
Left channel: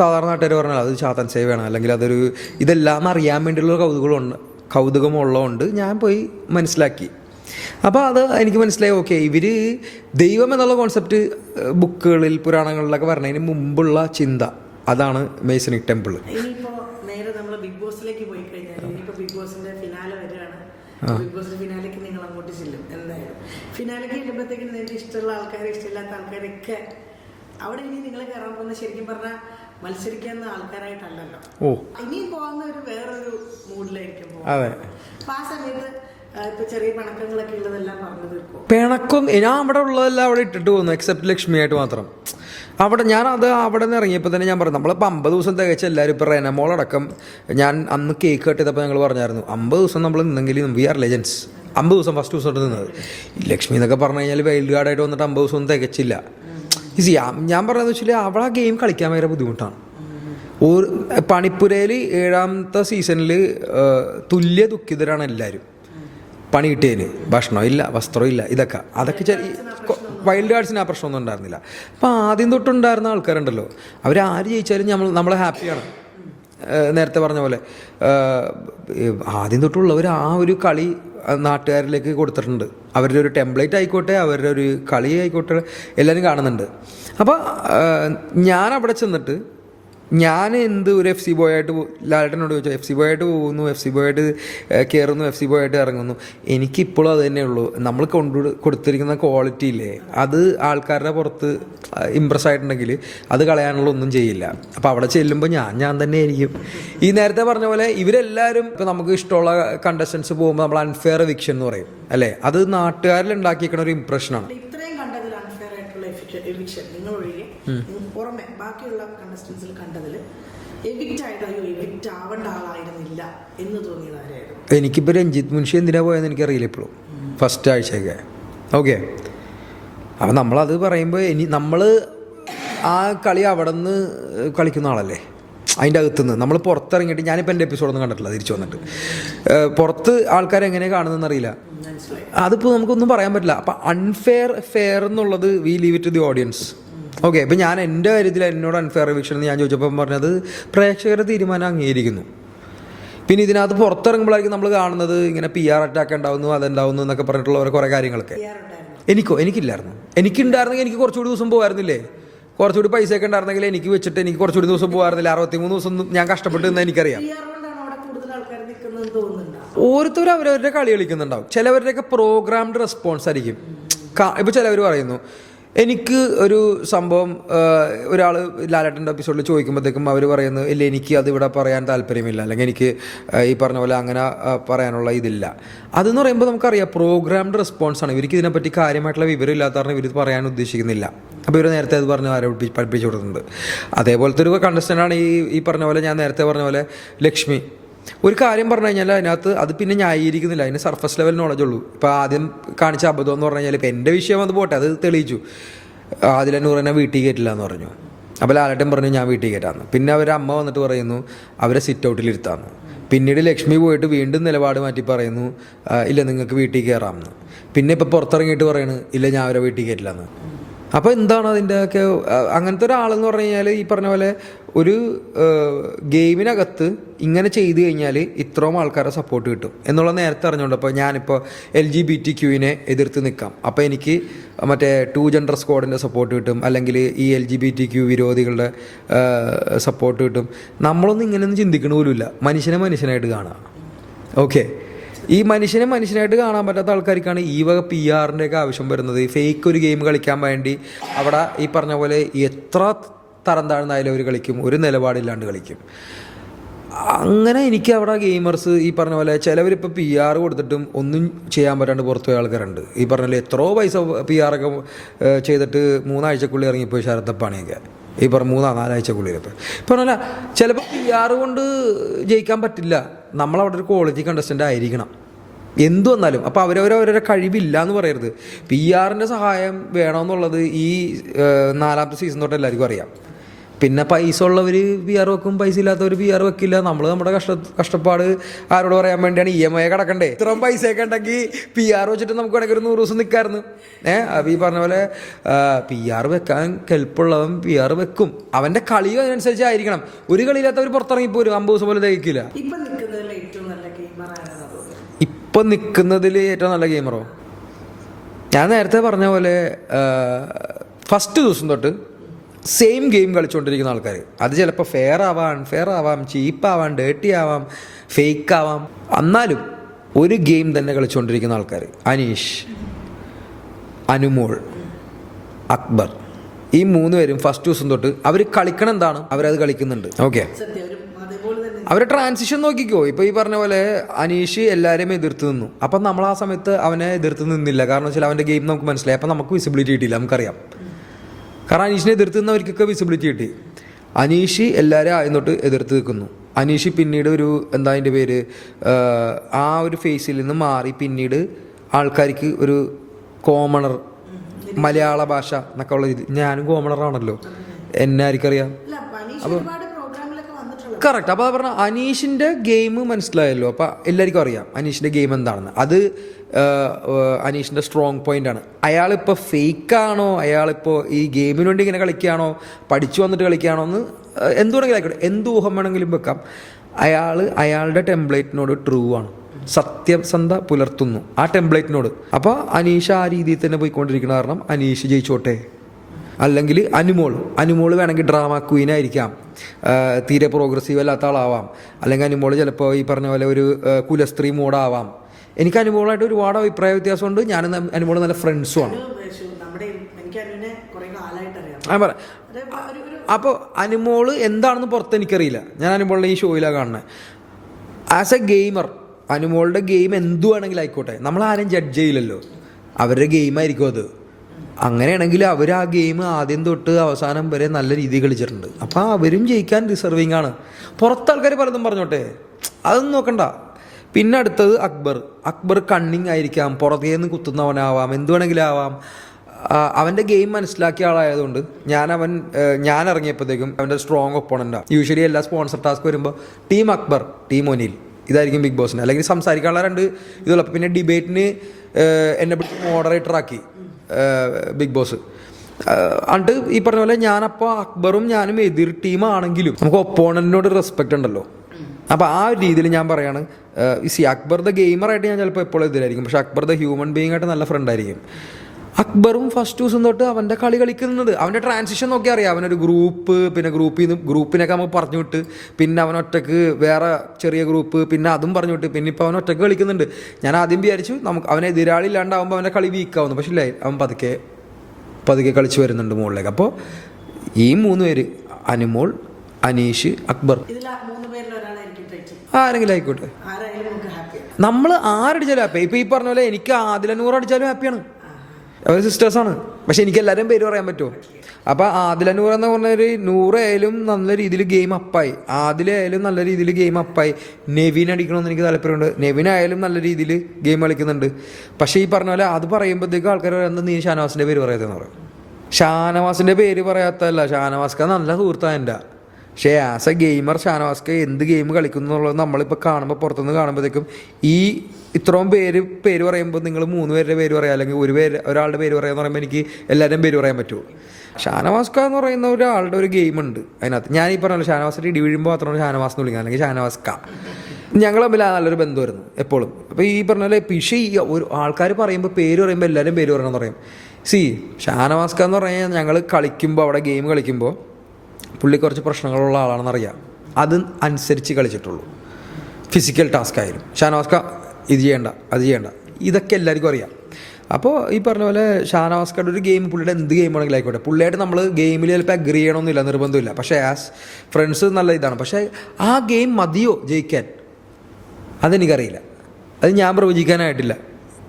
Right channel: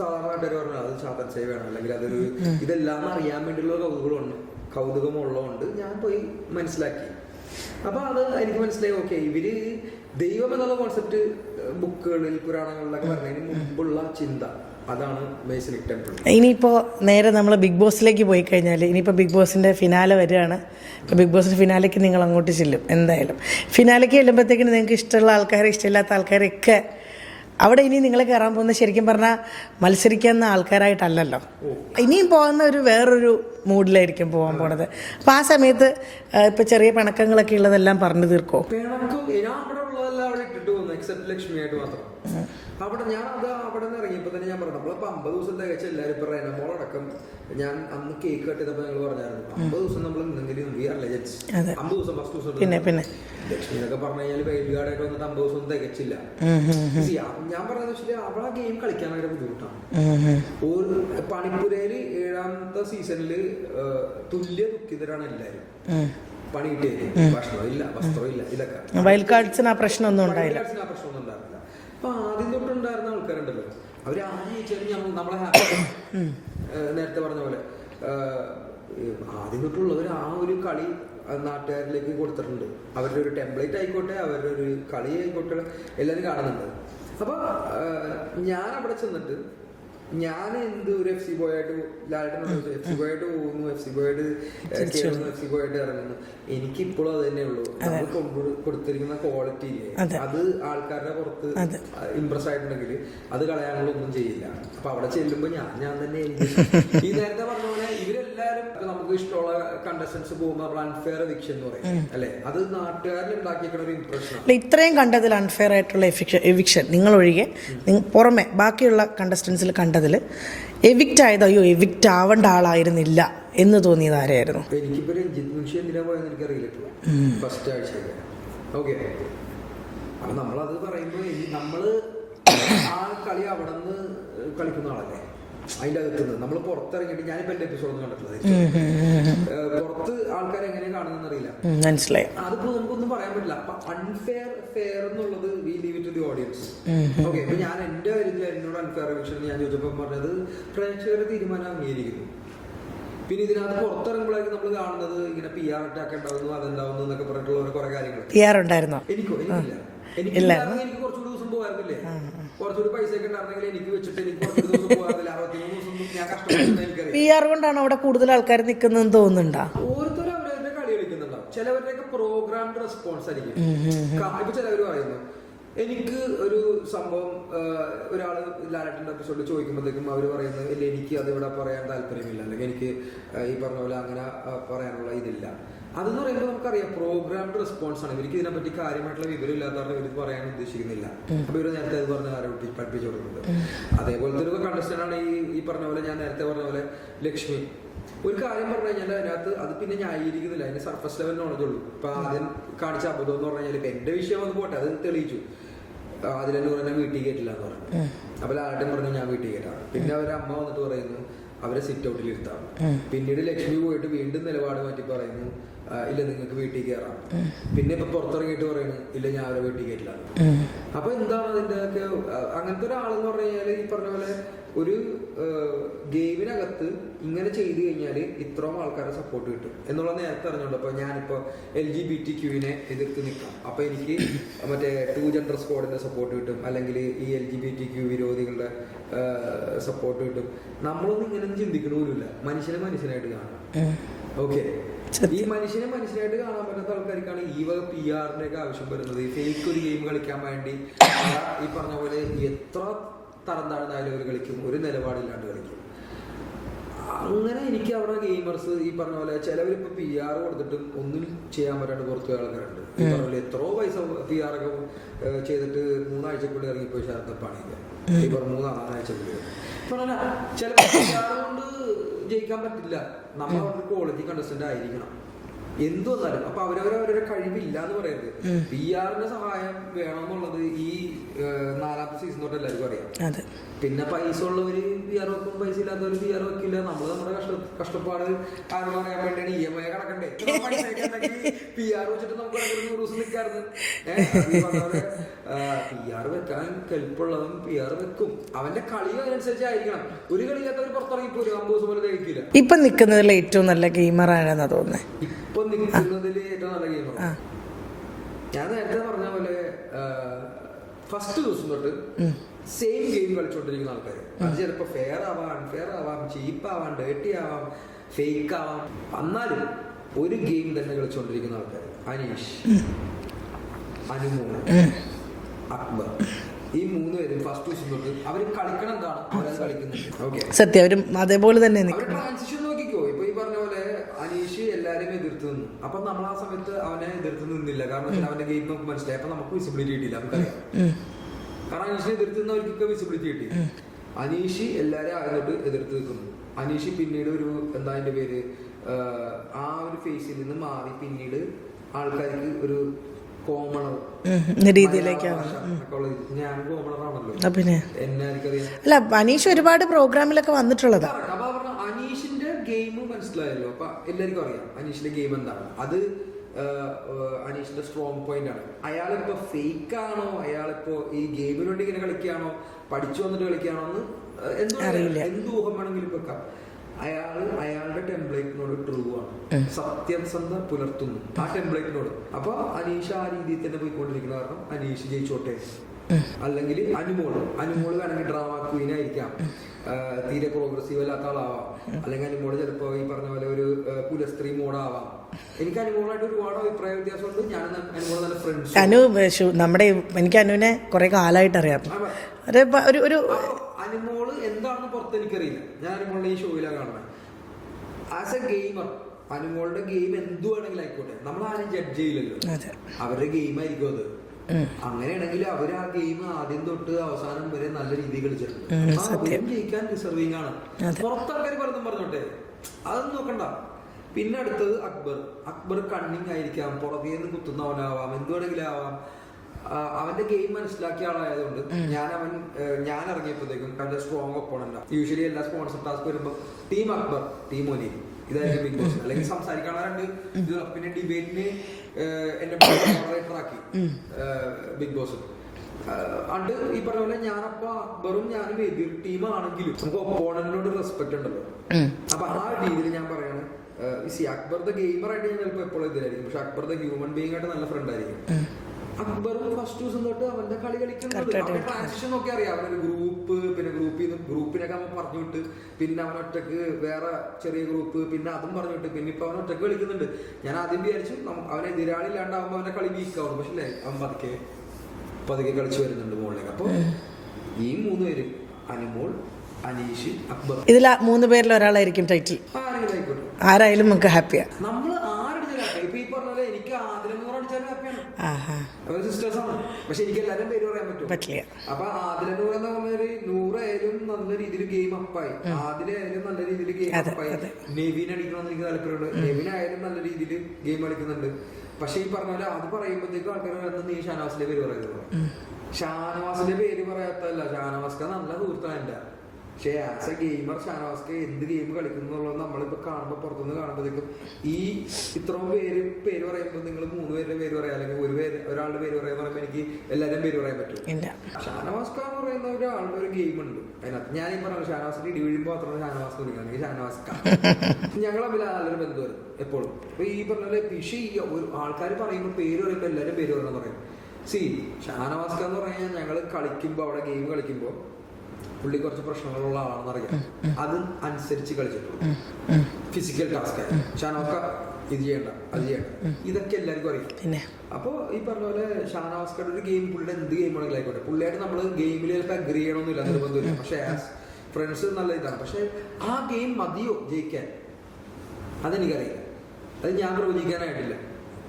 സാധാരണ നാട്ടുകാർ പറഞ്ഞാൽ അത് ചാത്തൻ സേവയാണ്, അല്ലെങ്കിൽ അതൊരു ഇതെല്ലാം അറിയാൻ വേണ്ടിയുള്ള കൗതുകമുള്ളതുകൊണ്ട് ഞാൻ പോയി മനസ്സിലാക്കി. അപ്പോൾ അത് എനിക്ക് മനസ്സിലായി, ഓക്കെ, ഇവര് ദൈവം എന്നുള്ള കോൺസെപ്റ്റ് ബുക്കുകളിൽ പുരാണങ്ങളിലൊക്കെ പറഞ്ഞതിന് മുമ്പുള്ള ചിന്ത, അതാണ് മേസണിക് ടെമ്പിൾ. ഇനിയിപ്പോൾ നേരെ നമ്മൾ ബിഗ് ബോസിലേക്ക് പോയി കഴിഞ്ഞാൽ, ഇനിയിപ്പോൾ ബിഗ് ബോസിൻ്റെ ഫിനാലെ വരികയാണ്. ബിഗ് ബോസിൻ്റെ ഫിനാലേക്ക് നിങ്ങൾ അങ്ങോട്ട് ചെല്ലും എന്തായാലും. ഫിനാലേക്ക് ചെല്ലുമ്പോഴത്തേക്കിന് നിങ്ങൾക്ക് ഇഷ്ടമുള്ള ആൾക്കാരെ ഇഷ്ടമില്ലാത്ത ആൾക്കാരൊക്കെ അവിടെ ഇനി നിങ്ങൾ കയറാൻ പോകുന്ന ശരിക്കും പറഞ്ഞാൽ മത്സരിക്കുന്ന ആൾക്കാരായിട്ടല്ലല്ലോ. ഇനിയും പോകുന്ന വേറൊരു മൂഡിലായിരിക്കും പോകാൻ പോണത്. അപ്പം ആ സമയത്ത് ഇപ്പൊ ചെറിയ പിണക്കങ്ങളൊക്കെ ഉള്ളതെല്ലാം പറഞ്ഞു തീർക്കോ? പിണക്കം ഞാൻ അവിടെ ഉള്ളതെല്ലാം അവിടെ ഇട്ടിട്ട് പോകുന്നു, എക്സെപ്റ്റ് ലക്ഷ്മിയായിട്ട് മാത്രം. അവിടെ അവിടെ നിന്ന് ഇറങ്ങിയപ്പോൾ തന്നെ ഞാൻ പറഞ്ഞു, നമ്മളിപ്പോൾ 50 ദിവസം തികച്ച എല്ലാവരും ഇപ്പോൾ റെനമോളടക്കം, ഞാൻ അന്ന് കേക്ക് കട്ട് ചെയ്തപ്പോൾ ഞങ്ങൾ പറഞ്ഞായിരുന്നു 50 ദിവസം നമ്മൾ നിന്നെങ്കിലും വി ആർ ലെജൻസ്. 50 ദിവസം ഫസ്റ്റ് ദിവസം നിന്നത്. ലക്ഷ്മി എന്നൊക്കെ പറഞ്ഞു കഴിഞ്ഞാൽ വൈൽഡ് കാർഡായിട്ട് വന്നിട്ട് 50 ദിവസം ഒന്നും തികച്ചില്ല. ഞാൻ പറഞ്ഞതെന്ന് വെച്ചാൽ അവിടെ ആ ഗെയിം കളിക്കാൻ ഭയങ്കര ബുദ്ധിമുട്ടാണ്. പണിപ്പുരയിൽ 7ാമത്തെ സീസണിൽ തുല്യ ദുഃഖിതരാണ് എല്ലാവരും. പണി കിട്ടിയതിന് ഭക്ഷണം ഇല്ല, വസ്ത്രം ഇല്ല, ഇതൊക്കെ വൈൽഡ് ഗാർഡ്സിന് ആ പ്രശ്നമൊന്നും ഉണ്ടായിരുന്നില്ല. അപ്പം ആദ്യം തൊട്ടുണ്ടായിരുന്ന ആൾക്കാരുണ്ടല്ലോ, അവരാര് ജയിച്ചാലും നമ്മളെ ഹാപ്പിയാണ്. നേരത്തെ പറഞ്ഞ പോലെ ആദ്യം തൊട്ടുള്ളവർ ആ ഒരു കളി നാട്ടുകാരിലേക്ക് കൊടുത്തിട്ടുണ്ട്. അവരുടെ ഒരു ടെംപ്ലേറ്റ് ആയിക്കോട്ടെ, അവരുടെ ഒരു കളി ആയിക്കോട്ടെ, എല്ലാവരും കാണുന്നുണ്ട്. അപ്പോൾ ഞാൻ അവിടെ ചെന്നിട്ട് ഞാൻ ഒരു FC ബോയ് ആയിട്ട് ലാലേട്ടനോട് ചോദിച്ചു, FC ബോയ് ആയിട്ട് പോകുന്നു, FC ബോയ് ആയിട്ട് കയറുന്നു, FC ബോയ് ആയിട്ട് ഇറങ്ങുന്നു. എനിക്കിപ്പോഴും അത് തന്നെ ഉള്ളൂ. നമ്മൾ കൊടുത്തിരിക്കുന്ന ക്വാളിറ്റി ഇല്ലേ, അത് ആൾക്കാരുടെ പുറത്ത് ഇമ്പ്രസ് ആയിട്ടുണ്ടെങ്കിൽ അത് കളയാനുള്ള ഒന്നും ചെയ്യില്ല. അപ്പം അവിടെ ചെല്ലുമ്പോൾ ഞാൻ തന്നെ ആയിരിക്കും. ഈ നേരത്തെ പറഞ്ഞ പോലെ ഇവരെല്ലാവരും ഇപ്പം നമുക്ക് ഇഷ്ടമുള്ള കണ്ടസ്റ്റൻസ് പോകുമ്പോൾ നമ്മൾ അൺഫെയർ എവിക്ഷൻ എന്ന് പറയും അല്ലേ, അത് നാട്ടുകാരിൽ ഉണ്ടാക്കിയിരിക്കുന്ന ഒരു ഇംപ്രഷനാണ്. ഇത്രയും കണ്ടതിൽ അൺഫെയർ ആയിട്ടുള്ള എവിക്ഷൻ നിങ്ങളൊഴികെ പുറമെ ബാക്കിയുള്ള കണ്ടസ്റ്റൻസിൽ കണ്ടതിൽ എവിക്റ്റ് ആയത് അയ്യോ എവിക്റ്റ് ആവേണ്ട ആളായിരുന്നില്ല എന്ന് തോന്നിയത് ആരായിരുന്നു? എനിക്കിപ്പോൾ രഞ്ജിത്ത് മുൻഷി എന്തിനാ പോയെന്ന് എനിക്കറിയില്ല ഇപ്പോഴും. ഫസ്റ്റ് ആഴ്ചയൊക്കെ ഓക്കെ. അപ്പം നമ്മളത് പറയുമ്പോൾ നമ്മൾ ആ കളി അവിടെ നിന്ന് കളിക്കുന്ന ആളല്ലേ, അതിൻ്റെ അകത്തുനിന്ന് നമ്മൾ പുറത്തിറങ്ങിയിട്ട്, ഞാനിപ്പോൾ എൻ്റെ എപ്പിസോഡൊന്നും കണ്ടിട്ടില്ല, തിരിച്ചു വന്നിട്ട് പുറത്ത് ആൾക്കാർ എങ്ങനെ കാണുന്നതെന്ന് അറിയില്ല, മനസ്സിലായി. അതിപ്പോൾ നമുക്കൊന്നും പറയാൻ പറ്റില്ല. അപ്പം ഫെയർ എന്നുള്ളത് we leave it to the audience. Okay, ഇപ്പം ഞാൻ എൻ്റെ കാര്യത്തിൽ എന്നോട് അൺഫെയർ എവിക്ഷൻ എന്ന് ഞാൻ ചോദിച്ചപ്പോൾ പറഞ്ഞത് പ്രേക്ഷകരുടെ തീരുമാനം അംഗീകരിക്കുന്നു. പിന്നെ ഇതിനകത്ത് പുറത്തിറങ്ങുമ്പോഴായിരിക്കും നമ്മൾ കാണുന്നത് ഇങ്ങനെ PR അറ്റാക്ക് ഉണ്ടാവുന്നു, അതുണ്ടാവുന്നു എന്നൊക്കെ പറഞ്ഞിട്ടുള്ള കുറേ കാര്യങ്ങളൊക്കെ. എനിക്കില്ലായിരുന്നു. എനിക്കുണ്ടായിരുന്നെങ്കിൽ എനിക്ക് കുറച്ചുകൂടി ദിവസം പോകാറുന്നില്ലേ, കുറച്ചുകൂടി പൈസ ഒക്കെ ഉണ്ടായിരുന്നെങ്കിൽ എനിക്ക് വെച്ചിട്ട് എനിക്ക് കുറച്ചുകൂടി ദിവസം പോകാറില്ല. 63 ദിവസം ഞാൻ കഷ്ടപ്പെട്ടു എന്ന് എനിക്കറിയാം. കൊണ്ടാണ് അവിടെ കൂടുതൽ ആൾക്കാർ നിൽക്കുന്നതെന്ന് തോന്നുന്നുണ്ടോ? ഓരോരുത്തരും അവരവരുടെ കളി കളിക്കുന്നുണ്ടാവും. ചിലവരുടെയൊക്കെ പ്രോഗ്രാംഡ് റെസ്പോൺസ് ആയിരിക്കും. ഇപ്പൊ ചിലവർ പറയുന്നു, എനിക്ക് ഒരു സംഭവം ഒരാൾ ലാലേട്ടൻ്റെ എപ്പിസോഡിൽ ചോദിക്കുമ്പോഴത്തേക്കും അവർ പറയുന്നത് ഇല്ല, എനിക്ക് അത് ഇവിടെ പറയാൻ താല്പര്യമില്ല, അല്ലെങ്കിൽ എനിക്ക് ഈ പറഞ്ഞ പോലെ അങ്ങനെ പറയാനുള്ള ഇതില്ല. അതെന്ന് പറയുമ്പോൾ നമുക്കറിയാം പ്രോഗ്രാംഡ് റെസ്പോൺസ് ആണ്. ഇവർക്ക് ഇതിനെപ്പറ്റി കാര്യമായിട്ടുള്ള വിവരം ഇല്ലാത്ത കാരണം ഇവർ പറയാൻ ഉദ്ദേശിക്കുന്നില്ല. അപ്പോൾ ഇവർ നേരത്തെ അത് പറഞ്ഞ് ആരെ പഠിപ്പിച്ചു കൊടുക്കുന്നുണ്ട്. അതേപോലത്തെ ഒരു കണ്ടസ്റ്റൻ്റാണ് ഈ പറഞ്ഞ പോലെ, ഞാൻ നേരത്തെ പറഞ്ഞ പോലെ ലക്ഷ്മി. ഒരു കാര്യം പറഞ്ഞു കഴിഞ്ഞാൽ അതിനകത്ത് അത് പിന്നെ ന്യായീകരിക്കുന്നില്ല, അതിന് സർഫസ് ലെവൽ നോളജ് ഉള്ളൂ. ഇപ്പോൾ ആദ്യം കാണിച്ച അബദ്ധം എന്ന് പറഞ്ഞു കഴിഞ്ഞാൽ, ഇപ്പോൾ എൻ്റെ വിഷയം അത് പോട്ടെ, അത് തെളിയിച്ചു. അതിലെന്നൂർ തന്നെ വീട്ടിൽ കയറ്റില്ല എന്ന് പറഞ്ഞു. അപ്പോൾ ലാലേട്ടൻ പറഞ്ഞു ഞാൻ വീട്ടിൽ കയറ്റാന്ന്. പിന്നെ അവരെ അമ്മ വന്നിട്ട് പറയുന്നു അവരെ സിറ്റ് ഔട്ടിൽ ഇരുത്താന്ന്. പിന്നീട് ലക്ഷ്മി പോയിട്ട് വീണ്ടും നിലപാട് മാറ്റി പറയുന്നു ഇല്ല നിങ്ങൾക്ക് വീട്ടിൽ കയറാമെന്ന്. പിന്നെ ഇപ്പം പുറത്തിറങ്ങിയിട്ട് പറയുന്നു ഇല്ല ഞാൻ അവരെ വീട്ടിൽ കയറ്റില്ലാന്ന്. അപ്പോൾ എന്താണ് അതിൻ്റെ ഒക്കെ അങ്ങനത്തെ ഒരാളെന്ന് പറഞ്ഞു കഴിഞ്ഞാൽ ഈ പറഞ്ഞ പോലെ ഒരു ഗെയിമിനകത്ത് ഇങ്ങനെ ചെയ്തു കഴിഞ്ഞാൽ ഇത്രയും ആൾക്കാരെ സപ്പോർട്ട് കിട്ടും എന്നുള്ള നേരത്തെ അറിഞ്ഞുകൊണ്ട്. അപ്പോൾ ഞാനിപ്പോൾ LGBTQ-നെ എതിർത്ത് നിൽക്കാം, അപ്പോൾ എനിക്ക് മറ്റേ 2 ജെൻഡർ സ്ക്വാഡിൻ്റെ സപ്പോർട്ട് കിട്ടും, അല്ലെങ്കിൽ ഈ LGBTQ വിരോധികളുടെ സപ്പോർട്ട് കിട്ടും. നമ്മളൊന്നും ഇങ്ങനെയൊന്നും ചിന്തിക്കണ പോലുമില്ല. മനുഷ്യനായിട്ട് കാണാം. ഓക്കെ, ഈ മനുഷ്യനായിട്ട് കാണാൻ പറ്റാത്ത ആൾക്കാർക്കാണ് ഈ വക PR-ൻ്റെ ഒക്കെ ആവശ്യം വരുന്നത്. ഫേക്ക് ഒരു ഗെയിം കളിക്കാൻ വേണ്ടി അവിടെ ഈ പറഞ്ഞ പോലെ എത്ര തരം താഴ്ന്നായാലും അവർ കളിക്കും, ഒരു നിലപാടില്ലാണ്ട് കളിക്കും. അങ്ങനെ എനിക്ക് അവിടെ ഗെയിമേഴ്സ് ഈ പറഞ്ഞ പോലെ ചിലവരിപ്പോൾ PR കൊടുത്തിട്ടും ഒന്നും ചെയ്യാൻ പറ്റാണ്ട് പുറത്തു പോയ ആൾക്കാരുണ്ട്. ഈ പറഞ്ഞ പോലെ എത്രയോ പൈസ PR ഒക്കെ ചെയ്തിട്ട് 3 ആഴ്ചക്കുള്ളിൽ ഇറങ്ങിപ്പോയി ശരത്തപ്പാണിയൊക്കെ. ഈ പറഞ്ഞ 3-4 ആഴ്ചക്കുള്ളിൽ പറഞ്ഞല്ല ചിലപ്പോൾ PR കൊണ്ട് ജയിക്കാൻ പറ്റില്ല. നമ്മളവിടെ ഒരു ക്വാളിറ്റി കണ്ടസ്റ്റൻ്റ് ആയിരിക്കണം എന്തു വന്നാലും. അപ്പോൾ അവരവരവരുടെ കഴിവില്ല എന്ന് പറയരുത്. PR-ൻ്റെ സഹായം വേണമെന്നുള്ളത് ഈ 4ാമത്തെ സീസൺ തൊട്ട് എല്ലാവർക്കും അറിയാം. പിന്നെ പൈസ ഉള്ളവർ പി ആർ വെക്കും, പൈസ ഇല്ലാത്തവർ പി ആർ വെക്കില്ല. നമ്മൾ നമ്മുടെ കഷ്ടപ്പാട് ആരോട് പറയാൻ വേണ്ടിയാണ് EMI കിടക്കണ്ടേ? ഇത്രയും പൈസയൊക്കെ ഉണ്ടെങ്കിൽ പി ആർ വെച്ചിട്ട് നമുക്ക് വേണമെങ്കിൽ ഒരു 100 ദിവസം നിൽക്കായിരുന്നു. അത് ഈ പറഞ്ഞ പോലെ പി ആർ വെക്കാൻ കെൽപ്പുള്ളവൻ പി ആർ വെക്കും. അവന്റെ കളി അതിനനുസരിച്ചായിരിക്കണം. ഒരു കളിയില്ലാത്തവർ പുറത്തിറങ്ങിപ്പോ ഒരു 50 ദിവസം പോലെ തയ്ക്കില്ല. ഇപ്പൊ നിൽക്കുന്നതിൽ ഏറ്റവും നല്ല ഗെയിമർ ആണെന്നാ തോന്നുന്നത്. ഇപ്പൊ നിൽക്കുന്നതിൽ ഏറ്റവും നല്ല ഗെയിമറോ? ഞാൻ നേരത്തെ പറഞ്ഞ പോലെ ഫസ്റ്റ് ദിവസം തൊട്ട് സെയിം ഗെയിം കളിച്ചുകൊണ്ടിരിക്കുന്ന ആൾക്കാർ, അത് ചിലപ്പോൾ ഫെയർ ആവാം, അൺഫെയർ ആവാം, ചീപ്പ് ആവാം, ഡേർട്ടി ആവാം, ഫേക്ക് ആവാം, എന്നാലും ഒരു ഗെയിം തന്നെ കളിച്ചുകൊണ്ടിരിക്കുന്ന ആൾക്കാർ, അനീഷ്, അനുമോൾ, അക്ബർ, ഈ 3 പേരും ഫസ്റ്റ് ദിവസം തൊട്ട് അവർ കളിക്കണം എന്താണ് അവരത് കളിക്കുന്നുണ്ട്. ഓക്കെ, സത്യം. അവരും അതേപോലെ തന്നെ അവരുടെ ട്രാൻസിഷൻ നോക്കിക്കോ. ഇപ്പൊ ഈ പറഞ്ഞ പോലെ അനീഷ് എല്ലാവരെയും എതിർത്ത് നിന്നു. അപ്പം നമ്മൾ ആ സമയത്ത് അവനെ എതിർത്ത് നിന്നില്ല. കാരണം വെച്ചാൽ അവന്റെ ഗെയിം നമുക്ക് മനസ്സിലായി. അപ്പം നമുക്ക് വിസിബിലിറ്റി കിട്ടിയില്ല, നമുക്കറിയാം. കാരണം അനീഷിനെ എതിർത്ത് നിന്നവർക്കൊക്കെ വിസിബിലിറ്റി കിട്ടി. അനീഷ് എല്ലാവരും ആയതൊട്ട് എതിർത്ത് നിൽക്കുന്നു. അനീഷ് പിന്നീട് ഒരു എന്താ അതിൻ്റെ പേര്, ആ ഒരു ഫേസിൽ നിന്ന് മാറി പിന്നീട് ആൾക്കാർക്ക് ഒരു കോമണർ, മലയാള ഭാഷ എന്നൊക്കെ ഉള്ള രീതി. ഞാനും കോമണർ ആണല്ലോ, എന്നെ ആർക്കറിയാം. അല്ല, അനീഷ് ഒരുപാട് പ്രോഗ്രാമിലൊക്കെ വന്നിട്ടുള്ളത്. കറക്റ്റ്. അപ്പൊ പറഞ്ഞ അനീഷിന്റെ ഗെയിം മനസ്സിലായല്ലോ. അപ്പൊ എല്ലാവർക്കും അറിയാം അനീഷിന്റെ ഗെയിം എന്താണെന്ന്. അത് അനീഷിന്റെ സ്ട്രോങ് പോയിന്റ് ആണ്. അയാളിപ്പോ ഫേക്ക് ആണോ, അയാളിപ്പോ ഈ ഗെയിമിന് വേണ്ടി ഇങ്ങനെ കളിക്കുകയാണോ, പഠിച്ചു വന്നിട്ട് കളിക്കുകയാണോ എന്ന് എന്ത് വേണമെങ്കിലും ആയിക്കോട്ടെ, എന്ത് ഊഹം വേണമെങ്കിലും വെക്കാം. അയാളുടെ ടെംപ്ലേറ്റിനോട് ട്രൂ ആണ്, സത്യസന്ധ പുലർത്തുന്നു ആ ടെംപ്ലേറ്റിനോട്. അപ്പൊ അനീഷ് ആ രീതിയിൽ തന്നെ പോയിക്കൊണ്ടിരിക്കുന്ന കാരണം അനീഷ് ജയിച്ചോട്ടെ. അല്ലെങ്കിൽ അനുമോള് വേണമെങ്കിൽ ഡ്രാമ ക്വീൻ ആയിരിക്കാം, തീരെ പ്രോഗ്രസീവ് അല്ലാത്ത ആളാവാം. അല്ലെങ്കിൽ അനുമോള് ചിലപ്പോൾ ഈ പറഞ്ഞ പോലെ ഒരു കുലസ്ത്രീ മോഡാവാം. എനിക്ക് അനുമോളായിട്ട് ഒരുപാട് അഭിപ്രായ വ്യത്യാസമുണ്ട്. ഞാൻ അനുമോള് നല്ല ഫ്രണ്ട്സും. എനിക്ക് അനുവിനെ കുറെ കാലമായിട്ട് അറിയാം. അപ്പോൾ അനുമോള് എന്താണെന്ന് പുറത്ത് എനിക്കറിയില്ല. ഞാൻ അനുമോളിനെ ഈ ഷോയിലാണ് കാണുന്നത്. ആസ് എ ഗെയിമർ അനുമോളുടെ ഗെയിം എന്തു വേണമെങ്കിലും ആയിക്കോട്ടെ, നമ്മൾ ആരും ജഡ്ജ് ചെയ്യില്ലല്ലോ. അവരുടെ ഗെയിം ആയിരിക്കും അത്. അങ്ങനെയാണെങ്കിൽ അവർ ആ ഗെയിം ആദ്യം തൊട്ട് അവസാനം വരെ നല്ല രീതിയിൽ കളിച്ചിട്ടുണ്ട്. അപ്പൊ അവരും ജയിക്കാൻ ഡിസർവിങ് ആണ്. പുറത്ത് ആൾക്കാർ പലതും പറഞ്ഞോട്ടെ, അതൊന്നും നോക്കണ്ട. പിന്നെ അടുത്തത് അക്ബർ കണ്ണിങ് ആയിരിക്കാം, പുറത്തേന്ന് കുത്തുന്നവനാവാം, എന്ത് വേണമെങ്കിലും ആവാം. അവന്റെ ഗെയിം മനസ്സിലാക്കിയ ആളായതുകൊണ്ട് ഞാൻ ഇറങ്ങിയപ്പോഴത്തേക്കും അവന്റെ സ്ട്രോങ് ഒപ്പോണന്റാ. യൂഷ്വലി എല്ലാ സ്പോൺസർ ടാസ്ക് വരുമ്പോൾ ടീം അക്ബർ, ടീം ഒനിൽ ഇതായിരിക്കും ബിഗ് ബോസിന്. അല്ലെങ്കിൽ സംസാരിക്കാനുള്ള 2 ഇതുള്ള. പിന്നെ ഡിബേറ്റിന് എന്നെ മോഡറേറ്റർ ആക്കി ബിഗ് ബോസ്. എന്നിട്ട് ഈ പറഞ്ഞ പോലെ ഞാനപ്പോൾ അക്ബറും ഞാനും എതിർ ടീമാണെങ്കിലും നമുക്ക് ഒപ്പോണന്റിനോട് റെസ്പെക്ട് ഉണ്ടല്ലോ. അപ്പൊ ആ രീതിയിൽ ഞാൻ പറയാണ്, അക്ബർ ദ ഗെയിമറായിട്ട് ഞാൻ ചിലപ്പോൾ എപ്പോഴും എതിരായിരിക്കും, പക്ഷെ അക്ബർ ദ ഹ്യൂമൻ ബീങ് ആയിട്ട് നല്ല ഫ്രണ്ട് ആയിരിക്കും. അക്ബറും ഫസ്റ്റ് ദിവസം തൊട്ട് അവന്റെ കളി കളിക്കുന്നത്, അവന്റെ ട്രാൻസിഷൻ നോക്കി അറിയാം. അവനൊരു ഗ്രൂപ്പ്, പിന്നെ ഗ്രൂപ്പിനൊക്കെ നമുക്ക് പറഞ്ഞു വിട്ട്, പിന്നെ അവൻ ഒറ്റക്ക് വേറെ ചെറിയ ഗ്രൂപ്പ്, പിന്നെ അതും പറഞ്ഞു വിട്ട്, പിന്നെ ഇപ്പൊ അവൻ ഒറ്റക്ക് കളിക്കുന്നുണ്ട്. ഞാൻ ആദ്യം വിചാരിച്ചു നമുക്ക് അവനെ എതിരാളി ഇല്ലാണ്ടാവുമ്പോൾ അവന്റെ കളി വീക്കാവുന്നു. പക്ഷെ ഇല്ലേ, അവൻ പതുക്കെ കളിച്ചു വരുന്നുണ്ട് മുകളിലേക്ക്. അപ്പോൾ ഈ 3 പേര്, അനുമോൾ, അനീഷ്, അക്ബർ, ഇതിൽ 3 പേരിൽ ഒരാളായിരിക്കും ടൈറ്റിൽ. ആരെങ്കിലും ആയിക്കോട്ടെ, ആരായാലും നമുക്ക് ഹാപ്പിയാണ്. നമ്മൾ ആരടിച്ചാലും ഹാപ്പി. ഇപ്പൊ ഈ പറഞ്ഞ പോലെ എനിക്ക് ആദില അടിച്ചാലും ഹാപ്പിയാണ്. അവർ സിസ്റ്റേഴ്സാണ്. പക്ഷെ എനിക്ക് എല്ലാവരും പേര് പറയാൻ പറ്റുമോ? അപ്പൊ ആദില നൂർ എന്ന് പറഞ്ഞൊരു 100 ആയാലും നല്ല രീതിയിൽ ഗെയിം അപ്പായി, ആദിലായാലും നല്ല രീതിയിൽ ഗെയിം അപ്പായി. നെവിൻ അടിക്കണമെന്ന് എനിക്ക് താല്പര്യമുണ്ട്. നെവിൻ ആയാലും നല്ല രീതിയിൽ ഗെയിം കളിക്കുന്നുണ്ട്. പക്ഷെ ഈ പറഞ്ഞ പോലെ അത് പറയുമ്പോഴത്തേക്കും ആൾക്കാർ പറയുന്നത് നീ ഷാനവാസിന്റെ പേര് പറയാത്തെന്ന് പറയും. ഷാനവാസിന്റെ പേര് പറയാത്തല്ല, ഷാനവാസ്ക നല്ല സുഹൃത്താണ് എൻ്റെ. പക്ഷേ ആസ് എ ഗെയിമർ ഷാനവാസ്ക എന്ത് ഗെയിം കളിക്കുന്നു എന്നുള്ളത് നമ്മളിപ്പോൾ കാണുമ്പോൾ, പുറത്തുനിന്ന് കാണുമ്പോഴത്തേക്കും ഈ ഇത്രയും പേര് പറയുമ്പോൾ നിങ്ങൾ 3 പേരുടെ പേര് പറയാം, അല്ലെങ്കിൽ ഒരാളുടെ പേര് പറയാന്ന് പറയുമ്പോൾ എനിക്ക് എല്ലാവരുടെയും പേര് പറയാൻ പറ്റുമോ? ഷാനവാസ്ക എന്ന് പറയുന്ന ഒരാളുടെ ഒരു ഗെയിം ഉണ്ട് അതിനകത്ത്. ഞാൻ ഈ പറഞ്ഞല്ലോ, ഷാനവാസിന്റെ ഇടി വീഴുമ്പോൾ മാത്രമാണ് ഷാനവാസ് എന്ന് വിളിക്കുന്നത്, അല്ലെങ്കിൽ ഷാനവാസ്ക. ഞങ്ങൾ തമ്മിൽ നല്ലൊരു ബന്ധമായിരുന്നു എപ്പോഴും. അപ്പോൾ ഈ പറഞ്ഞ പോലെ പക്ഷേ ഈ ഒരു ആൾക്കാർ പറയുമ്പോൾ പേര് പറയുമ്പോൾ എല്ലാവരും പേര് പറയണമെന്ന് പറയും. ഷാനവാസ്ക എന്ന് പറഞ്ഞാൽ ഞങ്ങൾ കളിക്കുമ്പോൾ, അവിടെ ഗെയിം കളിക്കുമ്പോൾ പുള്ളി കുറച്ച് പ്രശ്നങ്ങളുള്ള ആളാണെന്നറിയാം. അത് അനുസരിച്ച് കളിച്ചിട്ടുള്ളൂ. ഫിസിക്കൽ ടാസ്ക് ആയിരുന്നു. ഷാനവാസ്ക ഇത് ചെയ്യണ്ട, അത് ചെയ്യണ്ട, ഇതൊക്കെ എല്ലാവർക്കും അറിയാം. അപ്പോൾ ഈ പറഞ്ഞ പോലെ ഷാനവാസ്കയുടെ ഒരു ഗെയിം, പുള്ളിയുടെ എന്ത് ഗെയിം ആണെങ്കിലും ആയിക്കോട്ടെ, പുള്ളിയായിട്ട് നമ്മൾ ഗെയിമിൽ ചിലപ്പോൾ അഗ്രി ചെയ്യണമെന്നില്ല, നിർബന്ധമില്ല. പക്ഷേ ആസ് ഫ്രണ്ട്സ് നല്ല ഇതാണ്. പക്ഷേ ആ ഗെയിം മതിയോ ജയിക്കാൻ, അതെനിക്കറിയില്ല. അത് ഞാൻ പ്രവചിക്കാനായിട്ടില്ല.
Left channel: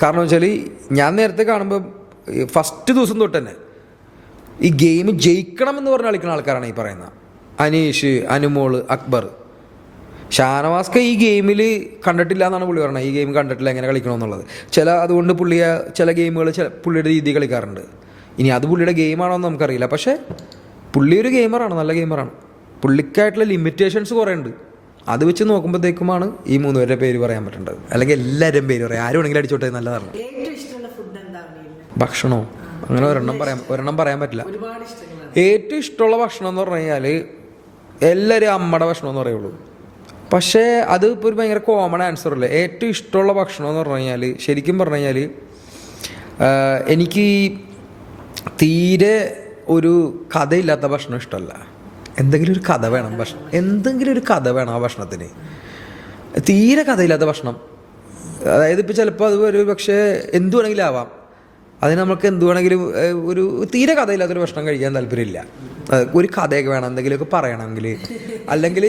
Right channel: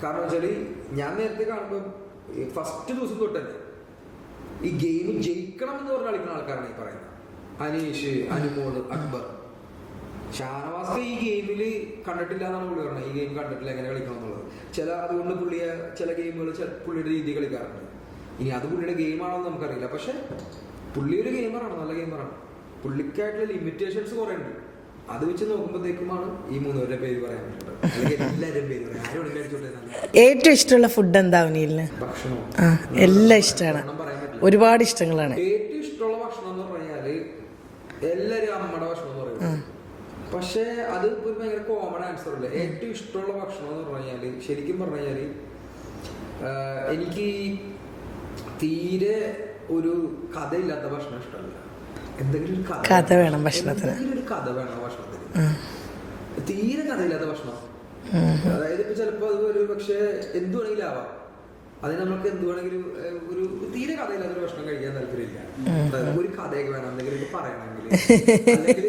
കാരണം വെച്ചാൽ ഞാൻ നേരത്തെ കാണുമ്പോൾ ഫസ്റ്റ് ദിവസം തൊട്ട് തന്നെ ഈ ഗെയിം ജയിക്കണം എന്ന് പറഞ്ഞ് കളിക്കുന്ന ആൾക്കാരാണ് ഈ പറയുന്നത്. അനീഷ്, അനുമോള്, അക്ബർ. ഷാനവാസ്ക ഈ ഗെയിമിൽ കണ്ടിട്ടില്ല എന്നാണ് പുള്ളി പറഞ്ഞത്. ഈ ഗെയിം കണ്ടിട്ടില്ല എങ്ങനെ കളിക്കണമെന്നുള്ളത്. അതുകൊണ്ട് ചില ഗെയിമുകൾ പുള്ളിയുടെ രീതി കളിക്കാറുണ്ട്. ഇനി അത് പുള്ളിയുടെ ഗെയിമാണോ എന്ന് നമുക്കറിയില്ല. പക്ഷേ പുള്ളി ഒരു ഗെയിമറാണ്, നല്ല ഗെയിമറാണ്. പുള്ളിക്കായിട്ടുള്ള ലിമിറ്റേഷൻസ് കുറേ ഉണ്ട്. അത് വെച്ച് നോക്കുമ്പോഴത്തേക്കുമാണ് ഈ 3 പേരുടെ പേര് പറയാൻ പറ്റുന്നത്. അല്ലെങ്കിൽ എല്ലാവരുടെയും പേര് പറയാം, ആരും വേണമെങ്കിലും അടിച്ചോട്ടെ, നല്ലതാണ്. ഏറ്റവും ഇഷ്ടമുള്ള ഫുഡ് എന്താ അവനില്ല? ഭക്ഷണമോ? ഒരെണ്ണം പറയാൻ പറ്റില്ല, ഒരുപാട് ഇഷ്ടങ്ങളാണ്. ഏറ്റവും ഇഷ്ടമുള്ള ഭക്ഷണം എന്ന് പറഞ്ഞു കഴിഞ്ഞാൽ എല്ലാവരും അമ്മയുടെ ഭക്ഷണം എന്ന് പറയുള്ളൂ. പക്ഷേ അത് ഇപ്പോൾ ഒരു ഭയങ്കര കോമൺ ആൻസർ അല്ലേ. ഏറ്റവും ഇഷ്ടമുള്ള ഭക്ഷണം എന്ന് പറഞ്ഞു കഴിഞ്ഞാൽ, ശരിക്കും പറഞ്ഞു കഴിഞ്ഞാൽ എനിക്ക് തീരെ ഒരു കഥയില്ലാത്ത ഭക്ഷണം ഇഷ്ടമല്ല. എന്തെങ്കിലും ഒരു കഥ വേണം, എന്തെങ്കിലും ഒരു കഥ വേണം ആ ഭക്ഷണത്തിന്. തീരെ കഥയില്ലാത്ത ഭക്ഷണം, അതായത് ഇപ്പം ചിലപ്പോൾ അത് ഒരു പക്ഷേ എന്തു വേണമെങ്കിലും ആവാം, അതിന് നമുക്ക് എന്ത് വേണമെങ്കിലും ഒരു തീരെ കഥയില്ലാത്തൊരു ഭക്ഷണം കഴിക്കാൻ താല്പര്യമില്ല. ഒരു കഥയൊക്കെ വേണം, എന്തെങ്കിലുമൊക്കെ പറയണമെങ്കിൽ, അല്ലെങ്കിൽ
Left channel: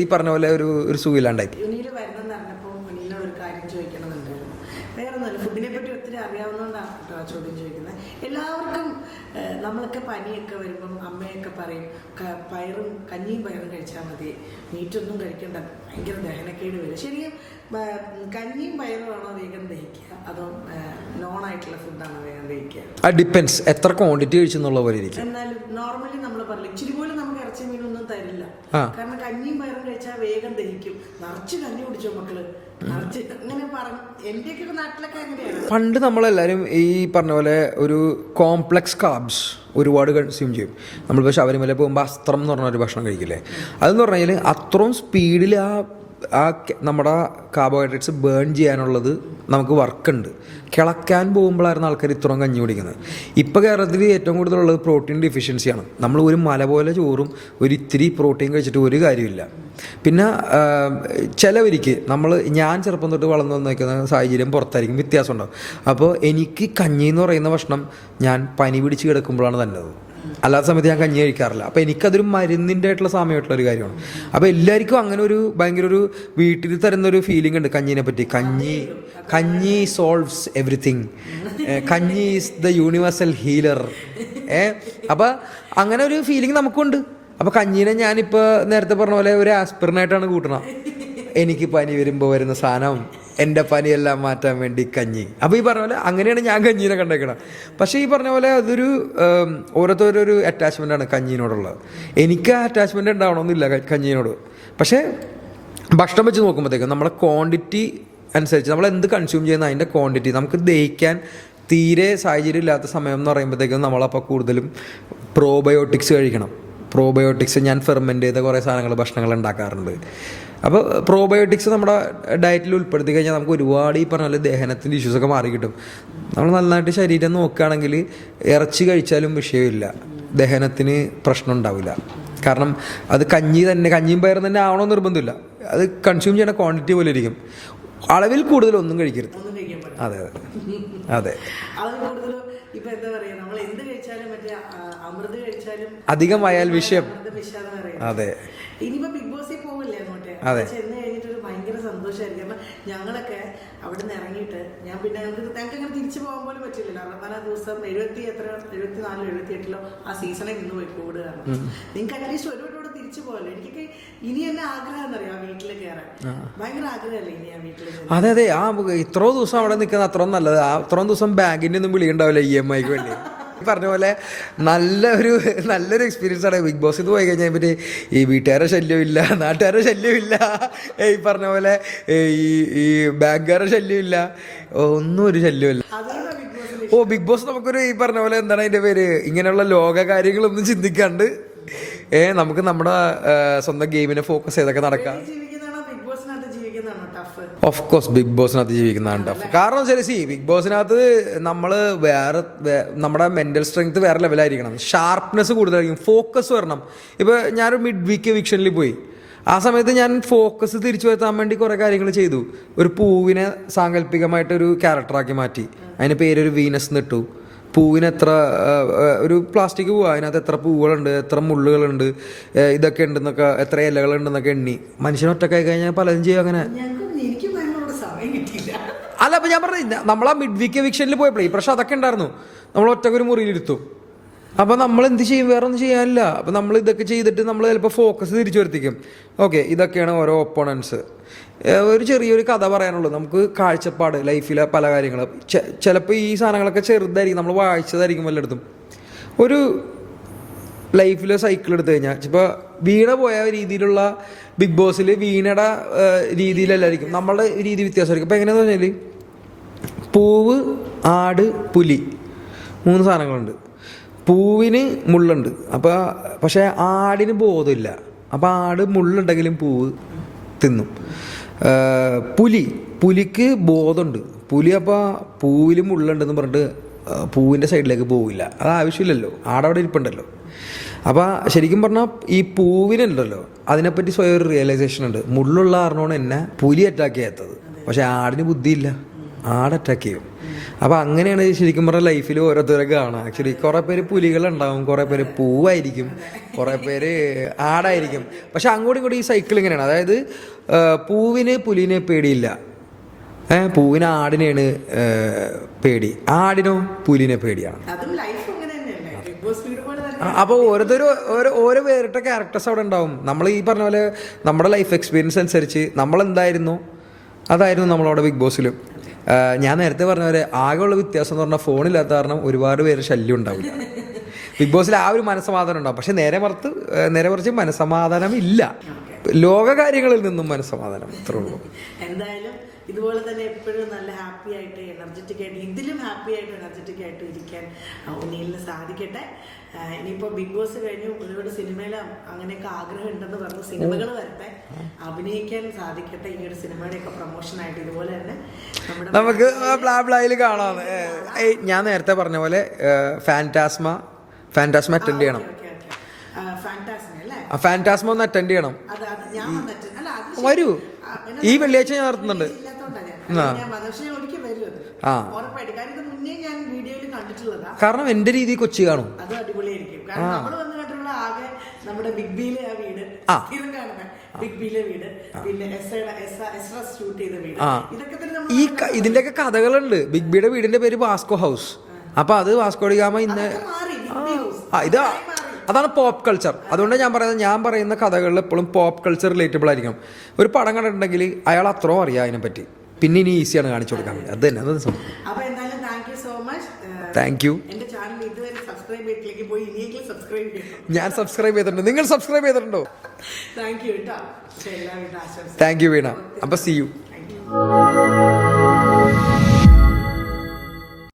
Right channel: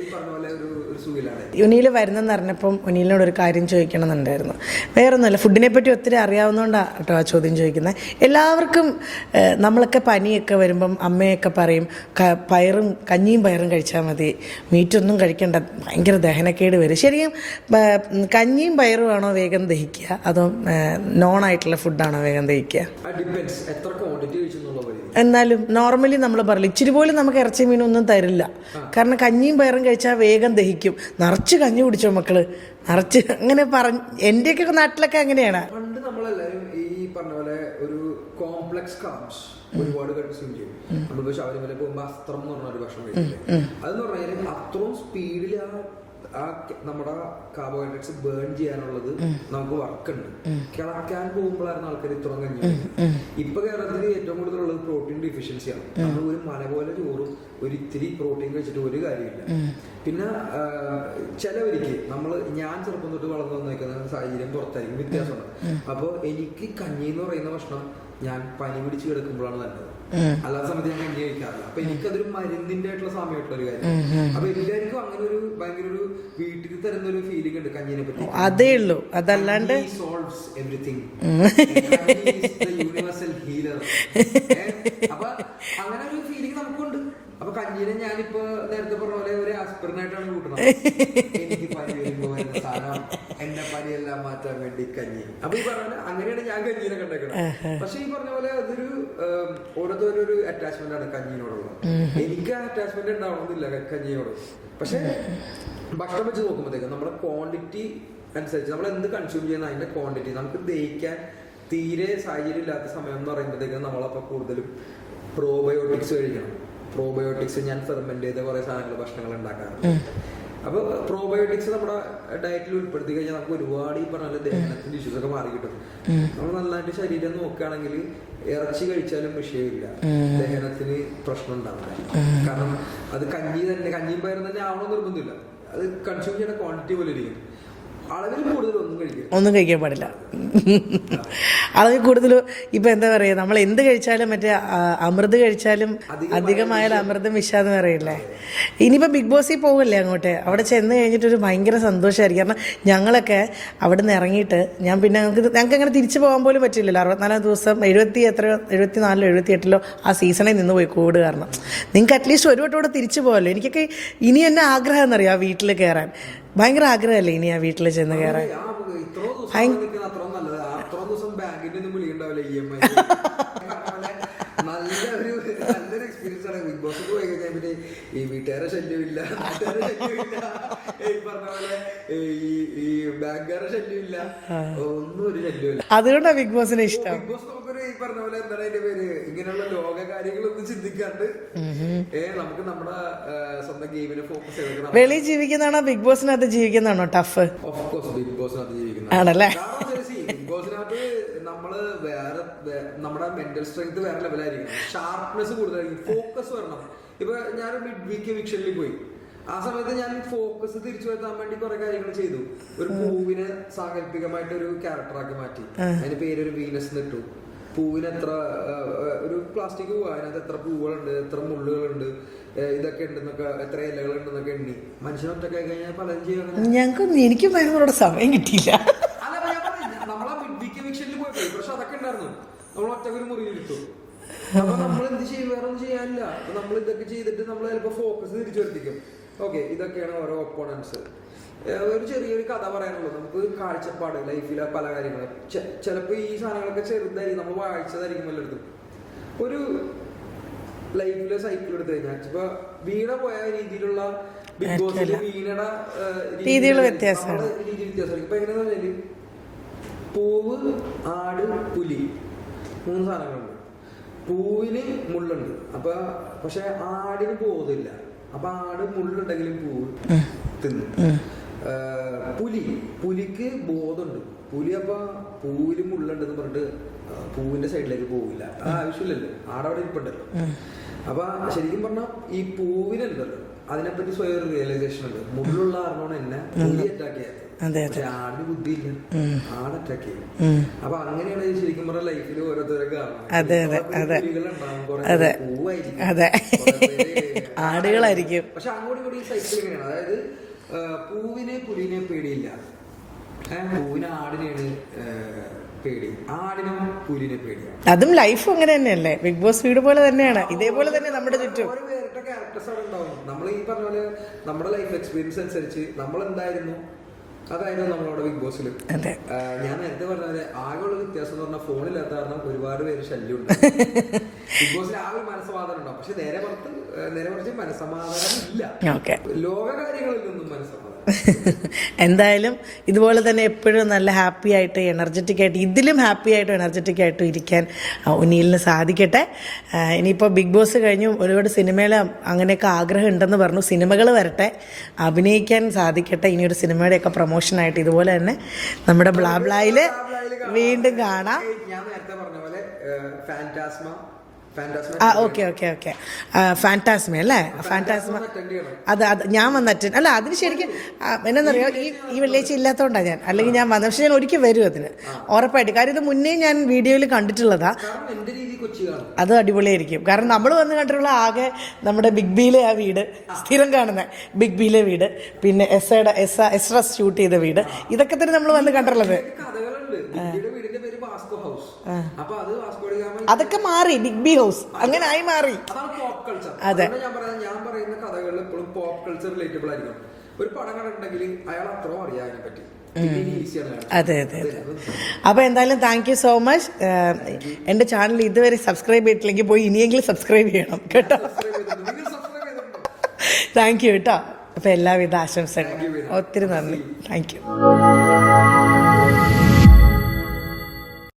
ഈ പറഞ്ഞ പോലെ ഒരു സുഖമില്ലാണ്ടായി. ഉനിയിൽ വരുന്നെന്ന് അറിഞ്ഞപ്പം ഉനിലിനോട് ഒരു കാര്യം ചോദിക്കണമെന്നുണ്ടായിരുന്നു. വേറൊന്നുമല്ല, ഫുഡിനെ പറ്റി ഒത്തിരി അറിയാവുന്നതുകൊണ്ടാണ് കേട്ടോ ആ ചോദ്യം ചോദിക്കുന്നത്. എല്ലാവർക്കും നമ്മളൊക്കെ പനിയൊക്കെ വരുമ്പം അമ്മയൊക്കെ പറയും കഞ്ഞിയും പയറും കഴിച്ചാൽ മതി, മീറ്റൊന്നും കഴിക്കേണ്ട, ഭയങ്കര ദഹനക്കേട് വരും. ശരിക്കും കഞ്ഞിയും പയറും ആണോ വേഗം ദഹിക്കുക, അതോ നോൺ ആയിട്ടുള്ള ഫുഡാണോ വേഗം ദഹിക്കുക? ഡിപ്പെൻസ് എത്ര ക്വാണ്ടിറ്റി കഴിച്ചെന്നുള്ള പോലെ. എന്നാലും നോർമലി നമ്മൾ പറയില്ല, ഇച്ചിരി പോലും നമുക്ക് ഇറച്ചി മീനൊന്നും തരില്ല. കാരണം കഞ്ഞിയും പയറും കഴിച്ചാൽ വേഗം ദഹിക്കും. നിറച്ച് കഞ്ഞി കുടിച്ചോ മക്കള്, നിറച്ച് അങ്ങനെ പറഞ്ഞു. എൻ്റെയൊക്കെ നാട്ടിലൊക്കെ അങ്ങനെയാണ്. പണ്ട് നമ്മളെല്ലാവരും ഈ പറഞ്ഞ പോലെ ഒരു കോംപ്ലക്സ് കാർബ്സ് ഒരുപാട് കൺസ്യൂം ചെയ്യും. നമ്മളിപ്പോൾ ശബരിമല പോകുമ്പോൾ അസ്ത്രം എന്ന് പറഞ്ഞ ഒരു ഭക്ഷണം കഴിക്കില്ലേ, അതെന്ന് പറഞ്ഞു കഴിഞ്ഞാൽ അത്രയും സ്പീഡിൽ ആ നമ്മുടെ കാർബോഹൈഡ്രേറ്റ്സ് ബേൺ ചെയ്യാനുള്ളത് നമുക്ക് വർക്കുണ്ട്. കിളക്കാൻ പോകുമ്പോഴായിരുന്നു ആൾക്കാർ ഇത്രയും കഞ്ഞി കുടിക്കുന്നത്. ഇപ്പോൾ കേരളത്തിൽ ഏറ്റവും കൂടുതലുള്ളത് പ്രോട്ടീൻ ഡെഫിഷ്യൻസിയാണ്. നമ്മൾ ഒരു മല പോലെ ചോറും ഒരു ഇത്തിരി പ്രോട്ടീൻ കഴിച്ചിട്ട് ഒരു കാര്യമില്ല. പിന്നെ ചിലവർക്ക് ഞാൻ ചെറുപ്പം തൊട്ട് വളർന്നു വന്നിരിക്കുന്ന സാഹചര്യം പുറത്തായിരിക്കും, വ്യത്യാസം ഉണ്ടാവും. അപ്പോൾ എനിക്ക് കഞ്ഞി എന്ന് പറയുന്ന ഭക്ഷണം ഞാൻ പനി പിടിച്ച് കിടക്കുമ്പോഴാണ് നല്ലത്, അല്ലാത്ത സമയത്ത് ഞാൻ കഞ്ഞി കഴിക്കാറില്ല. അപ്പോൾ എനിക്കതൊരു മരുന്നിൻ്റെ ആയിട്ടുള്ള സമയമായിട്ടുള്ള ഒരു കാര്യമാണ്. അപ്പോൾ എല്ലാവർക്കും അങ്ങനെ ഒരു ഭയങ്കര ഒരു വീട്ടിൽ തരുന്ന ഒരു ഫീലിംഗ് ഉണ്ട് കഞ്ഞിനെ പറ്റി. കഞ്ഞി സോൾവ്സ് എവറിത്തിങ്, കഞ്ഞി ഈസ് ദ യൂണിവേഴ്സൽ ഹീലർ. അപ്പൊ അങ്ങനെ ഒരു ഫീലിംഗ് നമുക്കുണ്ട്. അപ്പൊ കഞ്ഞീനെ ഞാനിപ്പോ നേരത്തെ പറഞ്ഞ പോലെ ഒരു ആസ്പിറിനായിട്ടാണ് കൂട്ടണം. എനിക്ക് പനി വരുമ്പോ വരുന്ന സാധനം, എന്റെ പനിയെല്ലാം മാറ്റാൻ വേണ്ടി കഞ്ഞി. അപ്പൊ ഈ പറഞ്ഞ പോലെ അങ്ങനെയാണ് ഞാൻ കഞ്ഞീനെ കണ്ടേക്കണം. പക്ഷെ ഈ പറഞ്ഞ പോലെ അതൊരു ഓരോരുത്തരൊരു അറ്റാച്ച്മെന്റ് ആണ് കഞ്ഞീനോടുള്ളത്. എനിക്ക് ആ അറ്റാച്ച്മെന്റ് ഉണ്ടാവണമെന്നില്ല കഞ്ഞീനോട്. പക്ഷെ ഭക്ഷണം വെച്ച് നോക്കുമ്പോഴത്തേക്കും നമ്മളെ ക്വാണ്ടിറ്റി അനുസരിച്ച് നമ്മൾ എന്ത് കൺസ്യൂം ചെയ്യുന്ന അതിൻ്റെ ക്വാണ്ടിറ്റി നമുക്ക് ദഹിക്കാൻ തീരെ സാഹചര്യം ഇല്ലാത്ത സമയം എന്ന് പറയുമ്പോഴത്തേക്കും നമ്മളപ്പോൾ കൂടുതലും പ്രോബയോട്ടിക്സ് കഴിക്കണം. പ്രോബയോട്ടിക്സ് ഞാൻ ഫെർമെൻ്റ് ചെയ്ത കുറേ സാധനങ്ങൾ ഭക്ഷണങ്ങൾ ഉണ്ടാക്കാറുണ്ട്. അപ്പോൾ പ്രോബയോട്ടിക്സ് നമ്മുടെ ഡയറ്റിൽ ഉൾപ്പെടുത്തി കഴിഞ്ഞാൽ നമുക്ക് ഒരുപാട് ഈ പറഞ്ഞ പോലെ ദഹനത്തിൻ്റെ ഇഷ്യൂസൊക്കെ മാറി കിട്ടും. നമ്മൾ നന്നായിട്ട് ശരീരം നോക്കുകയാണെങ്കിൽ ഇറച്ചി കഴിച്ചാലും വിഷയമില്ല, ദഹനത്തിന് പ്രശ്നം ഉണ്ടാവില്ല. കാരണം അത് കഞ്ഞിയും പയറും തന്നെ ആവണമെന്ന് നിർബന്ധമില്ല. അത് കൺസ്യൂം ചെയ്യുന്ന ക്വാണ്ടിറ്റി പോലെ ഇരിക്കും. അളവിൽ കൂടുതൽ ഒന്നും കഴിക്കാൻ പാടില്ല. അതെ അതെ, അളവിൽ കൂടുതൽ ഇപ്പൊ എന്താ പറയാ, നമ്മൾ എന്ത് കഴിച്ചാലും മറ്റേ അമൃത് കഴിച്ചാലും അമൃതം വിഷാദം പറയില്ല. ഇനിയിപ്പോ ബിഗ് ബോസിൽ പോകല്ലേ അങ്ങോട്ട്, അവിടെ ചെന്ന് കഴിഞ്ഞിട്ടൊരു ഭയങ്കര സന്തോഷമായിരിക്കും. കാരണം ഞങ്ങളൊക്കെ അവിടെ നിന്ന് ഇറങ്ങിയിട്ട് ഞങ്ങൾക്ക് അങ്ങനെ തിരിച്ചു പോകാൻ പോലും പറ്റില്ലല്ലോ. 64 ദിവസം 74 78 ആ സീസണിൽ നിന്ന് പോയി കൂട്. കാരണം നിങ്ങൾക്ക് അറ്റ്ലീസ്റ്റ് ഒരു വട്ടം കൂടെ തിരിച്ചു പോകല്ലോ. എനിക്കൊക്കെ ഇനി എന്നെ ആഗ്രഹം എന്നറിയാം ആ വീട്ടിൽ കയറാൻ, ഭയങ്കര ആഗ്രഹമല്ലേ ഇനി ആ വീട്ടിൽ. അതെ അതെ, ആ ഇത്രയും ദിവസം അവിടെ നിൽക്കുന്ന അത്രയും നല്ലത്. അത്രയും ദിവസം ബാങ്കിന്റെ ഒന്നും വിളിയുണ്ടാവില്ല EMI വേണ്ടി. പറഞ്ഞ പോലെ നല്ലൊരു എക്സ്പീരിയൻസ് ആണ് ബിഗ് ബോസ്. പോയി കഴിഞ്ഞാൽ പറ്റി ഈ വീട്ടുകാരുടെ ശല്യമില്ല, നാട്ടുകാരുടെ ശല്യമില്ല, ഈ പറഞ്ഞ പോലെ ഈ ബാങ്കുകാരുടെ ശല്യമില്ല, ഒന്നും ഒരു ശല്യമില്ല. അതുകൊണ്ടാണ് ബിഗ് ബോസിന് ബിഗ് ബോസ് നമുക്കൊരു ഈ പറഞ്ഞ പോലെ എന്താണ് അതിന്റെ പേര്, ഇങ്ങനെയുള്ള ലോക കാര്യങ്ങളൊന്നും ചിന്തിക്കാണ്ട് നമുക്ക് നമ്മുടെ സ്വന്തം ഗെയിമിനെ ഫോക്കസ് ചെയ്തൊക്കെ നടക്കാം. ജീവിക്കുന്നതാണോ ബിഗ് ബോസിനകത്ത് ജീവിക്കുന്നതാണോ ടഫ്? ഓഫ് കോഴ്സ് ബിഗ് ബോസിനകത്ത് ജീവിക്കുന്നതാണ്. കാരണം ബിഗ് ബോസിനകത്ത് നമ്മള് നമ്മുടെ മെന്റൽ സ്ട്രെങ്ത് വേറെ ലെവലായിരിക്കണം, ഷാർപ്നെസ് കൂടുതലായിരിക്കും, ഫോക്കസ് വരണം. ഇപ്പൊ ഞാനൊരു മിഡ് വീക്ക് എവിക്ഷനിൽ പോയി, ആ സമയത്ത് ഞാൻ ഫോക്കസ് തിരിച്ചു വരുത്താൻ വേണ്ടി കുറെ കാര്യങ്ങൾ ചെയ്തു. ഒരു പൂവിനെ സാങ്കല്പികമായിട്ടൊരു ക്യാരക്ടറാക്കി മാറ്റി, അതിന് പേരൊരു വീനസ് എന്നിട്ടു. പൂവിന് ഒരു പ്ലാസ്റ്റിക് പൂവ്, അതിനകത്ത് എത്ര പൂവുകളുണ്ട്, എത്ര മുള്ളുകളുണ്ട്, ഇതൊക്കെ ഉണ്ടെന്നൊക്കെ, എത്ര ഇലകളുണ്ടെന്നൊക്കെ എണ്ണി. മനുഷ്യൻ ഒറ്റക്കായി കഴിഞ്ഞാൽ പലതും ചെയ്യും. അങ്ങനെ എനിക്ക് സമയം കിട്ടിയില്ല. അല്ല, അപ്പൊ ഞാൻ പറഞ്ഞില്ല, നമ്മളാ മിഡ് വീക്ക് എവിക്ഷനിൽ പോയപ്പോഴേ പക്ഷെ അതൊക്കെ ഉണ്ടായിരുന്നു. നമ്മൾ ഒറ്റക്കൊരു മുറിയിലിരുത്തും. അപ്പൊ നമ്മൾ എന്ത് ചെയ്യും, വേറെ ഒന്നും ചെയ്യാനില്ല. അപ്പൊ നമ്മൾ ഇതൊക്കെ ചെയ്തിട്ട് നമ്മൾ ചിലപ്പോൾ ഫോക്കസ് തിരിച്ചു വരുത്തിക്കും. ഓക്കെ, ഇതൊക്കെയാണ് ഓരോ ഒപ്പോണൻസ്. ഒരു ചെറിയൊരു കഥ പറയാനുള്ളൂ. നമുക്ക് കാഴ്ചപ്പാട് ലൈഫിലെ പല കാര്യങ്ങൾ ചിലപ്പോൾ ഈ സാധനങ്ങളൊക്കെ ചെറുതായിരിക്കും, നമ്മൾ വായിച്ചതായിരിക്കും വല്ലയിടത്തും. ലൈഫിലെ സൈക്കിൾ എടുത്തു കഴിഞ്ഞാൽ ഇപ്പൊ വീണ പോയ രീതിയിലുള്ള ബിഗ് ബോസിൽ വീണയുടെ രീതിയിലല്ലായിരിക്കും നമ്മളുടെ രീതി വ്യത്യാസമായിരിക്കും. ഇപ്പൊ എങ്ങനെയാന്ന് പറഞ്ഞാല് പൂവ്, ആട്, പുലി 3 സാധനങ്ങളുണ്ട്. പൂവിന് മുള്ളുണ്ട്, അപ്പൊ പക്ഷെ ആടിന് ബോധമില്ല. അപ്പൊ ആട് മുള്ളുണ്ടെങ്കിലും പൂവ് തിന്നും. പുലിക്ക് ബോധമുണ്ട്. പുലി അപ്പൊ പൂവില് മുള്ളുണ്ടെന്ന് പറഞ്ഞിട്ട് പൂവിന്റെ സൈഡിലേക്ക് പോവില്ല. അത് ആവശ്യമില്ലല്ലോ, ആടവിടെ ഇരിപ്പുണ്ടല്ലോ. അപ്പൊ ശരിക്കും പറഞ്ഞാൽ ഈ പൂവിനുണ്ടല്ലോ അതിനെപ്പറ്റി സ്വയം ഒരു റിയലൈസേഷൻ ഉണ്ട്. മുള്ളുള്ള ആറിനോട് എന്നെ പുലി അറ്റാക്ക് ചെയ്യാത്തത്, പക്ഷെ ആടിന് ബുദ്ധിയില്ല, ആട് അറ്റാക്ക് ചെയ്യും. അപ്പൊ അങ്ങനെയാണ് ശരിക്കും പറഞ്ഞ ലൈഫിൽ ഓരോരുത്തരെ കാണാം. ആക്ച്വലി കുറെ പേര് പുലികളുണ്ടാവും, കുറെ പേര് പൂവായിരിക്കും, കുറെ പേര് ആടായിരിക്കും. പക്ഷെ അങ്ങോട്ടും ഇങ്ങോട്ടും ഈ സൈക്കിൾ ഇങ്ങനെയാണ്. അതായത് പൂവിന് പുലിനെ പേടിയില്ല, പൂവിന് ആടിനെയാണ് പേടി, ആടിനോ പുലിനെ പേടിയാണ്. അതും ലൈഫ് അങ്ങനെ തന്നെയല്ലേ, ബിഗ് ബോസ് വീട് പോലെ തന്നെയാണ്. അപ്പൊ ഓരോ വേറിട്ട ക്യാരക്ടേഴ്സ് അവിടെ ഉണ്ടാവും. നമ്മൾ ഈ പറഞ്ഞ പോലെ നമ്മുടെ ലൈഫ് എക്സ്പീരിയൻസ് അനുസരിച്ച് നമ്മൾ എന്തായിരുന്നു അതായിരുന്നു നമ്മളവിടെ ബിഗ് ബോസിലും. ഞാൻ നേരത്തെ പറഞ്ഞ പോലെ ആകെയുള്ള വ്യത്യാസം എന്ന് പറഞ്ഞാൽ ഫോണില്ലാത്ത കാരണം ഒരുപാട് പേര് ശല്യം ഉണ്ടാവും. ബിഗ് ബോസിൽ ആ ഒരു മനസ്സമാധാനം ഉണ്ടാവും, പക്ഷെ നേരെ മറിച്ച് മനസ്സമാധാനം ഇല്ല. ലോക കാര്യങ്ങളിൽ നിന്നും മനസ്സമാധാനം. എന്തായാലും ഇതുപോലെ തന്നെ എപ്പോഴും നല്ല ഹാപ്പി ആയിട്ട് എനർജറ്റിക് ആയിട്ട്, ഇതിലും ഹാപ്പി ആയിട്ടും എനർജറ്റിക് ആയിട്ടും ഇരിക്കാൻ ഉന്നീലിന് സാധിക്കട്ടെ. ഇനിയിപ്പോൾ ബിഗ് ബോസ് കഴിഞ്ഞു ഒരുപാട് സിനിമയിൽ അങ്ങനെയൊക്കെ ആഗ്രഹം ഉണ്ടെന്ന് പറഞ്ഞു. സിനിമകൾ വരട്ടെ, അഭിനയിക്കാൻ സാധിക്കട്ടെ. ഇനിയൊരു സിനിമയുടെയൊക്കെ പ്രൊമോഷനായിട്ട് ഇതുപോലെ തന്നെ നമ്മുടെ വീണ്ടും കാണാം. ഞാൻ നേരത്തെ പറഞ്ഞ പോലെ ഫാന്റാസ്മ ഫാന്റാസ്മ അല്ലേ, ഫാന്റാസ്മ ഒന്ന് അറ്റൻഡ് ചെയ്യണം. അത് ഞാൻ വന്ന് അറ്റൻഡ് അല്ല, അതിന് വെള്ളിയാഴ്ച ഇല്ലാത്തോണ്ടാ ഞാൻ, അല്ലെങ്കിൽ ഞാൻ വന്നത്. പക്ഷെ ഞാൻ ഒരിക്കൽ വരും അതിന് ഉറപ്പായിട്ട്. കാര്യം ഇത് മുന്നേ ഞാൻ വീഡിയോയിൽ കണ്ടിട്ടുള്ളതാ. കാരണം എന്റെ രീതി കൊച്ചി കാണും, അത് അടിപൊളിയായിരിക്കും. കാരണം നമ്മൾ വന്ന് കണ്ടിട്ടുള്ള ആകെ നമ്മുടെ ബിഗ് ബിയിലെ ആ വീട്, സ്ഥിരം കാണുന്ന ബിഗ് ബിയിലെ വീട്, പിന്നെ എസ്ര ഷൂട്ട് ചെയ്ത വീട്, ഇതൊക്കെ തന്നെ നമ്മൾ വന്ന് കണ്ടിട്ടുള്ളത്. ഇതിന്റെയൊക്കെ കഥകളുണ്ട്. ബിഗ് ബിയുടെ വീടിന്റെ പേര് വാസ്കോ ഹൗസ്. അപ്പൊ അത് വാസ്കോ ഡി ഗാമ അതൊക്കെ മാറി, ബിഗ് ബി അതാണ് പോപ്പ് കൾച്ചർ. അതുകൊണ്ട് ഞാൻ പറയുന്ന കഥകളിൽ എപ്പോഴും പോപ്പ് കൾച്ചർ റിലേറ്റബിൾ ആയിരിക്കണം. ഒരു പടം കണ്ടിട്ടുണ്ടെങ്കിൽ അയാൾ അത്രയും അറിയാം അതിനെപ്പറ്റി, പിന്നെ ഇനി ഈസിയാണ് കാണിച്ചത്. അപ്പൊ എന്തായാലും thank you so much. Thank you. എന്റെ ചാനൽ ഇതുവരെ സബ്സ്ക്രൈബ് ചെയ്തിട്ടില്ലെങ്കിൽ പോയി ഇനിയെങ്കിലും സബ്സ്ക്രൈബ് ചെയ്യണം. ഞാൻ സബ്സ്ക്രൈബ് ചെയ്തിട്ടുണ്ട്, നിങ്ങൾ സബ്സ്ക്രൈബ് ചെയ്തിട്ടുണ്ടോ? താങ്ക് യു കേട്ടോ. അപ്പൊ എല്ലാവിധ ആശംസ. താങ്ക് യു വീണ. ഒത്തിരി See you. Thank you.